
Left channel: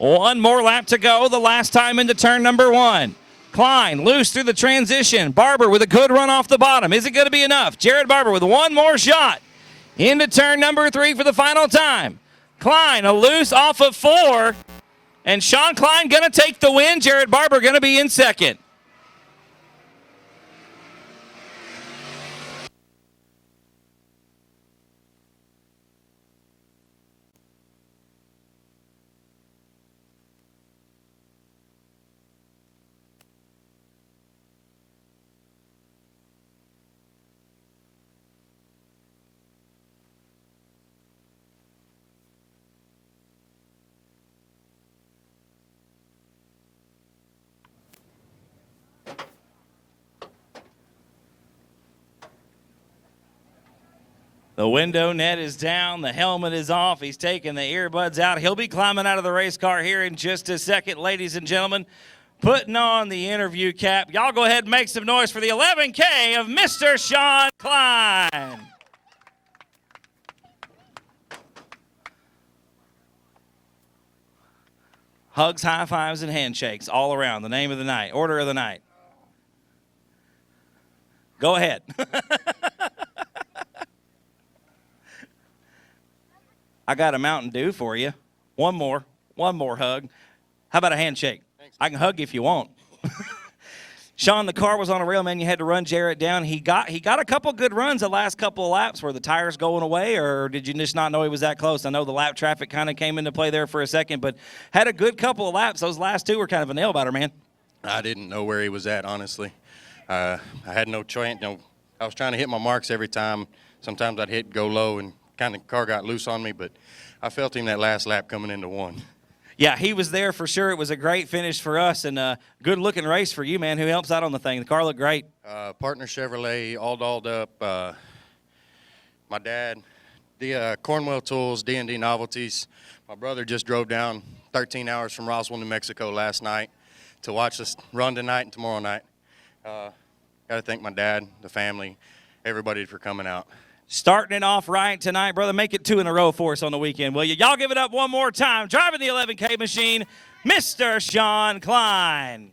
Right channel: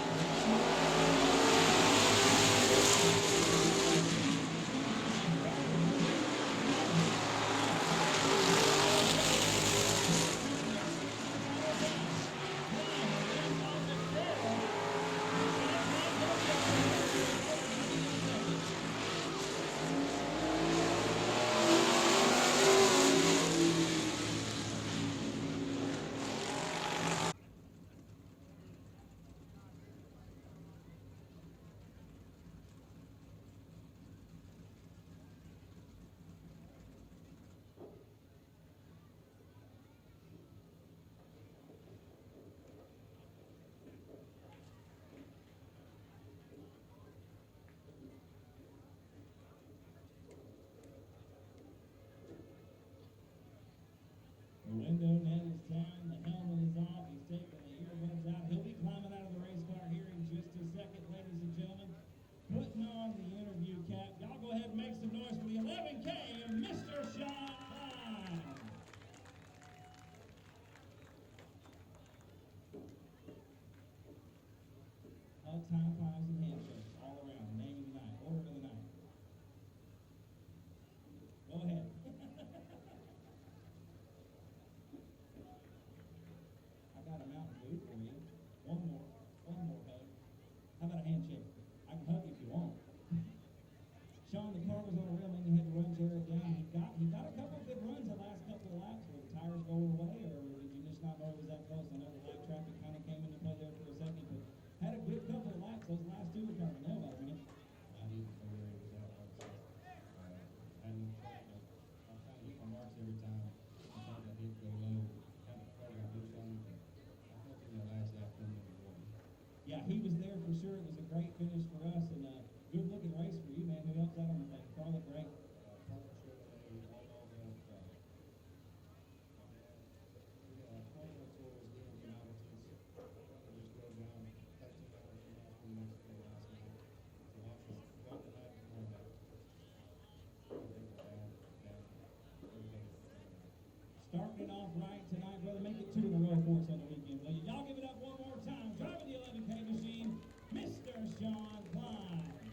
1 more lap to go. The last time into turn number 1. Klein loose through the transition. Barber with a good run off the bottom. Is it going to be enough? Jarrett Barber with 1 more shot into turn number 3 for the final time. Klein a loose off of 4. And Sean Klein going to take the win. Jarrett Barber going to be in second. The window net is down. The helmet is off. He's taking the earbuds out. He'll be climbing out of the race car here in just a second, ladies and gentlemen. Putting on the interview cap. Y'all go ahead and make some noise for the 11K of Mr. Sean Klein. Hugs, high fives, and handshakes all around. The name of the night, order of the night. Go ahead. I got a Mountain Dew for you. One more hug. How about a handshake? Thanks. I can hug you if you want. Sean, the car was on a rail, man. You had to run Jarrett down. He got a couple good runs the last couple of laps. Were the tires going away, or did you just not know he was that close? I know the lap traffic kind of came into play there for a second, but had a good couple of laps. Those last two were kind of a nail-biter, man. I didn't know where he was at, honestly. I had no choice. I was trying to hit my marks every time. Sometimes I'd hit, go low, and kind of car got loose on me, but I felt him that last lap coming into one. Yeah, he was there for sure. It was a great finish for us, and a good-looking race for you, man. Who helps out on the thing? The car looked great. Partner Chevrolet, all dolled up. My dad, the Cornwell Tools, D&D Novelties. My brother just drove down 13 hours from Roswell, New Mexico last night to watch us run tonight and tomorrow night. Got to thank my dad, the family, everybody for coming out. Starting it off right tonight, brother. Make it 2 in a row for us on the weekend, will you? Y'all give it up one more time. Driving the 11K machine, Mr. Sean Klein.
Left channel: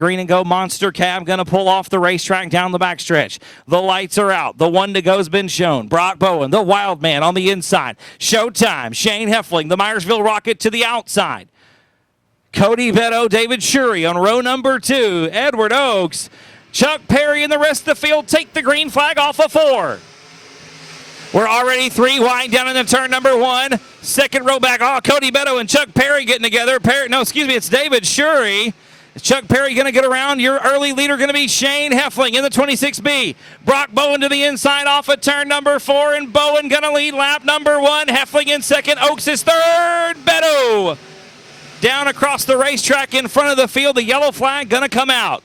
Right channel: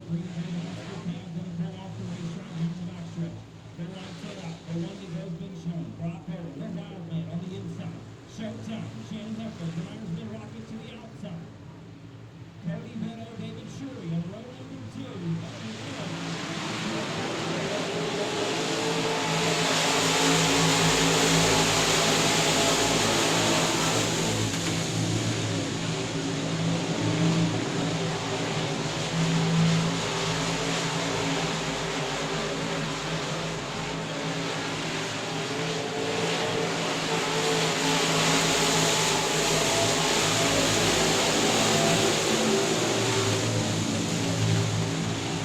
Green and go monster cab going to pull off the racetrack down the backstretch. The lights are out. The one to go's been shown. Brock Bowen, the wild man on the inside. Showtime. Shane Heffling, the Myersville Rocket to the outside. Cody Vetto, David Shurey on row number 2. Edward Oaks, Chuck Perry, and the rest of the field take the green flag off of 4. We're already 3 wide down into turn number 1. Second row back. Oh, Cody Vetto and Chuck Perry getting together. It's David Shurey. Chuck Perry going to get around. Your early leader going to be Shane Heffling in the 26B. Brock Bowen to the inside off of turn number 4, and Bowen going to lead lap number 1. Heffling in second. Oaks is third. Beto down across the racetrack in front of the field. The yellow flag going to come out.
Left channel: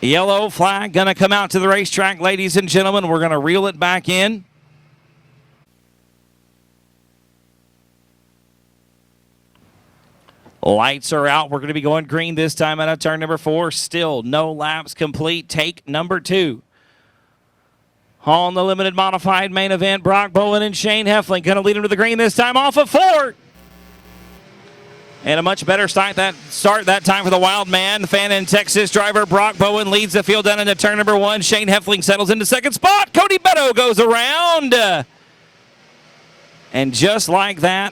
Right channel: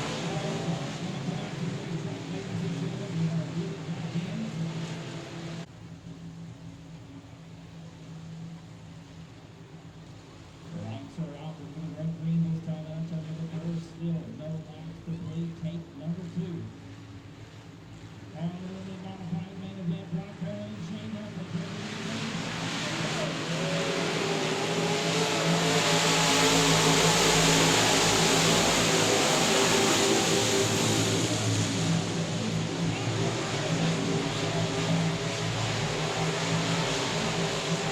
The yellow flag going to come out to the racetrack, ladies and gentlemen. We're going to reel it back in. Lights are out. We're going to be going green this time out of turn number 4. Still no laps complete. Take number 2. On the limited modified main event, Brock Bowen and Shane Heffling going to lead him to the green this time off of 4. And a much better start that time for the wild man. Fan in Texas driver Brock Bowen leads the field down into turn number 1. Shane Heffling settles into second spot. Cody Beto goes around. And just like that,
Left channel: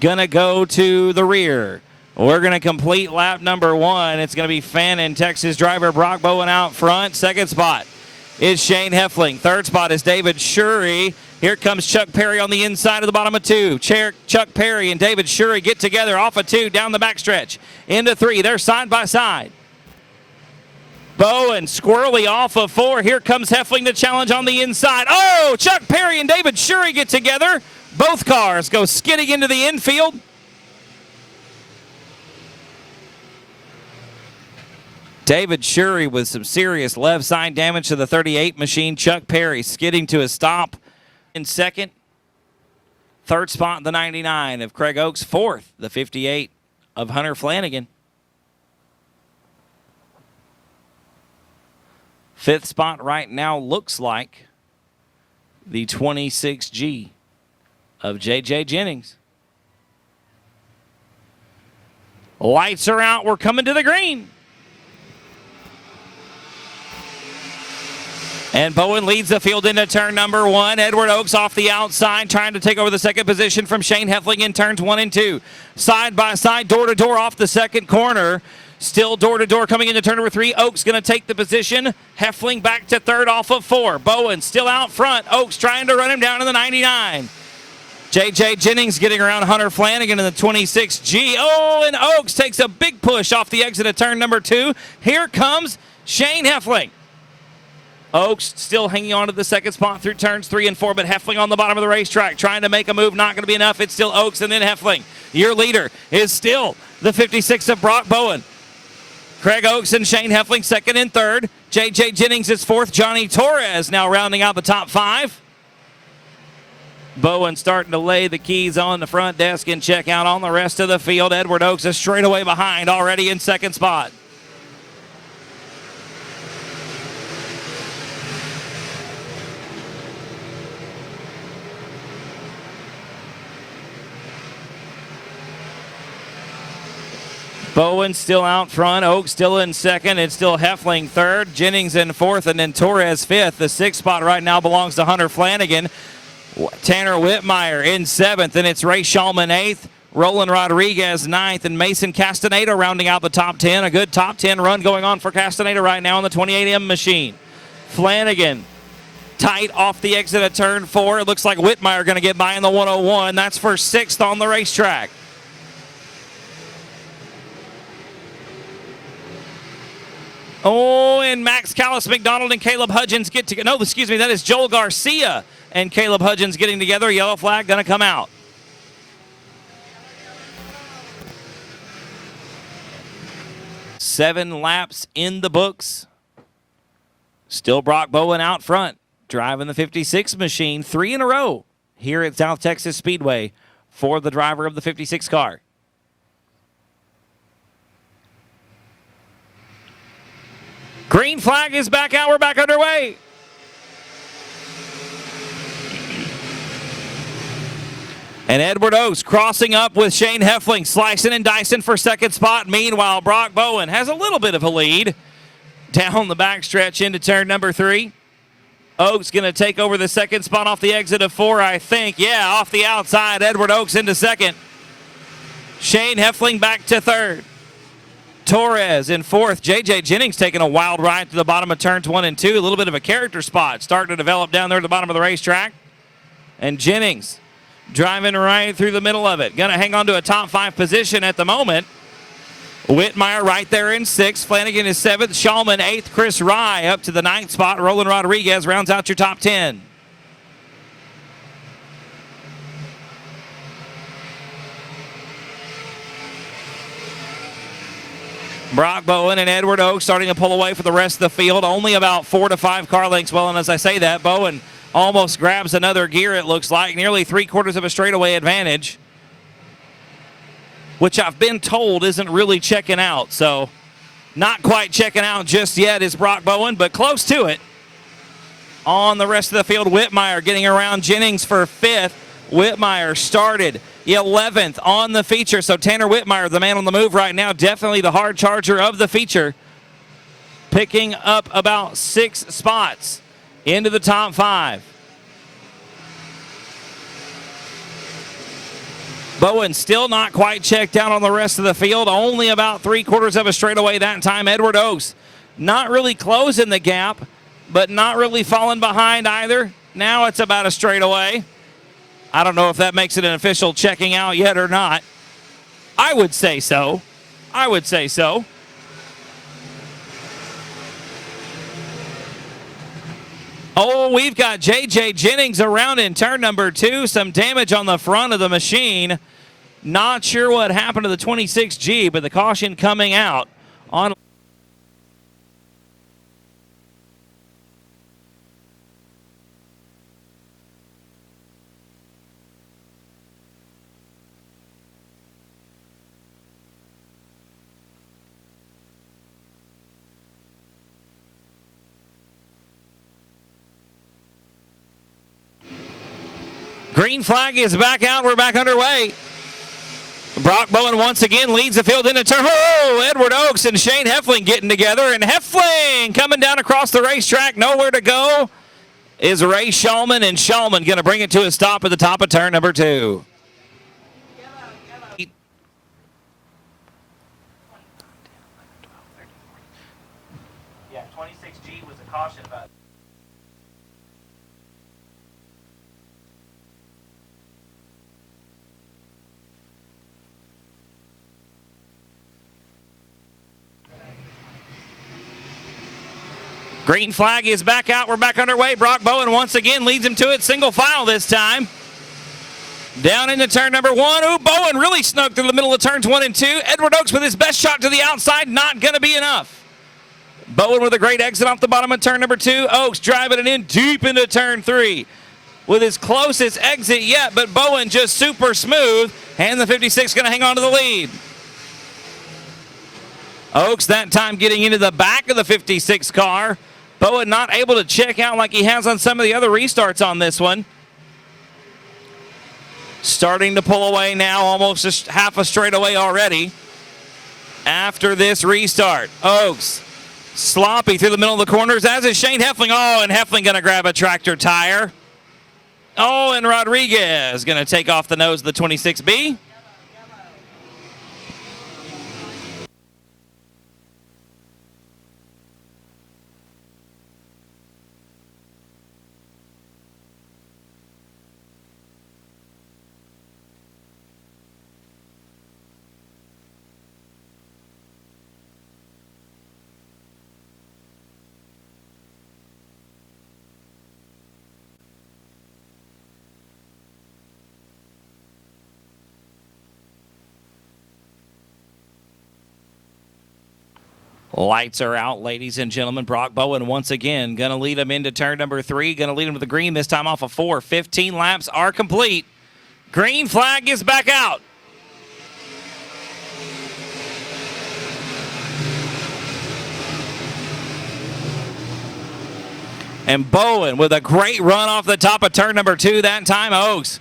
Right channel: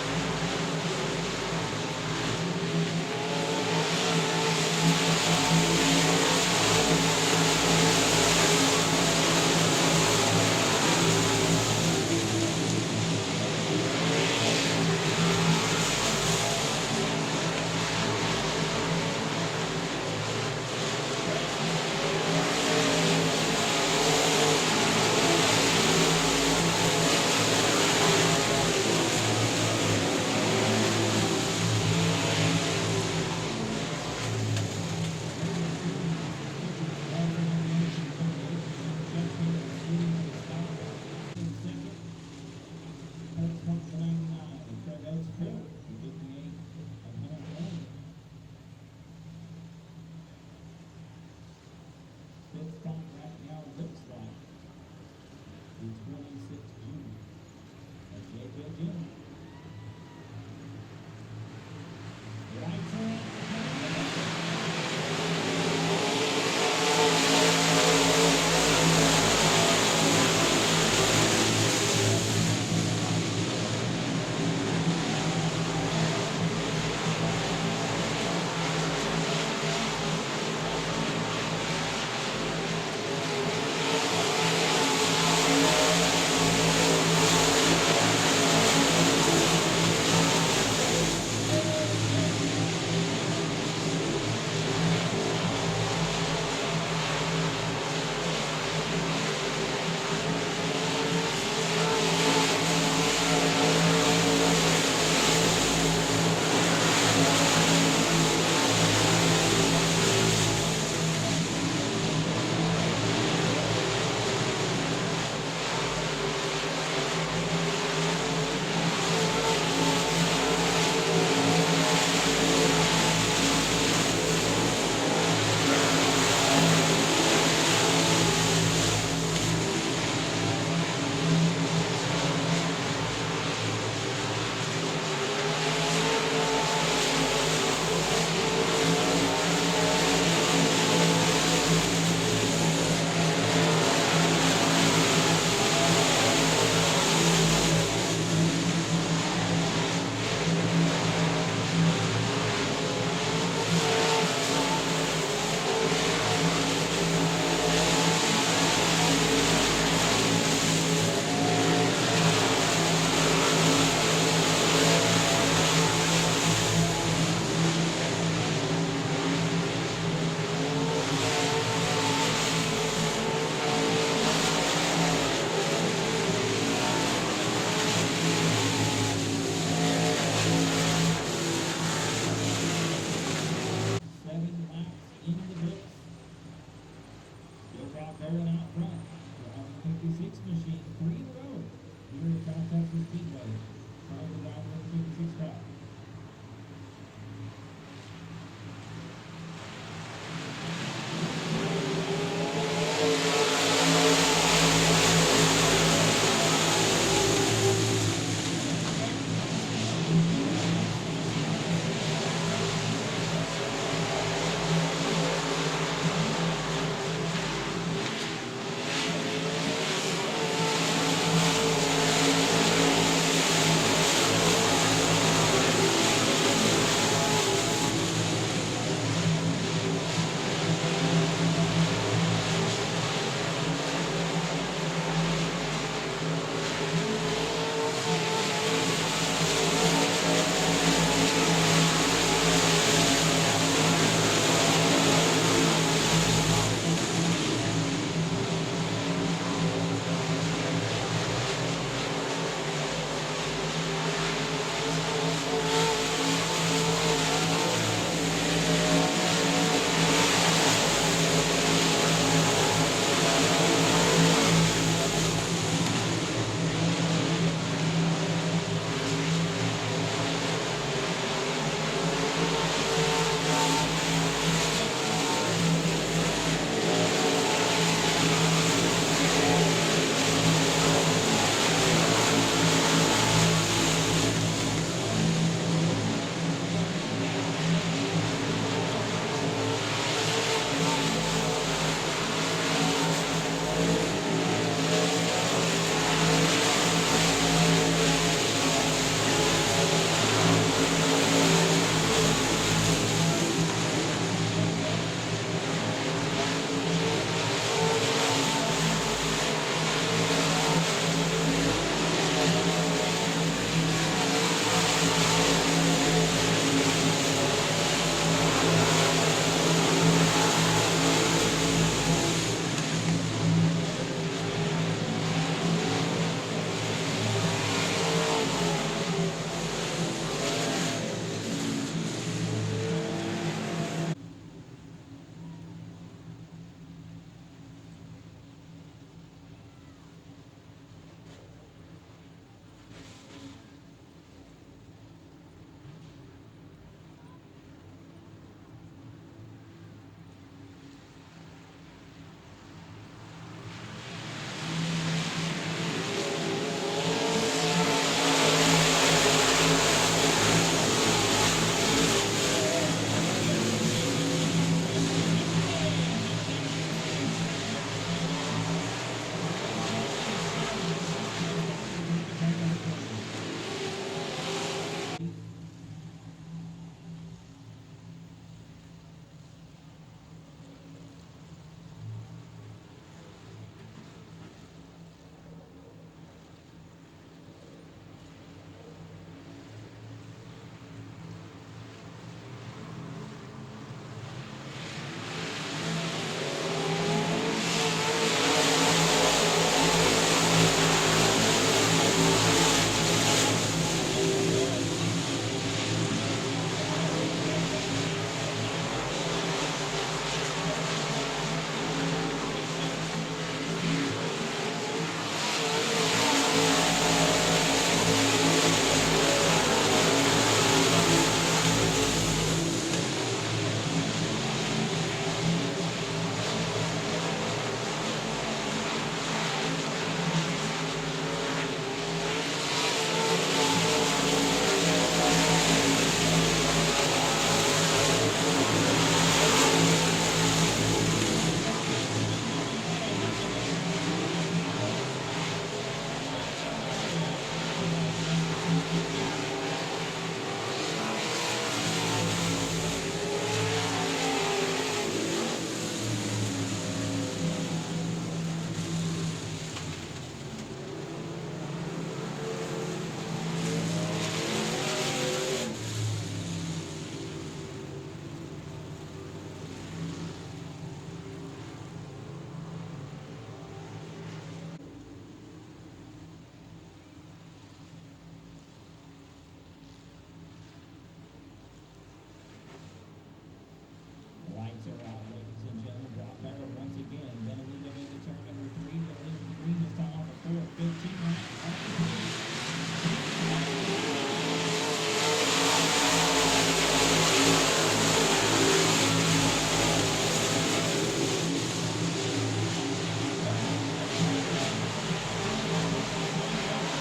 gonna go to the rear. We're gonna complete lap number 1. It's gonna be fan in Texas driver Brock Bowen out front. Second spot is Shane Heffling. Third spot is David Shurey. Here comes Chuck Perry on the inside of the bottom of 2. Chuck Perry and David Shurey get together off of 2 down the backstretch into 3. They're side by side. Bowen squirrely off of 4. Here comes Heffling to challenge on the inside. Oh, Chuck Perry and David Shurey get together. Both cars go skidding into the infield. David Shurey with some serious left side damage to the 38 machine. Chuck Perry skidding to a stop in second. Third spot, the 99 of Craig Oaks. Fourth, the 58 of Hunter Flanagan. Fifth spot right now looks like the 26G of J.J. Jennings. Lights are out. We're coming to the green. And Bowen leads the field into turn number 1. Edward Oaks off the outside, trying to take over the second position from Shane Heffling in turns 1 and 2. Side by side, door to door off the second corner. Still door to door coming into turn number 3. Oaks going to take the position. Heffling back to third off of 4. Bowen still out front. Oaks trying to run him down to the 99. J.J. Jennings getting around Hunter Flanagan in the 26G. Oh, and Oaks takes a big push off the exit of turn number 2. Here comes Shane Heffling. Oaks still hanging on to the second spot through turns 3 and 4, but Heffling on the bottom of the racetrack trying to make a move. Not going to be enough. It's still Oaks and then Heffling. Your leader is still the 56 of Brock Bowen. Craig Oaks and Shane Heffling second and third. J.J. Jennings is fourth. Johnny Torres now rounding out the top 5. Bowen starting to lay the keys on the front desk and check out on the rest of the field. Edward Oaks is straight away behind, already in second spot. Bowen still out front, Oaks still in second, it's still Heffling third, Jennings in fourth, and then Torres fifth. The sixth spot right now belongs to Hunter Flanagan. Tanner Whitmire in seventh, and it's Ray Shulman eighth, Roland Rodriguez ninth, and Mason Castaneda rounding out the top 10. A good top 10 run going on for Castaneda right now on the 28M machine. Flanagan tight off the exit of turn 4. It looks like Whitmire going to get by in the 101. That's for sixth on the racetrack. Oh, and Max Callis McDonald and Caleb Hudgens get together. No, excuse me, that is Joel Garcia and Caleb Hudgens getting together. Yellow flag going to come out. Seven laps in the books. Still Brock Bowen out front, driving the 56 machine 3 in a row here at South Texas Speedway for the driver of the 56 car. Green flag is back out. We're back underway. And Edward Oaks crossing up with Shane Heffling, slicing and dicing for second spot. Meanwhile, Brock Bowen has a little bit of a lead down the backstretch into turn number 3. Oaks going to take over the second spot off the exit of 4, I think. Yeah, off the outside, Edward Oaks into second. Shane Heffling back to third. Torres in fourth. J.J. Jennings taking a wild ride to the bottom of turns 1 and 2. A little bit of a character spot starting to develop down there at the bottom of the racetrack. And Jennings driving right through the middle of it. Going to hang on to a top 5 position at the moment. Whitmire right there in 6th. Flanagan is 7th. Shulman 8th. Chris Rye up to the 9th spot. Roland Rodriguez rounds out your top 10. Brock Bowen and Edward Oaks starting to pull away from the rest of the field. Only about 4 to 5 car lengths. Well, and as I say that, Bowen almost grabs another gear, it looks like. Nearly 3/4 of a straightaway advantage, which I've been told isn't really checking out. So not quite checking out just yet is Brock Bowen, but close to it. On the rest of the field, Whitmire getting around Jennings for 5th. Whitmire started 11th on the feature. So Tanner Whitmire, the man on the move right now, definitely the hard charger of the feature, picking up about 6 spots into the top 5. Bowen still not quite checked out on the rest of the field. Only about 3/4 of a straightaway that time. Edward Oaks not really closing the gap, but not really falling behind either. Now it's about a straightaway. I don't know if that makes it an official checking out yet or not. I would say so. I would say so. Oh, we've got J.J. Jennings around in turn number 2. Some damage on the front of the machine. Not sure what happened to the 26G, but the caution coming out on. Green flag is back out. We're back underway. Brock Bowen once again leads the field into turn. Oh, Edward Oaks and Shane Heffling getting together. And Heffling coming down across the racetrack. Nowhere to go is Ray Shulman. And Shulman going to bring it to a stop at the top of turn number 2. Yeah, 26G was a caution about. Green flag is back out. We're back underway. Brock Bowen once again leads him to it. Single file this time. Down into turn number 1. Ooh, Bowen really snuck through the middle of turns 1 and 2. Edward Oaks with his best shot to the outside. Not going to be enough. Bowen with a great exit off the bottom of turn number 2. Oaks driving it in deep into turn 3. With his closest exit yet, but Bowen just super smooth. And the 56 going to hang on to the lead. Oaks that time getting into the back of the 56 car. Bowen not able to check out like he has on some of the other restarts on this one. Starting to pull away now, almost just half a straightaway already. After this restart, Oaks sloppy through the middle of the corners, as is Shane Heffling. Oh, and Heffling going to grab a tractor tire. Oh, and Rodriguez going to take off the nose of the 26B. Lights are out, ladies and gentlemen. Brock Bowen once again going to lead him into turn number 3. Going to lead him to the green, this time off of 4. 15 laps are complete. Green flag is back out. And Bowen with a great run off the top of turn number 2 that time. Oaks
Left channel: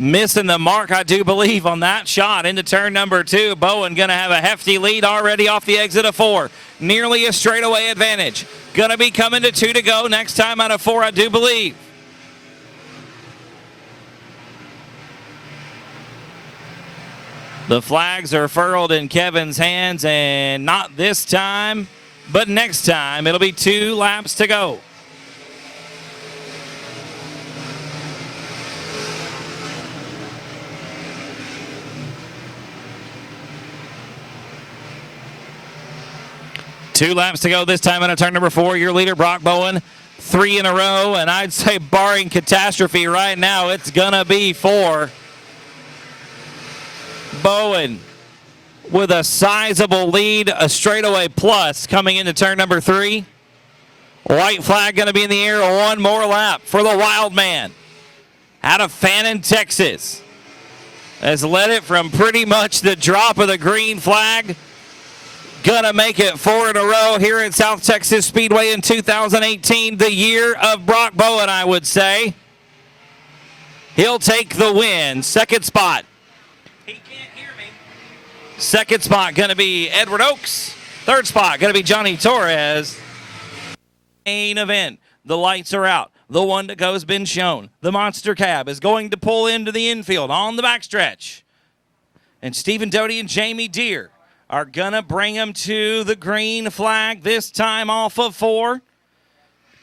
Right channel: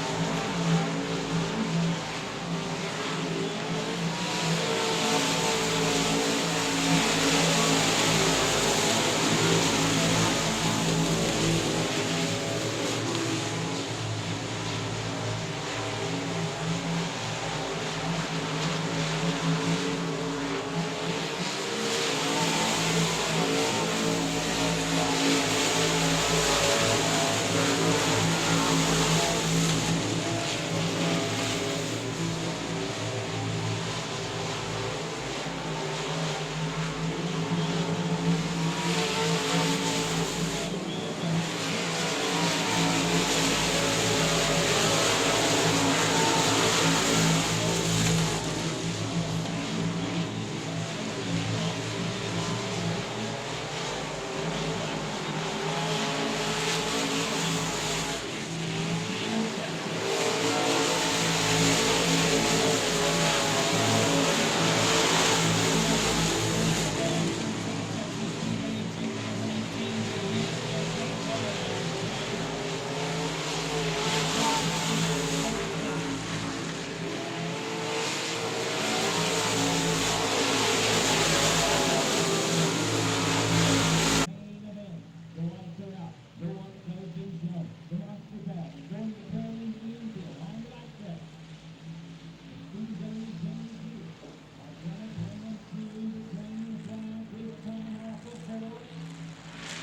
missing the mark, I do believe, on that shot into turn number 2. Bowen going to have a hefty lead already off the exit of 4. Nearly a straightaway advantage. Going to be coming to 2 to go next time out of 4, I do believe. The flags are furled in Kevin's hands, and not this time, but next time. It'll be 2 laps to go. Two laps to go this time out of turn number 4. Your leader, Brock Bowen, 3 in a row. And I'd say barring catastrophe right now, it's going to be 4. Bowen with a sizable lead, a straightaway plus coming into turn number 3. White flag going to be in the air. 1 more lap for the Wild Man out of Fannin, Texas. Has led it from pretty much the drop of the green flag. Gonna make it 4 in a row here at South Texas Speedway in 2018, the year of Brock Bowen, I would say. He'll take the win. Second spot. Second spot gonna be Edward Oaks. Third spot gonna be Johnny Torres. Main event. The lights are out. The 1 to go has been shown. The monster cab is going to pull into the infield on the backstretch. And Stephen Doty and Jamie Deere are gonna bring him to the green flag, this time off of 4.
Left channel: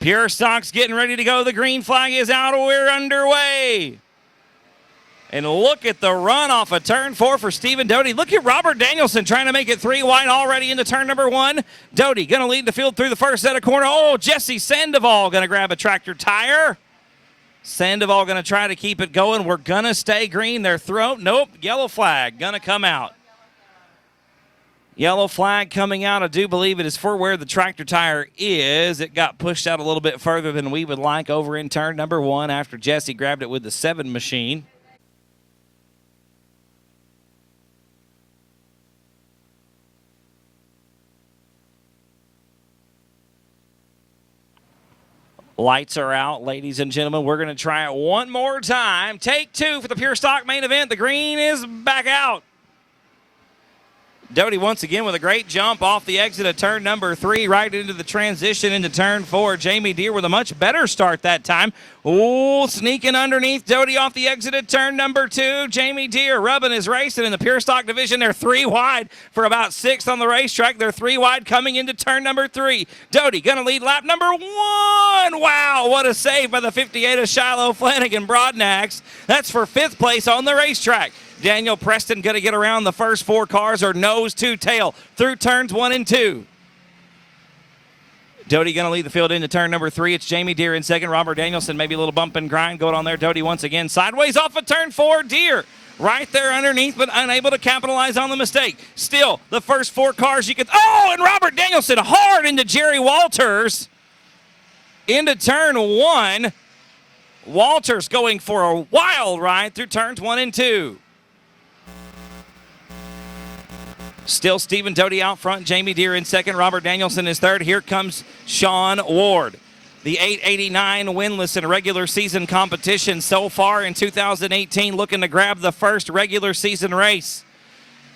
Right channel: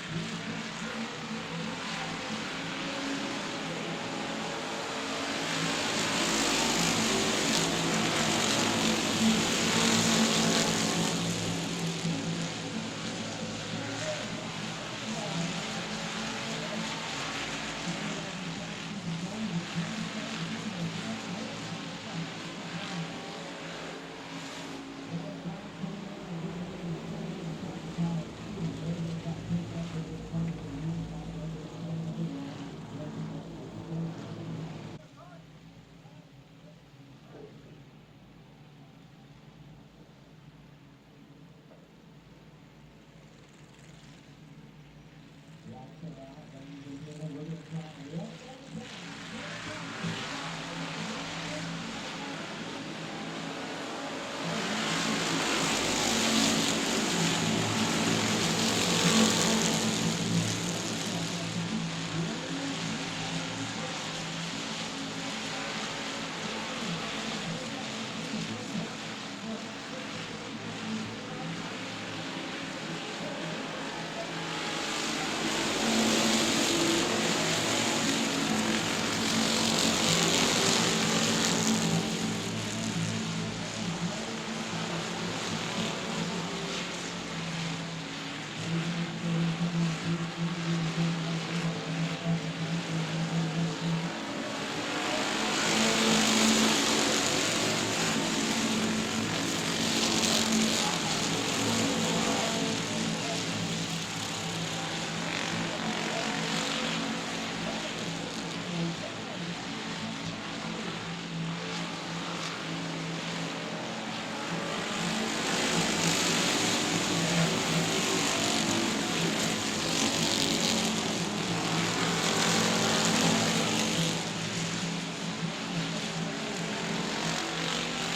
Pure Stock's getting ready to go. The green flag is out. We're underway. And look at the run off of turn 4 for Stephen Doty. Look at Robert Danielson trying to make it 3 wide already into turn number 1. Doty gonna lead the field through the first set of corner. Oh, Jesse Sandoval gonna grab a tractor tire. Sandoval gonna try to keep it going. We're gonna stay green. Their throat, nope, yellow flag gonna come out. Yellow flag coming out. I do believe it is for where the tractor tire is. It got pushed out a little bit further than we would like over in turn number 1 after Jesse grabbed it with the 7 machine. Lights are out, ladies and gentlemen. We're going to try it one more time. Take 2 for the Pure Stock main event. The green is back out. Doty once again with a great jump off the exit of turn number 3, right into the transition into turn 4. Jamie Deere with a much better start that time. Ooh, sneaking underneath Doty off the exit of turn number 2. Jamie Deere rubbing his race, and in the Pure Stock division, they're 3 wide for about 6th on the racetrack. They're 3 wide coming into turn number 3. Doty gonna lead lap number 1. Wow, what a save by the 58 of Shiloh Flanagan Broadnax. That's for 5th place on the racetrack. Daniel Preston going to get around the first 4 cars, or nose to tail through turns 1 and 2. Doty going to lead the field into turn number 3. It's Jamie Deere in second. Robert Danielson, maybe a little bump and grind going on there. Doty once again sideways off of turn 4. Deere right there underneath, but unable to capitalize on the mistake. Still, the first 4 cars you could. Oh, and Robert Danielson hard into Jerry Walters into turn 1. Walters going for a wild ride through turns 1 and 2. Still Stephen Doty out front, Jamie Deere in second, Robert Danielson is third. Here comes Sean Ward. The 889 winless in regular season competition so far in 2018, looking to grab the first regular season race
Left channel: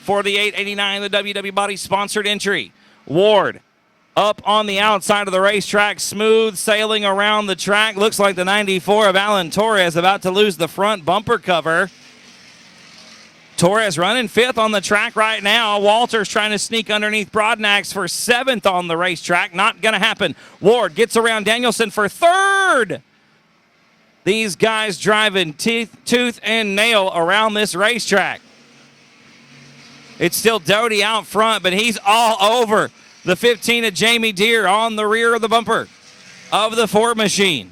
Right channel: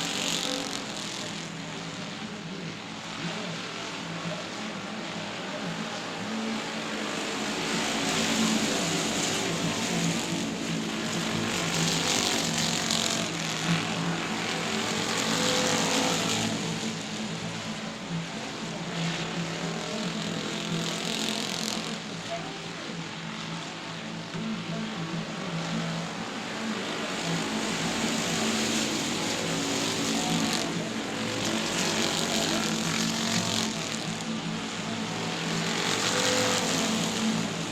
for the 889, the WW Body sponsored entry. Ward up on the outside of the racetrack, smooth sailing around the track. Looks like the 94 of Alan Torres about to lose the front bumper cover. Torres running 5th on the track right now. Walters trying to sneak underneath Broadnax for 7th on the racetrack. Not going to happen. Ward gets around Danielson for 3rd. These guys driving tooth and nail around this racetrack. It's still Doty out front, but he's all over the 15 of Jamie Deere on the rear of the bumper of the Ford machine.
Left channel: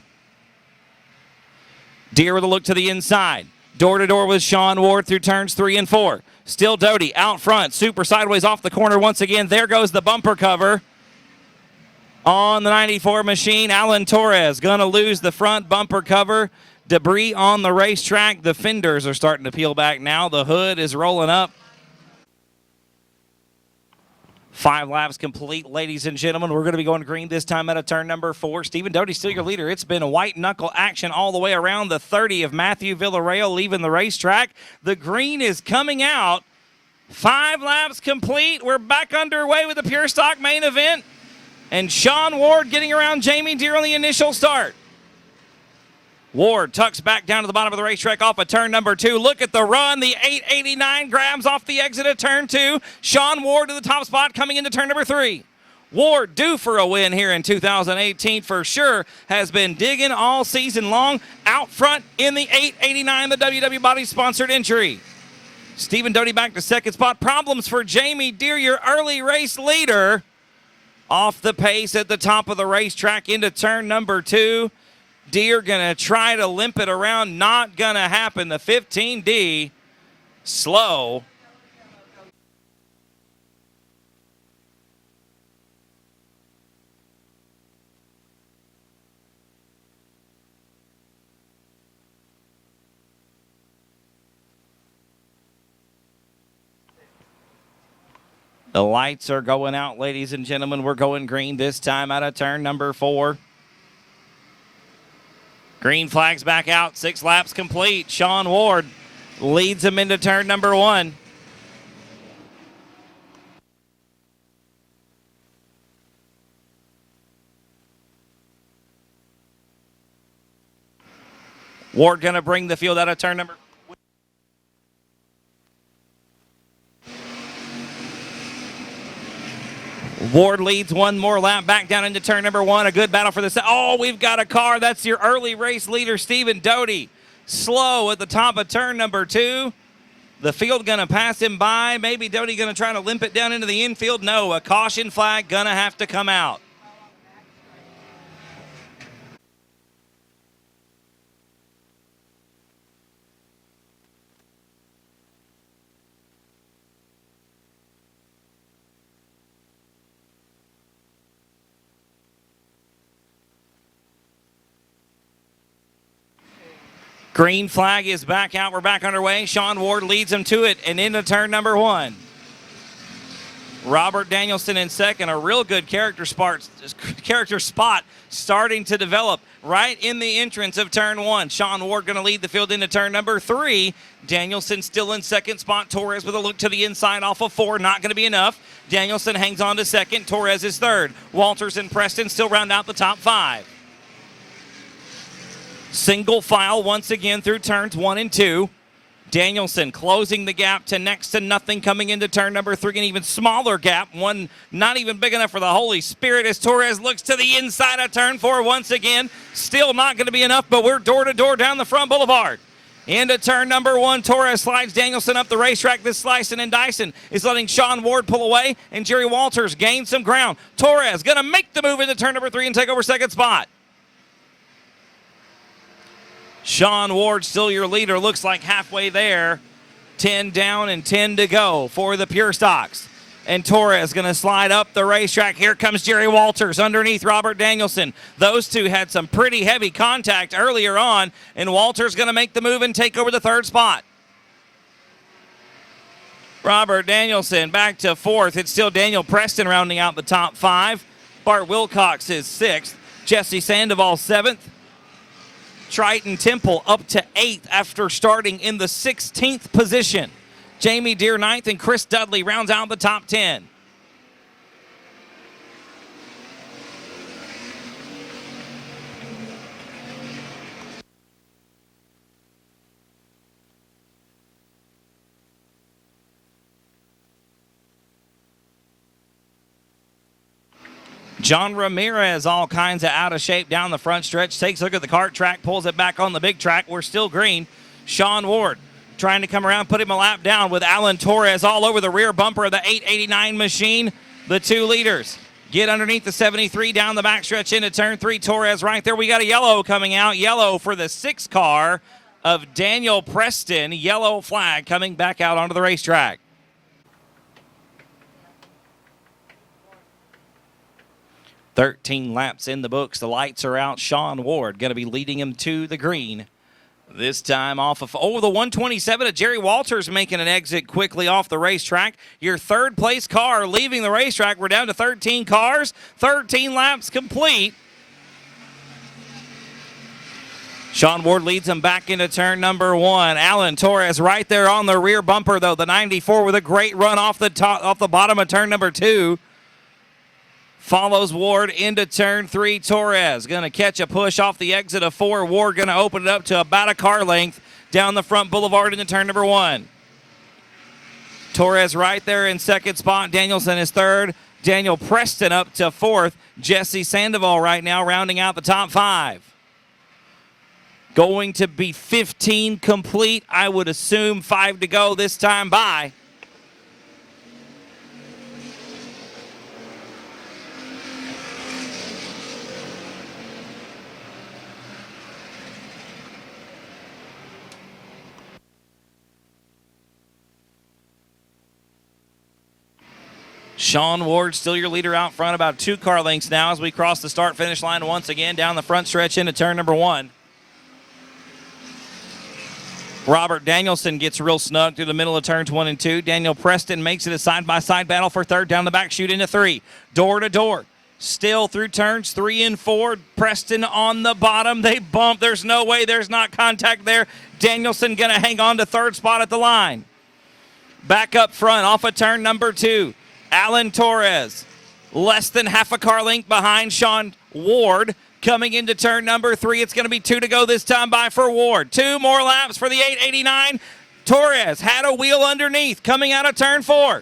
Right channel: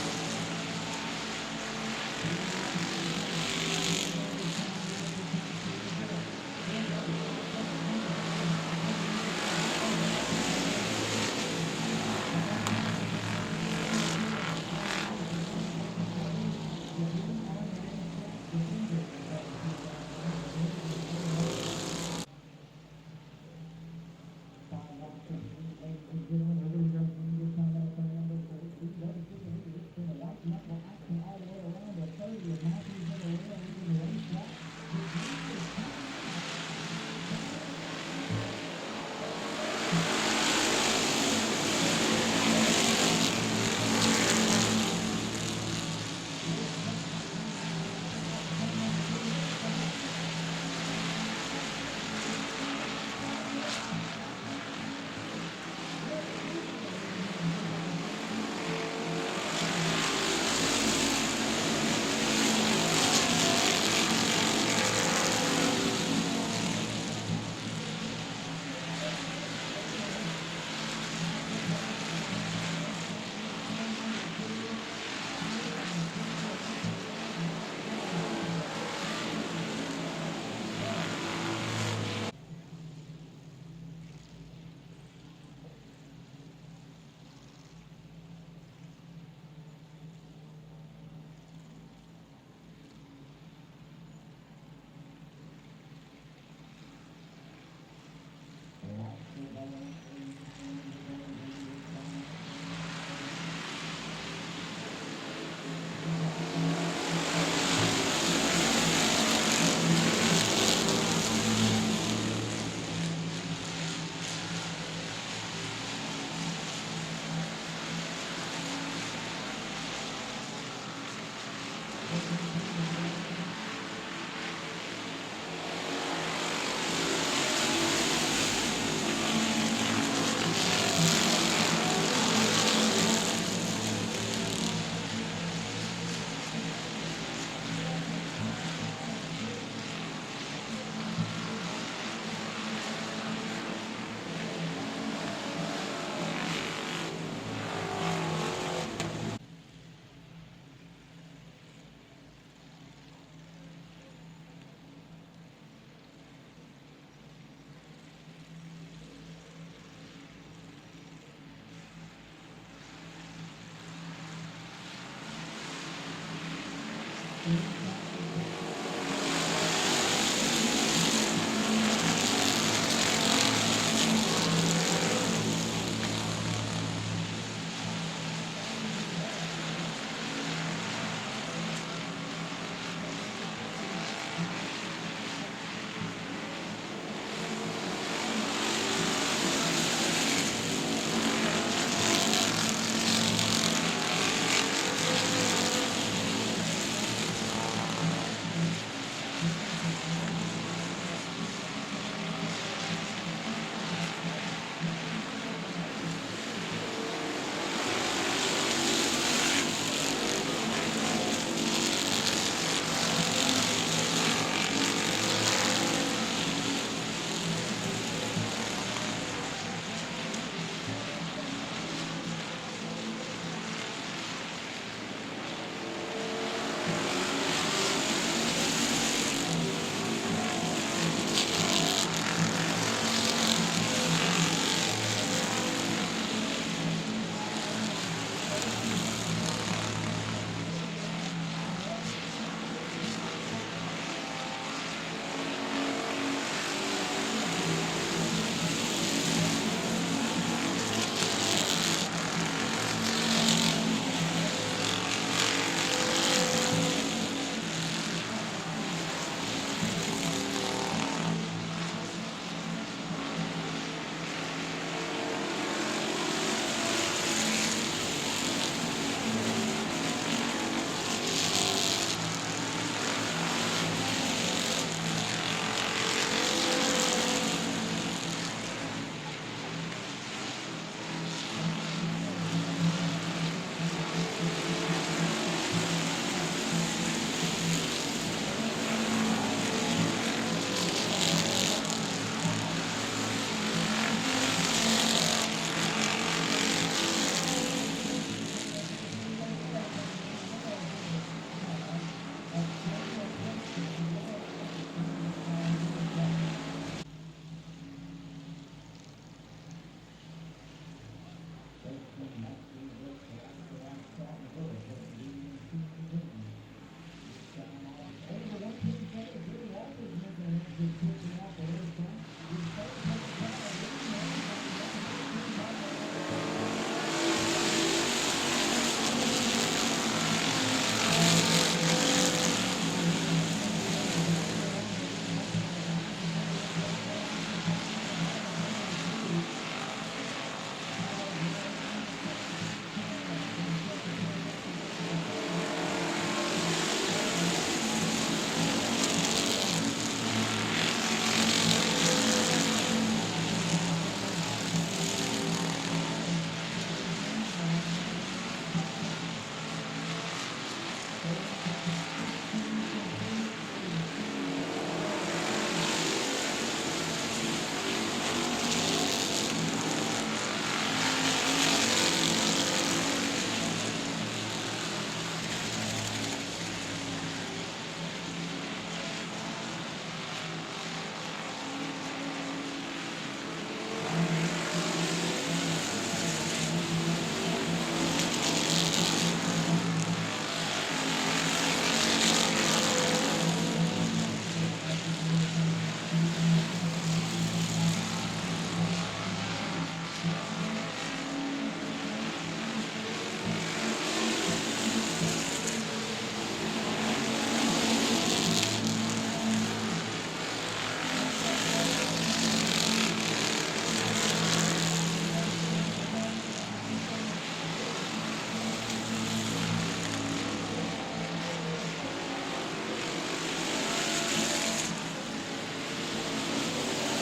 Deere with a look to the inside. Door to door with Sean Ward through turns 3 and 4. Still Doty out front, super sideways off the corner once again. There goes the bumper cover on the 94 machine. Alan Torres gonna lose the front bumper cover. Debris on the racetrack. The fenders are starting to peel back now. The hood is rolling up. 5 laps complete, ladies and gentlemen. We're going to be going green this time out of turn number 4. Stephen Doty still your leader. It's been a white knuckle action all the way around. The 30 of Matthew Villarreal leaving the racetrack. The green is coming out. 5 laps complete. We're back underway with the Pure Stock main event. And Sean Ward getting around Jamie Deere on the initial start. Ward tucks back down to the bottom of the racetrack off of turn number 2. Look at the run. The 889 grabs off the exit of turn 2. Sean Ward to the top spot coming into turn number 3. Ward due for a win here in 2018 for sure. Has been digging all season long. Out front in the 889, the WW Body sponsored entry. Stephen Doty back to second spot. Problems for Jamie Deere, your early race leader. Off the pace at the top of the racetrack into turn number 2. Deere gonna try to limp it around, not gonna happen. The 15D, slow. The lights are going out, ladies and gentlemen. We're going green this time out of turn number 4. Green flags back out, 6 laps complete. Sean Ward leads him into turn number 1. Ward gonna bring the field out of turn number. Ward leads one more lap back down into turn number 1. A good battle for the set. Oh, we've got a car. That's your early race leader, Stephen Doty. Slow at the top of turn number 2. The field gonna pass him by. Maybe Doty gonna try to limp it down into the infield. No, a caution flag gonna have to come out. Green flag is back out. We're back underway. Sean Ward leads him to it and into turn number 1. Robert Danielson in second. A real good character spot starting to develop right in the entrance of turn 1. Sean Ward going to lead the field into turn number 3. Danielson still in second spot. Torres with a look to the inside off of 4. Not going to be enough. Danielson hangs on to second. Torres is third. Walters and Preston still round out the top 5. Single file once again through turns 1 and 2. Danielson closing the gap to next to nothing coming into turn number 3. An even smaller gap, one not even big enough for the Holy Spirit as Torres looks to the inside of turn 4 once again. Still not going to be enough, but we're door to door down the front boulevard. Into turn number 1, Torres slides Danielson up the racetrack. This slicing and dicing is letting Sean Ward pull away, and Jerry Walters gain some ground. Torres gonna make the move into turn number 3 and take over second spot. Sean Ward still your leader, looks like halfway there. 10 down and 10 to go for the Pure Stocks. And Torres gonna slide up the racetrack. Here comes Jerry Walters underneath Robert Danielson. Those two had some pretty heavy contact earlier on, and Walters gonna make the move and take over the third spot. Robert Danielson back to 4th. It's still Daniel Preston rounding out the top 5. Bart Wilcox is 6th. Jesse Sandoval 7th. Triton Temple up to 8th after starting in the 16th position. Jamie Deere 9th, and Chris Dudley rounds out the top 10. John Ramirez, all kinds of out of shape down the front stretch, takes a look at the kart track, pulls it back on the big track. We're still green. Sean Ward trying to come around, put him a lap down with Alan Torres all over the rear bumper of the 889 machine. The two leaders get underneath the 73 down the backstretch into turn 3. Torres right there. We got a yellow coming out. Yellow for the 6th car of Daniel Preston. Yellow flag coming back out onto the racetrack. "13 laps in the books. The lights are out. Sean Ward going to be leading him to the green. This time off of, the 127 of Jerry Walters making an exit quickly off the racetrack. Your third place car leaving the racetrack. We're down to 13 cars, 13 laps complete. Sean Ward leads him back into turn number 1. Alan Torres right there on the rear bumper though, the 94 with a great run off the bottom of turn number 2. Follows Ward into turn 3. Torres gonna catch a push off the exit of 4. Ward gonna open it up to about a car length down the front boulevard into turn number 1. Torres right there in 2nd spot. Danielson is 3rd. Daniel Preston up to 4th. Jesse Sandoval right now rounding out the top 5. Going to be 15 complete. I would assume 5 to go this time by. Sean Ward still your leader out front, about 2 car lengths now as we cross the start-finish line once again down the front stretch into turn number 1. Robert Danielson gets real snug through the middle of turns 1 and 2. Daniel Preston makes it a side-by-side battle for 3rd down the back chute into 3. Door to door. Still through turns 3 and 4. Preston on the bottom. They bump. There's no way there's not contact there. Danielson going to hang on to 3rd spot at the line. Back up front off of turn number 2. Alan Torres, less than half a car length behind Sean Ward. Coming into turn number 3, it's going to be 2 to go this time by for Ward. 2 more laps for the 889. Torres had a wheel underneath coming out of turn 4.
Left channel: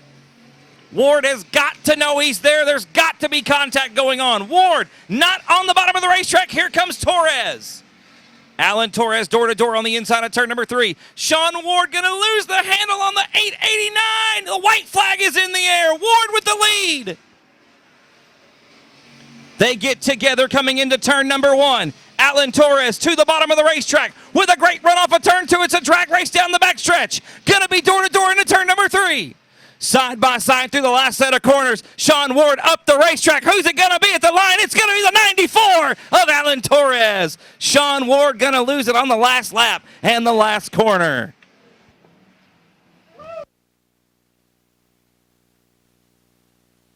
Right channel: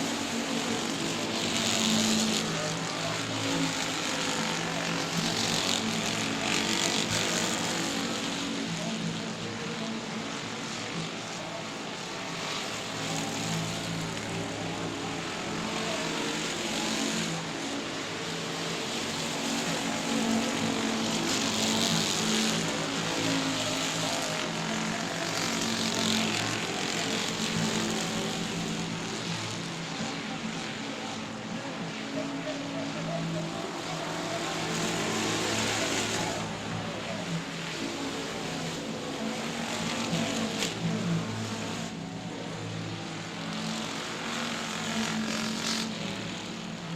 Ward has got to know he's there. There's got to be contact going on. Ward not on the bottom of the racetrack. Here comes Torres. Alan Torres door to door on the inside of turn number 3. Sean Ward going to lose the handle on the 889. The white flag is in the air. Ward with the lead. They get together coming into turn number 1. Alan Torres to the bottom of the racetrack with a great run off of turn 2. It's a drag race down the backstretch. Going to be door to door into turn number 3. Side by side through the last set of corners. Sean Ward up the racetrack. Who's it going to be at the line? It's going to be the 94 of Alan Torres. Sean Ward going to lose it on the last lap and the last corner.